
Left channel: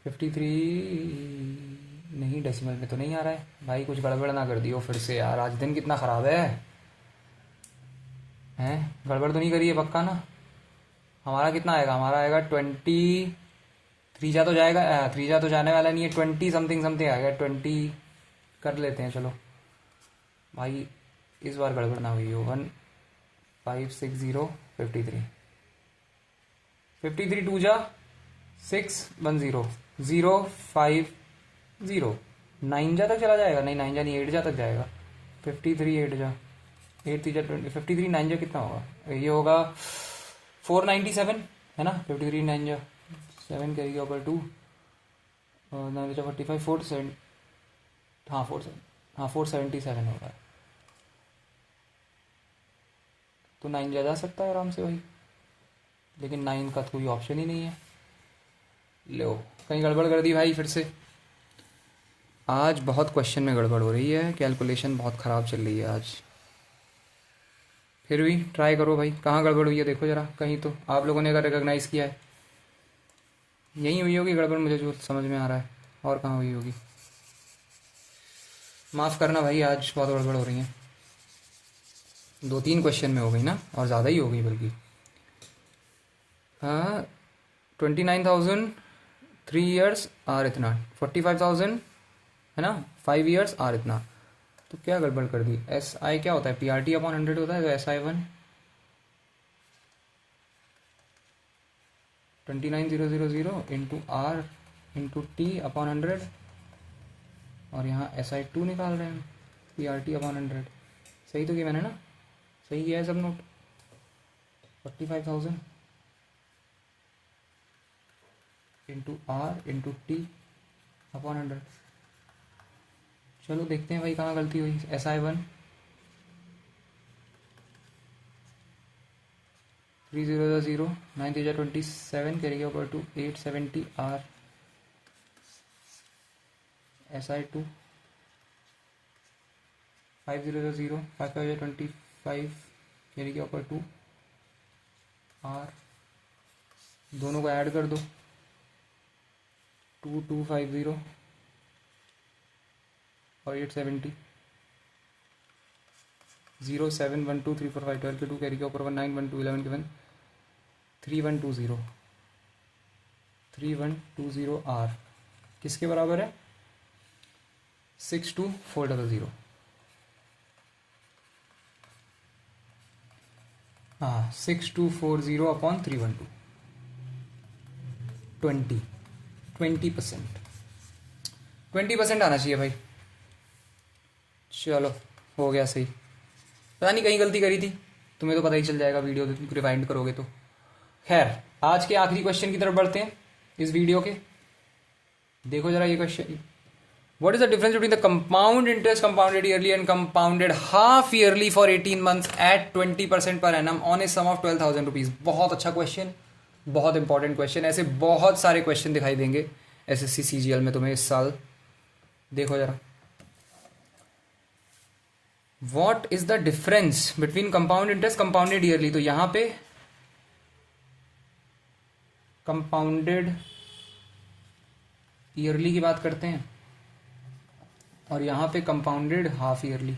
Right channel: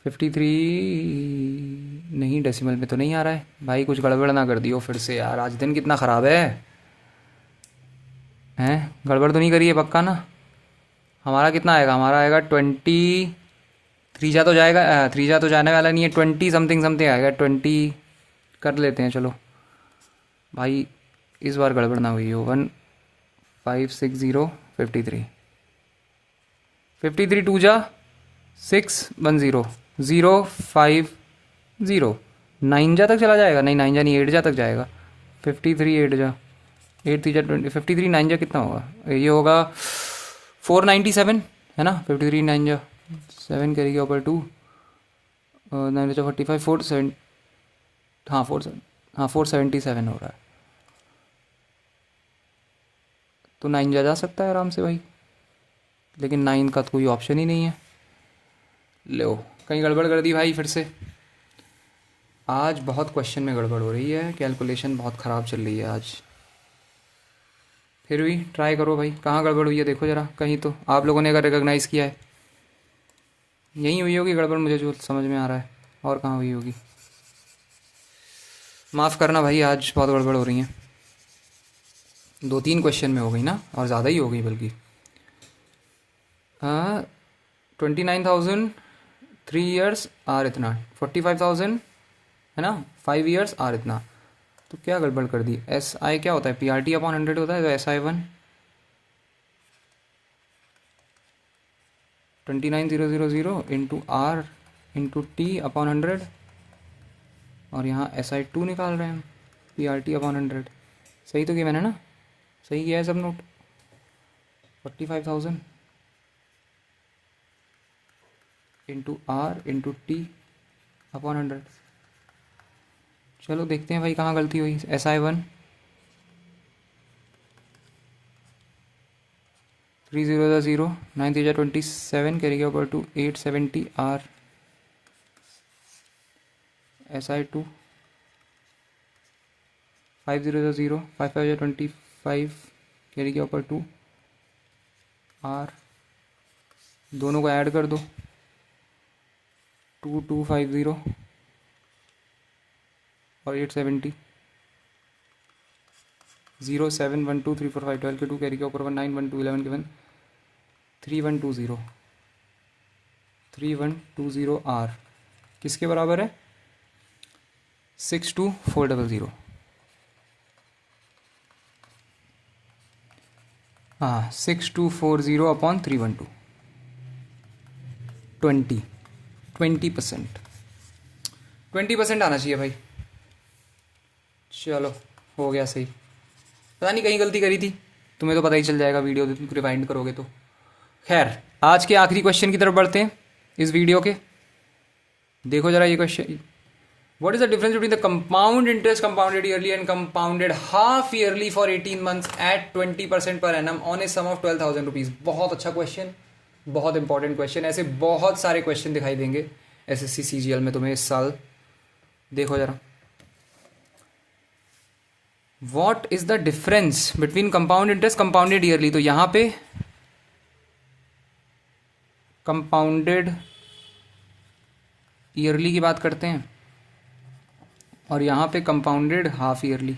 53 नहीं, डेसिमल में तो नहीं आ रहा है भाई, कुछ गड़बड़ ना कर दियो फिर से यार, आज दिन कितना ख़राब है, हैं? गड़बड़ तो नहीं करी है पक्का ना? हमारा कितना आएगा? हमारा आएगा 23 जा तो जाएगा, 3 जा तो जाने वाला नहीं है, 20 समथिंग समथिंग आएगा, 20 कर लेते हैं चलो भाई, इस बार गड़बड़ ना हुई हो। 1560 53 2 जा 6 10 0 5 0 नाइन जा तक चला जाएगा? नहीं, नाइन जा नहीं, एट जा तक जाएगा। 53 एट जा, 8 3 जा 20, 53 नाइन जा कितना होगा? ये होगा 497 है ना। 53 नाइन जा 7 करेगी ऊपर 2, 9 जा 45, 4 हाँ 477 हो रहा है। तो 9 जा सकता है आराम से भाई, लेकिन 9 का तो कोई ऑप्शन ही नहीं है। लो, कहीं गड़बड़ कर दी भाई फिर से। आज बहुत क्वेश्चन में गड़बड़ हो रही है, कैलकुलेशन बहुत ख़राब चल रही है आज। फिर भी ट्राई करो भाई, कहाँ गड़बड़ हुई है देखो ज़रा, कहीं तो आप लोगों ने अगर रिकॉग्नाइज़ किया है। यहीं हुई होगी गड़बड़, मुझे जो समझ में आ रहा है, और कहाँ हुई होगी। माफ़ करना भाई, आज बहुत गड़बड़ हो रही है। 2-3 क्वेश्चन में हो गई ना, और ज़्यादा ही हो गई बल्कि। हाँ, 29,000 3 ईयर्स आर इतना, 45,000 है ना 5 ईयर्स आर इतना। तो क्या गड़बड़ कर दी? एस आई क्या होता है? PRT अपॉन 100 होता है। तो SI1 29,000 into R into T upon 100, और यहाँ SI2 निकाल रहे हैं हम, PRT अपॉन 100। सही तो किया मैंने ना? सही किया है सब note. 45,000 into R into T upon 100। चलो देखते हैं भाई कहाँ गलती हुई। SI1 3 0 जा 0, 9 3 जा 27 कैरी के ऊपर 2 870 आर। SI2 5 0 जा 0, 5 5 जा 25 कैरी के ऊपर 2 आर। दोनों को ऐड कर दो, 2250 और 870, 0 7 1 2 3 4 5 12 के 2 कैरी के ऊपर 1 9 1 2 11 के 1 3120 3120 आर किसके बराबर है? 62400। हाँ, 6240 अपॉन 312, 20% 20% आना चाहिए भाई। चलो हो गया सही। पता नहीं कहीं गलती करी थी, तुम्हें तो पता ही चल जाएगा वीडियो रिवाइंड करोगे तो। खैर, आज के आखिरी क्वेश्चन की तरफ बढ़ते हैं इस वीडियो के। देखो जरा ये question, what is the difference between the compound interest compounded yearly and compounded half yearly for 18 months at 20% per annum on a sum of 12,000 rupees. बहुत अच्छा क्वेश्चन, बहुत इंपॉर्टेंट क्वेश्चन। ऐसे बहुत सारे क्वेश्चन दिखाई देंगे SSC CGL में तुम्हें इस साल। देखो जरा, what is the difference between compound interest compounded yearly. तो यहां पे कंपाउंडेड ईयरली की बात करते हैं, और यहां पे कंपाउंडेड हाफ ईयरली।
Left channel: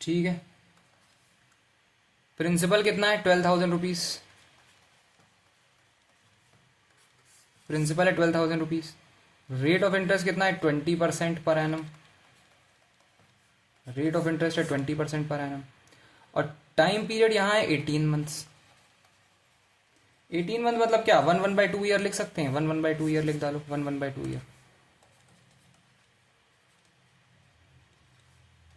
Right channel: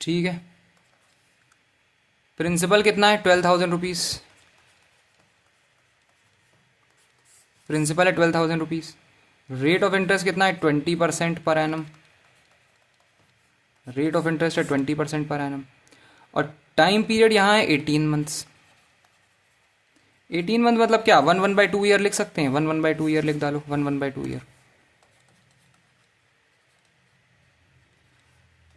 ठीक है, प्रिंसिपल कितना है? 12,000 रुपीज। प्रिंसिपल है 12,000 रुपीज। रेट ऑफ इंटरेस्ट कितना है? 20% per annum. Rate of interest है 20% पर एनम। और टाइम पीरियड यहां है 18 मंथ्स। 18 मंथ मतलब क्या? 1/2 ईयर लिख सकते हैं। 1/2 ईयर लिख डालो, 1/2 ईयर।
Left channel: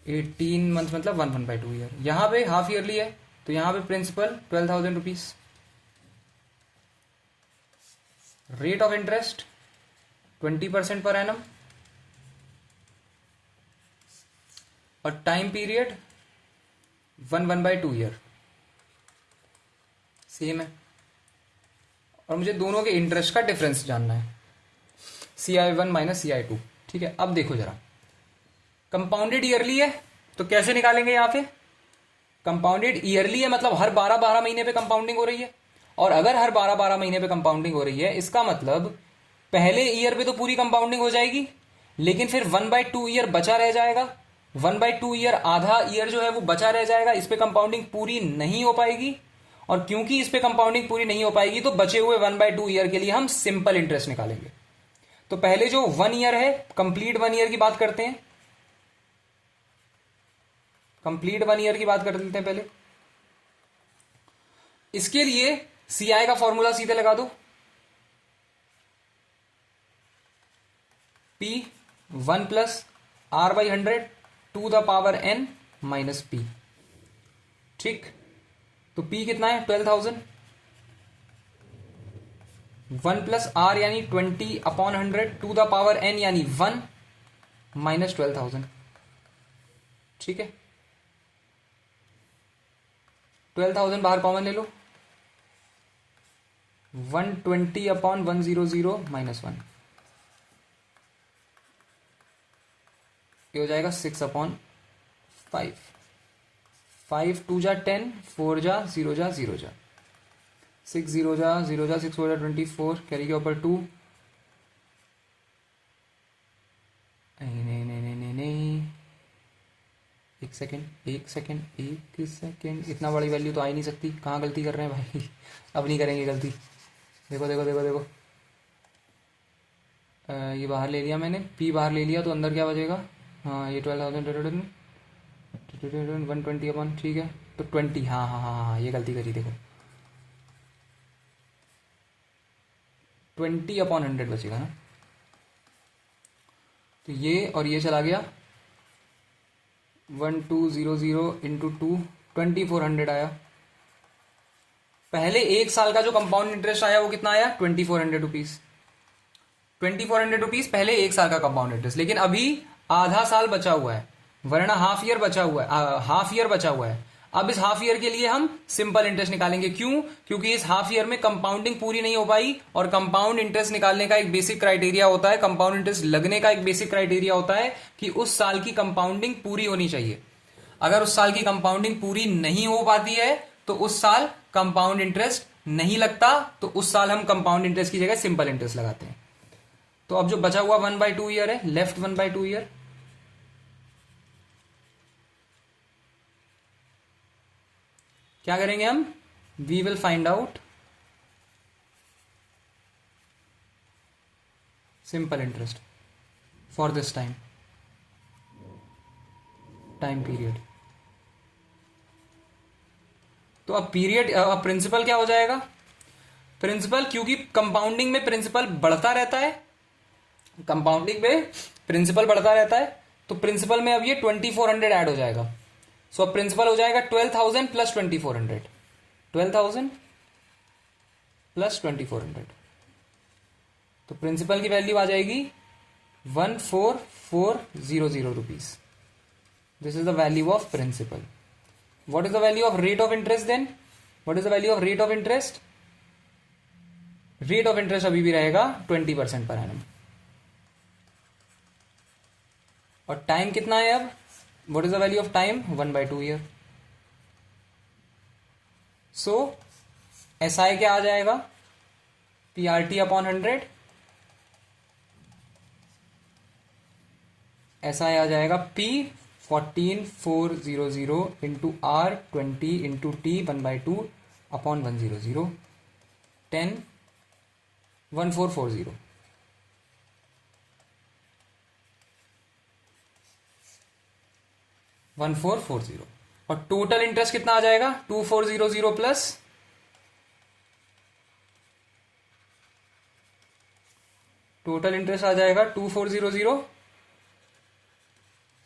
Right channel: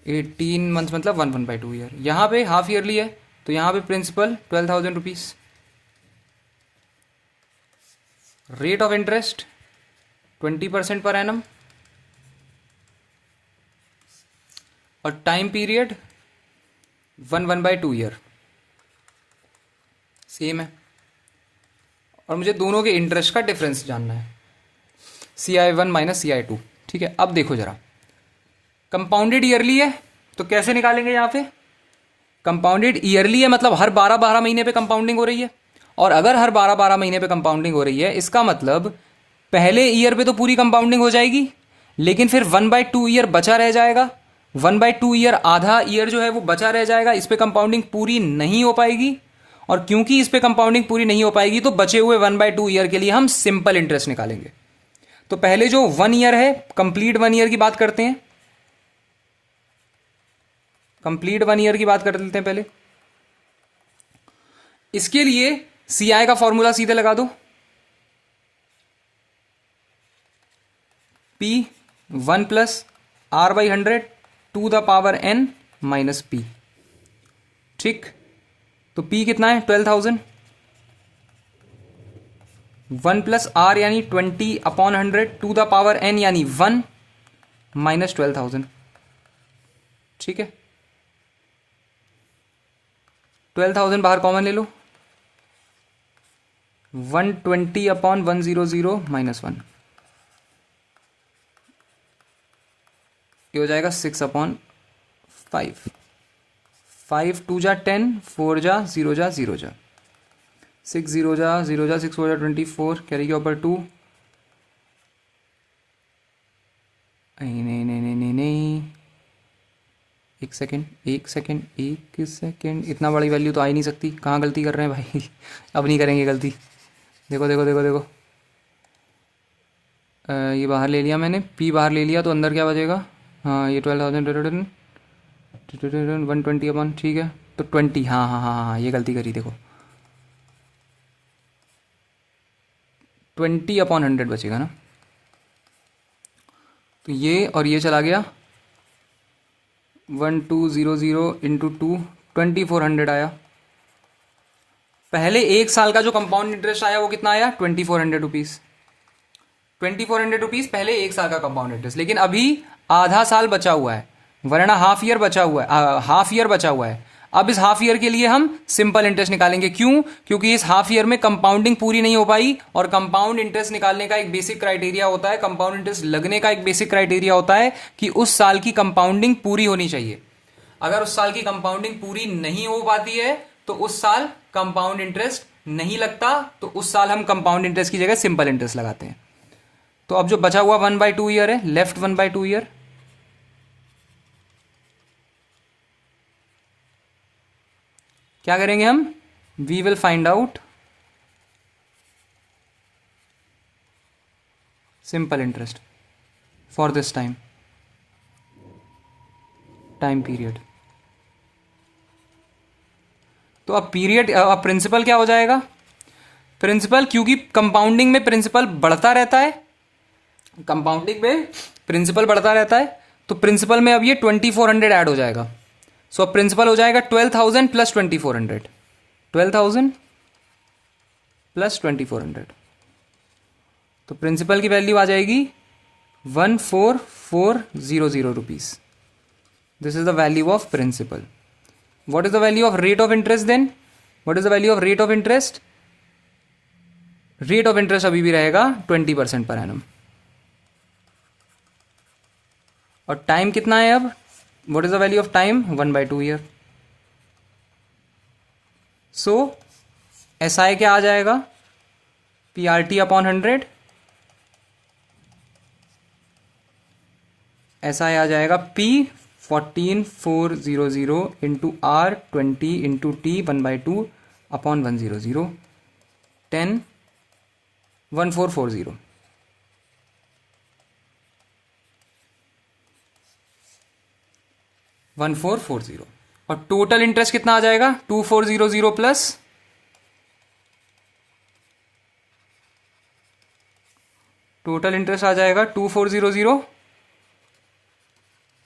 18 मंथ मतलब 1/2 ईयर। यहां पे हाफ ईयरली है, तो यहां पे principal 12,000 rupees. Rate of interest 20% per annum, और टाइम पीरियड 1/2 ईयर। सेम है। और मुझे दोनों के इंटरेस्ट का डिफरेंस जानना है, CI1 माइनस CI2। ठीक है, अब देखो जरा, कंपाउंडेड ईयरली है तो कैसे निकालेंगे? यहां पे कंपाउंडेड ईयरली है मतलब हर 12-12 महीने पे कंपाउंडिंग हो रही है। और अगर हर 12-12 महीने पे कंपाउंडिंग हो रही है, इसका मतलब पहले ईयर पे तो पूरी कंपाउंडिंग हो जाएगी, लेकिन फिर 1/2 ईयर बचा रह जाएगा। 1/2 ईयर, आधा ईयर जो है वो बचा रह जाएगा, इस पे कंपाउंडिंग पूरी नहीं हो पाएगी। और क्योंकि इस पे कंपाउंडिंग पूरी नहीं हो पाएगी, तो बचे हुए 1/2 ईयर के लिए हम सिंपल इंटरेस्ट निकालेंगे। तो पहले जो 1 ईयर है, कंप्लीट 1 ईयर की बात करते हैं। कंप्लीट 1 ईयर की बात कर लेते हैं पहले। इसके लिए CI का फॉर्मूला सीधे लगा दो, P 1 plus R by 100 to the power n minus P। ठीक, तो P कितना है 12,000, 1 प्लस R यानी 20 upon 100 to the power n यानी 1 माइनस 12,000। ठीक है, 12,000 बाहर कॉमन ले लो, 120 अपॉन 100 माइनस 1, ये हो जाएगा 6 अपॉन 5, 5 2 जा 10, 4 जा 0 जा 0 जा 6 0 जा 0 जा 6 4 जा 24, कैरी के ऊपर 2, नहीं नहीं नहीं नहीं नहीं नहीं, एक सेकेंड, इतना बड़ी वैल्यू तो आ ही नहीं सकती। कहाँ गलती कर रहे हैं भाई अब नहीं करेंगे गलती। देखो देखो देखो देखो, ये बाहर ले लिया मैंने, P बाहर ले लिया तो अंदर क्या बचेगा, हाँ ये 12,000 120 अपन, ठीक है तो 20, हाँ हाँ हाँ हाँ ये गलती करी, देखो 20 अपॉन 100 बचेगा ना, तो ये और ये चला गया, 1200 इंटू 2 2400 आया। पहले एक साल का जो कंपाउंड इंटरेस्ट आया वो कितना आया 2400 रुपीज़, 2400 रुपीज़ पहले एक साल का कंपाउंड इंटरेस्ट। लेकिन अभी आधा साल बचा हुआ है, वरना हाफ ईयर बचा हुआ है, हाफ ईयर बचा हुआ है। अब इस हाफ ईयर के लिए हम सिंपल इंटरेस्ट निकालेंगे, क्यों, क्योंकि इस हाफ ईयर में कंपाउंडिंग पूरी नहीं हो पाई, और कंपाउंड इंटरेस्ट निकालने का एक बेसिक क्राइटेरिया होता है, कंपाउंड इंटरेस्ट लगने का एक बेसिक क्राइटेरिया होता है कि उस साल की कंपाउंडिंग पूरी होनी चाहिए। अगर उस साल की कंपाउंडिंग पूरी नहीं हो पाती है तो उस साल कंपाउंड इंटरेस्ट नहीं लगता, तो उस साल हम कंपाउंड इंटरेस्ट की जगह सिंपल इंटरेस्ट लगाते हैं। तो अब जो बचा हुआ 1/2 ईयर है, लेफ्ट 1/2 ईयर, क्या करेंगे हम, we will find out simple interest for this time period. तो अब पीरियड, अब प्रिंसिपल क्या हो जाएगा, प्रिंसिपल, क्योंकि कंपाउंडिंग में प्रिंसिपल बढ़ता रहता है, कंपाउंडिंग में प्रिंसिपल बढ़ता रहता है, तो प्रिंसिपल में अब ये 2400 ऐड हो जाएगा। सो अब प्रिंसिपल हो जाएगा 12,000 प्लस 2400, 12,000 प्लस 2400, तो प्रिंसिपल की वैल्यू आ जाएगी 14,400 rupees. This is the value of principal. What is the value of rate of interest then, what is the value of rate of interest, rate of interest अभी भी रहेगा 20% per annum. और time कितना है अब, what is the value of time, 1/2 year. So SI क्या आ जाएगा, PRT अपॉन 100, SI आ जाएगा P 14,400 into R 20 into T 1/2 upon 100 10 1440, और टोटल इंटरेस्ट कितना आ जाएगा 2400 प्लस, टोटल इंटरेस्ट आ जाएगा 2400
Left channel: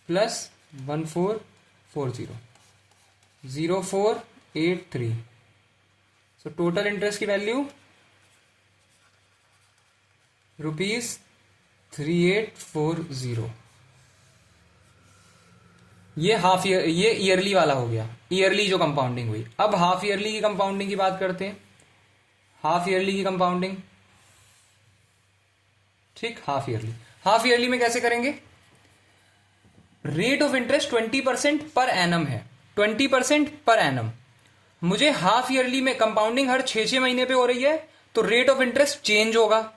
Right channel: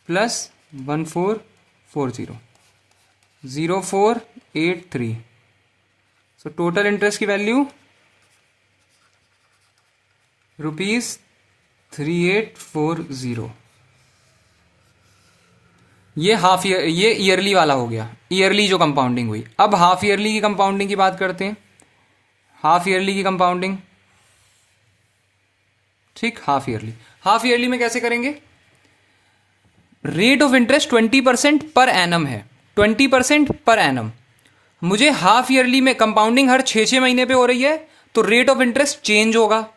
प्लस 1440, 0483। सो टोटल इंटरेस्ट की वैल्यू ₹3840। ये हाफ ईयर, ये ईयरली वाला हो गया, ईयरली जो कंपाउंडिंग हुई। अब हाफ ईयरली की कंपाउंडिंग की बात करते हैं, हाफ ईयरली की कंपाउंडिंग, ठीक, हाफ ईयरली में कैसे करेंगे, rate of interest 20% per annum है, 20% पर एनम। मुझे हाफ ईयरली में कंपाउंडिंग हर 6 महीने पे हो रही है, तो रेट ऑफ इंटरेस्ट चेंज होगा।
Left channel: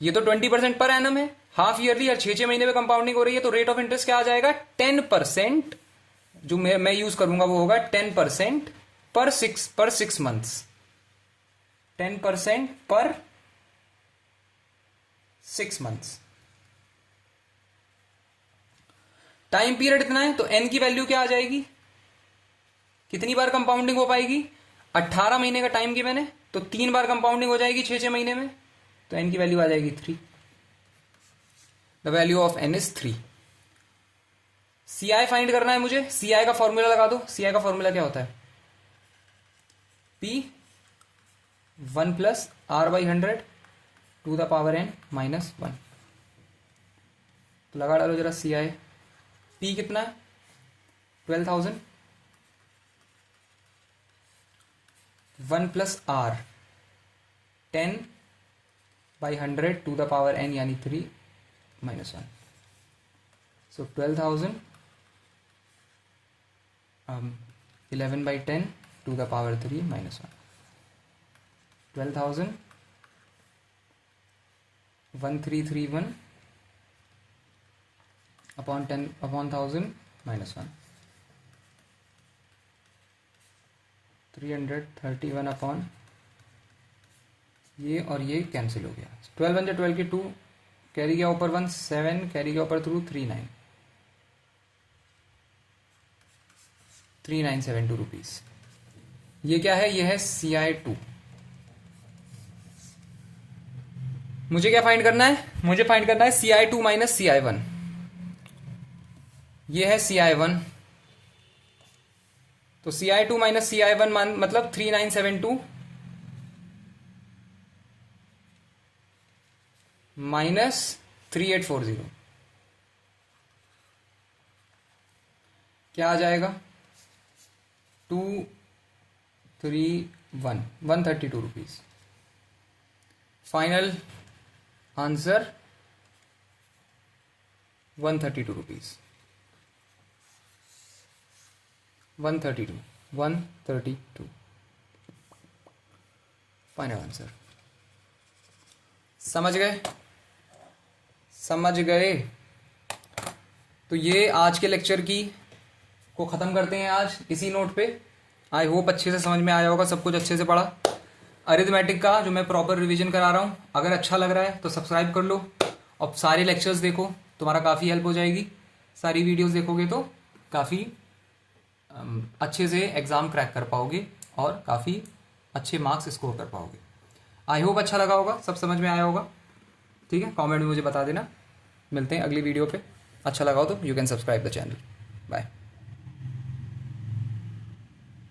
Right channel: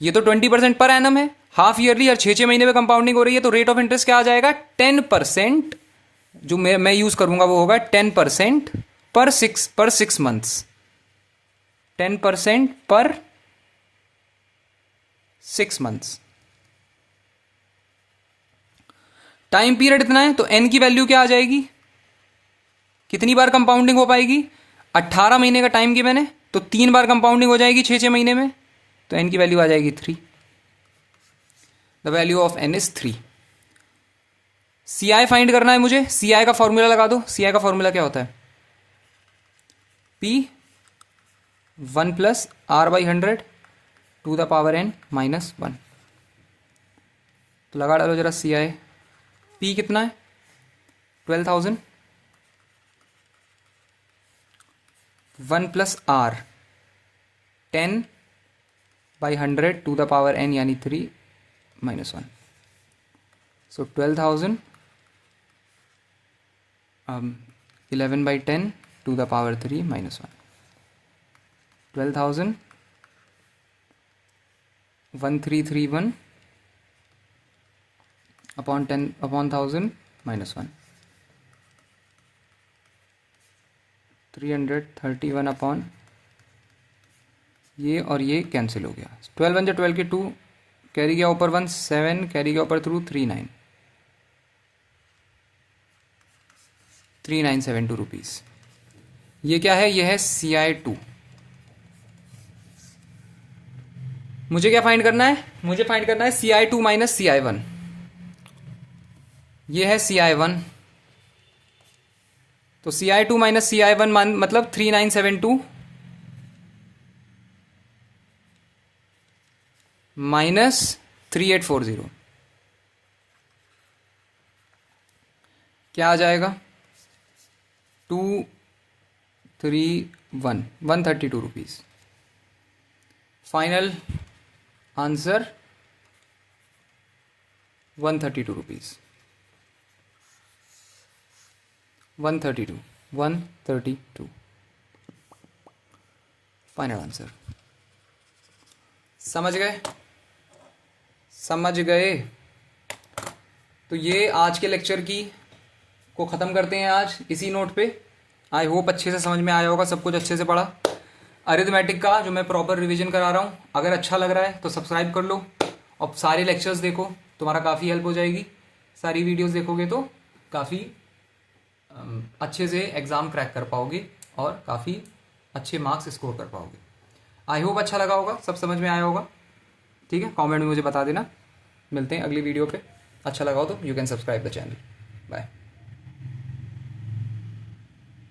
ये तो 20% पर एनम है, हाफ ईयरली हर 6 महीने में कंपाउंडिंग हो रही है, तो रेट ऑफ इंटरेस्ट क्या आ जाएगा 10%, जो मैं यूज करूंगा वो होगा 10% पर 6 मंथ्स, 10% पर 6 मंथ्स। टाइम पीरियड इतना है, तो एन की वैल्यू क्या आ जाएगी, कितनी बार कंपाउंडिंग हो पाएगी, 18 महीने का टाइम की मैंने, तो 3 बार कंपाउंडिंग हो जाएगी 6 महीने में, तो एन की वैल्यू आ जाएगी 3। The value of n is 3। C I find करना है मुझे। सी आई का फॉर्मूला लगा दो। सी आई का फॉर्मूला क्या होता है? P 1 plus R by 100 to the power n minus 1। तो लगा डालो जरा सी आई। P कितना है? 12,000। 1 plus R 10 by 100 to the power n यानी 3 minus 1। So 12,000 11 by 10 to the power 3 minus 1। 12,000 1331 upon 10 upon 1000 minus 1। 331 अपॉन ये और ये कैंसिल हो गया। 12 1 12 के 2 कैरी गया ऊपर 1 7 कैरी गया ऊपर थ्रू 3 9 3972 रुपीज़। ये क्या है? ये है CI2। मुझे क्या फाइंड करना है? मुझे फाइंड करना है CI2 माइनस CI1। ये है CI1। तो CI2 माइनस CI1 मतलब 3972 माइनस 3840 क्या आ जाएगा? 231 132 rupees. Final answer 132 rupees. 132 final answer. समझ गए? समझ गए? तो ये आज के लेक्चर की को ख़त्म करते हैं आज इसी नोट पे। आई होप अच्छे से समझ में आया होगा, सब कुछ अच्छे से पढ़ा। अरिथमेटिक का जो मैं प्रॉपर रिवीजन करा रहा हूँ, अगर अच्छा लग रहा है तो सब्सक्राइब कर लो और सारे लेक्चर्स देखो, तुम्हारा काफ़ी हेल्प हो जाएगी। सारी वीडियोस देखोगे तो काफ़ी अच्छे से एग्ज़ाम क्रैक कर पाओगे और काफ़ी अच्छे मार्क्स स्कोर कर पाओगे। आई होप अच्छा लगा होगा, सब समझ में आया होगा। ठीक है, कमेंट में मुझे बता देना। मिलते हैं अगली वीडियो पे। अच्छा लगा हो तो you can subscribe the channel. Bye.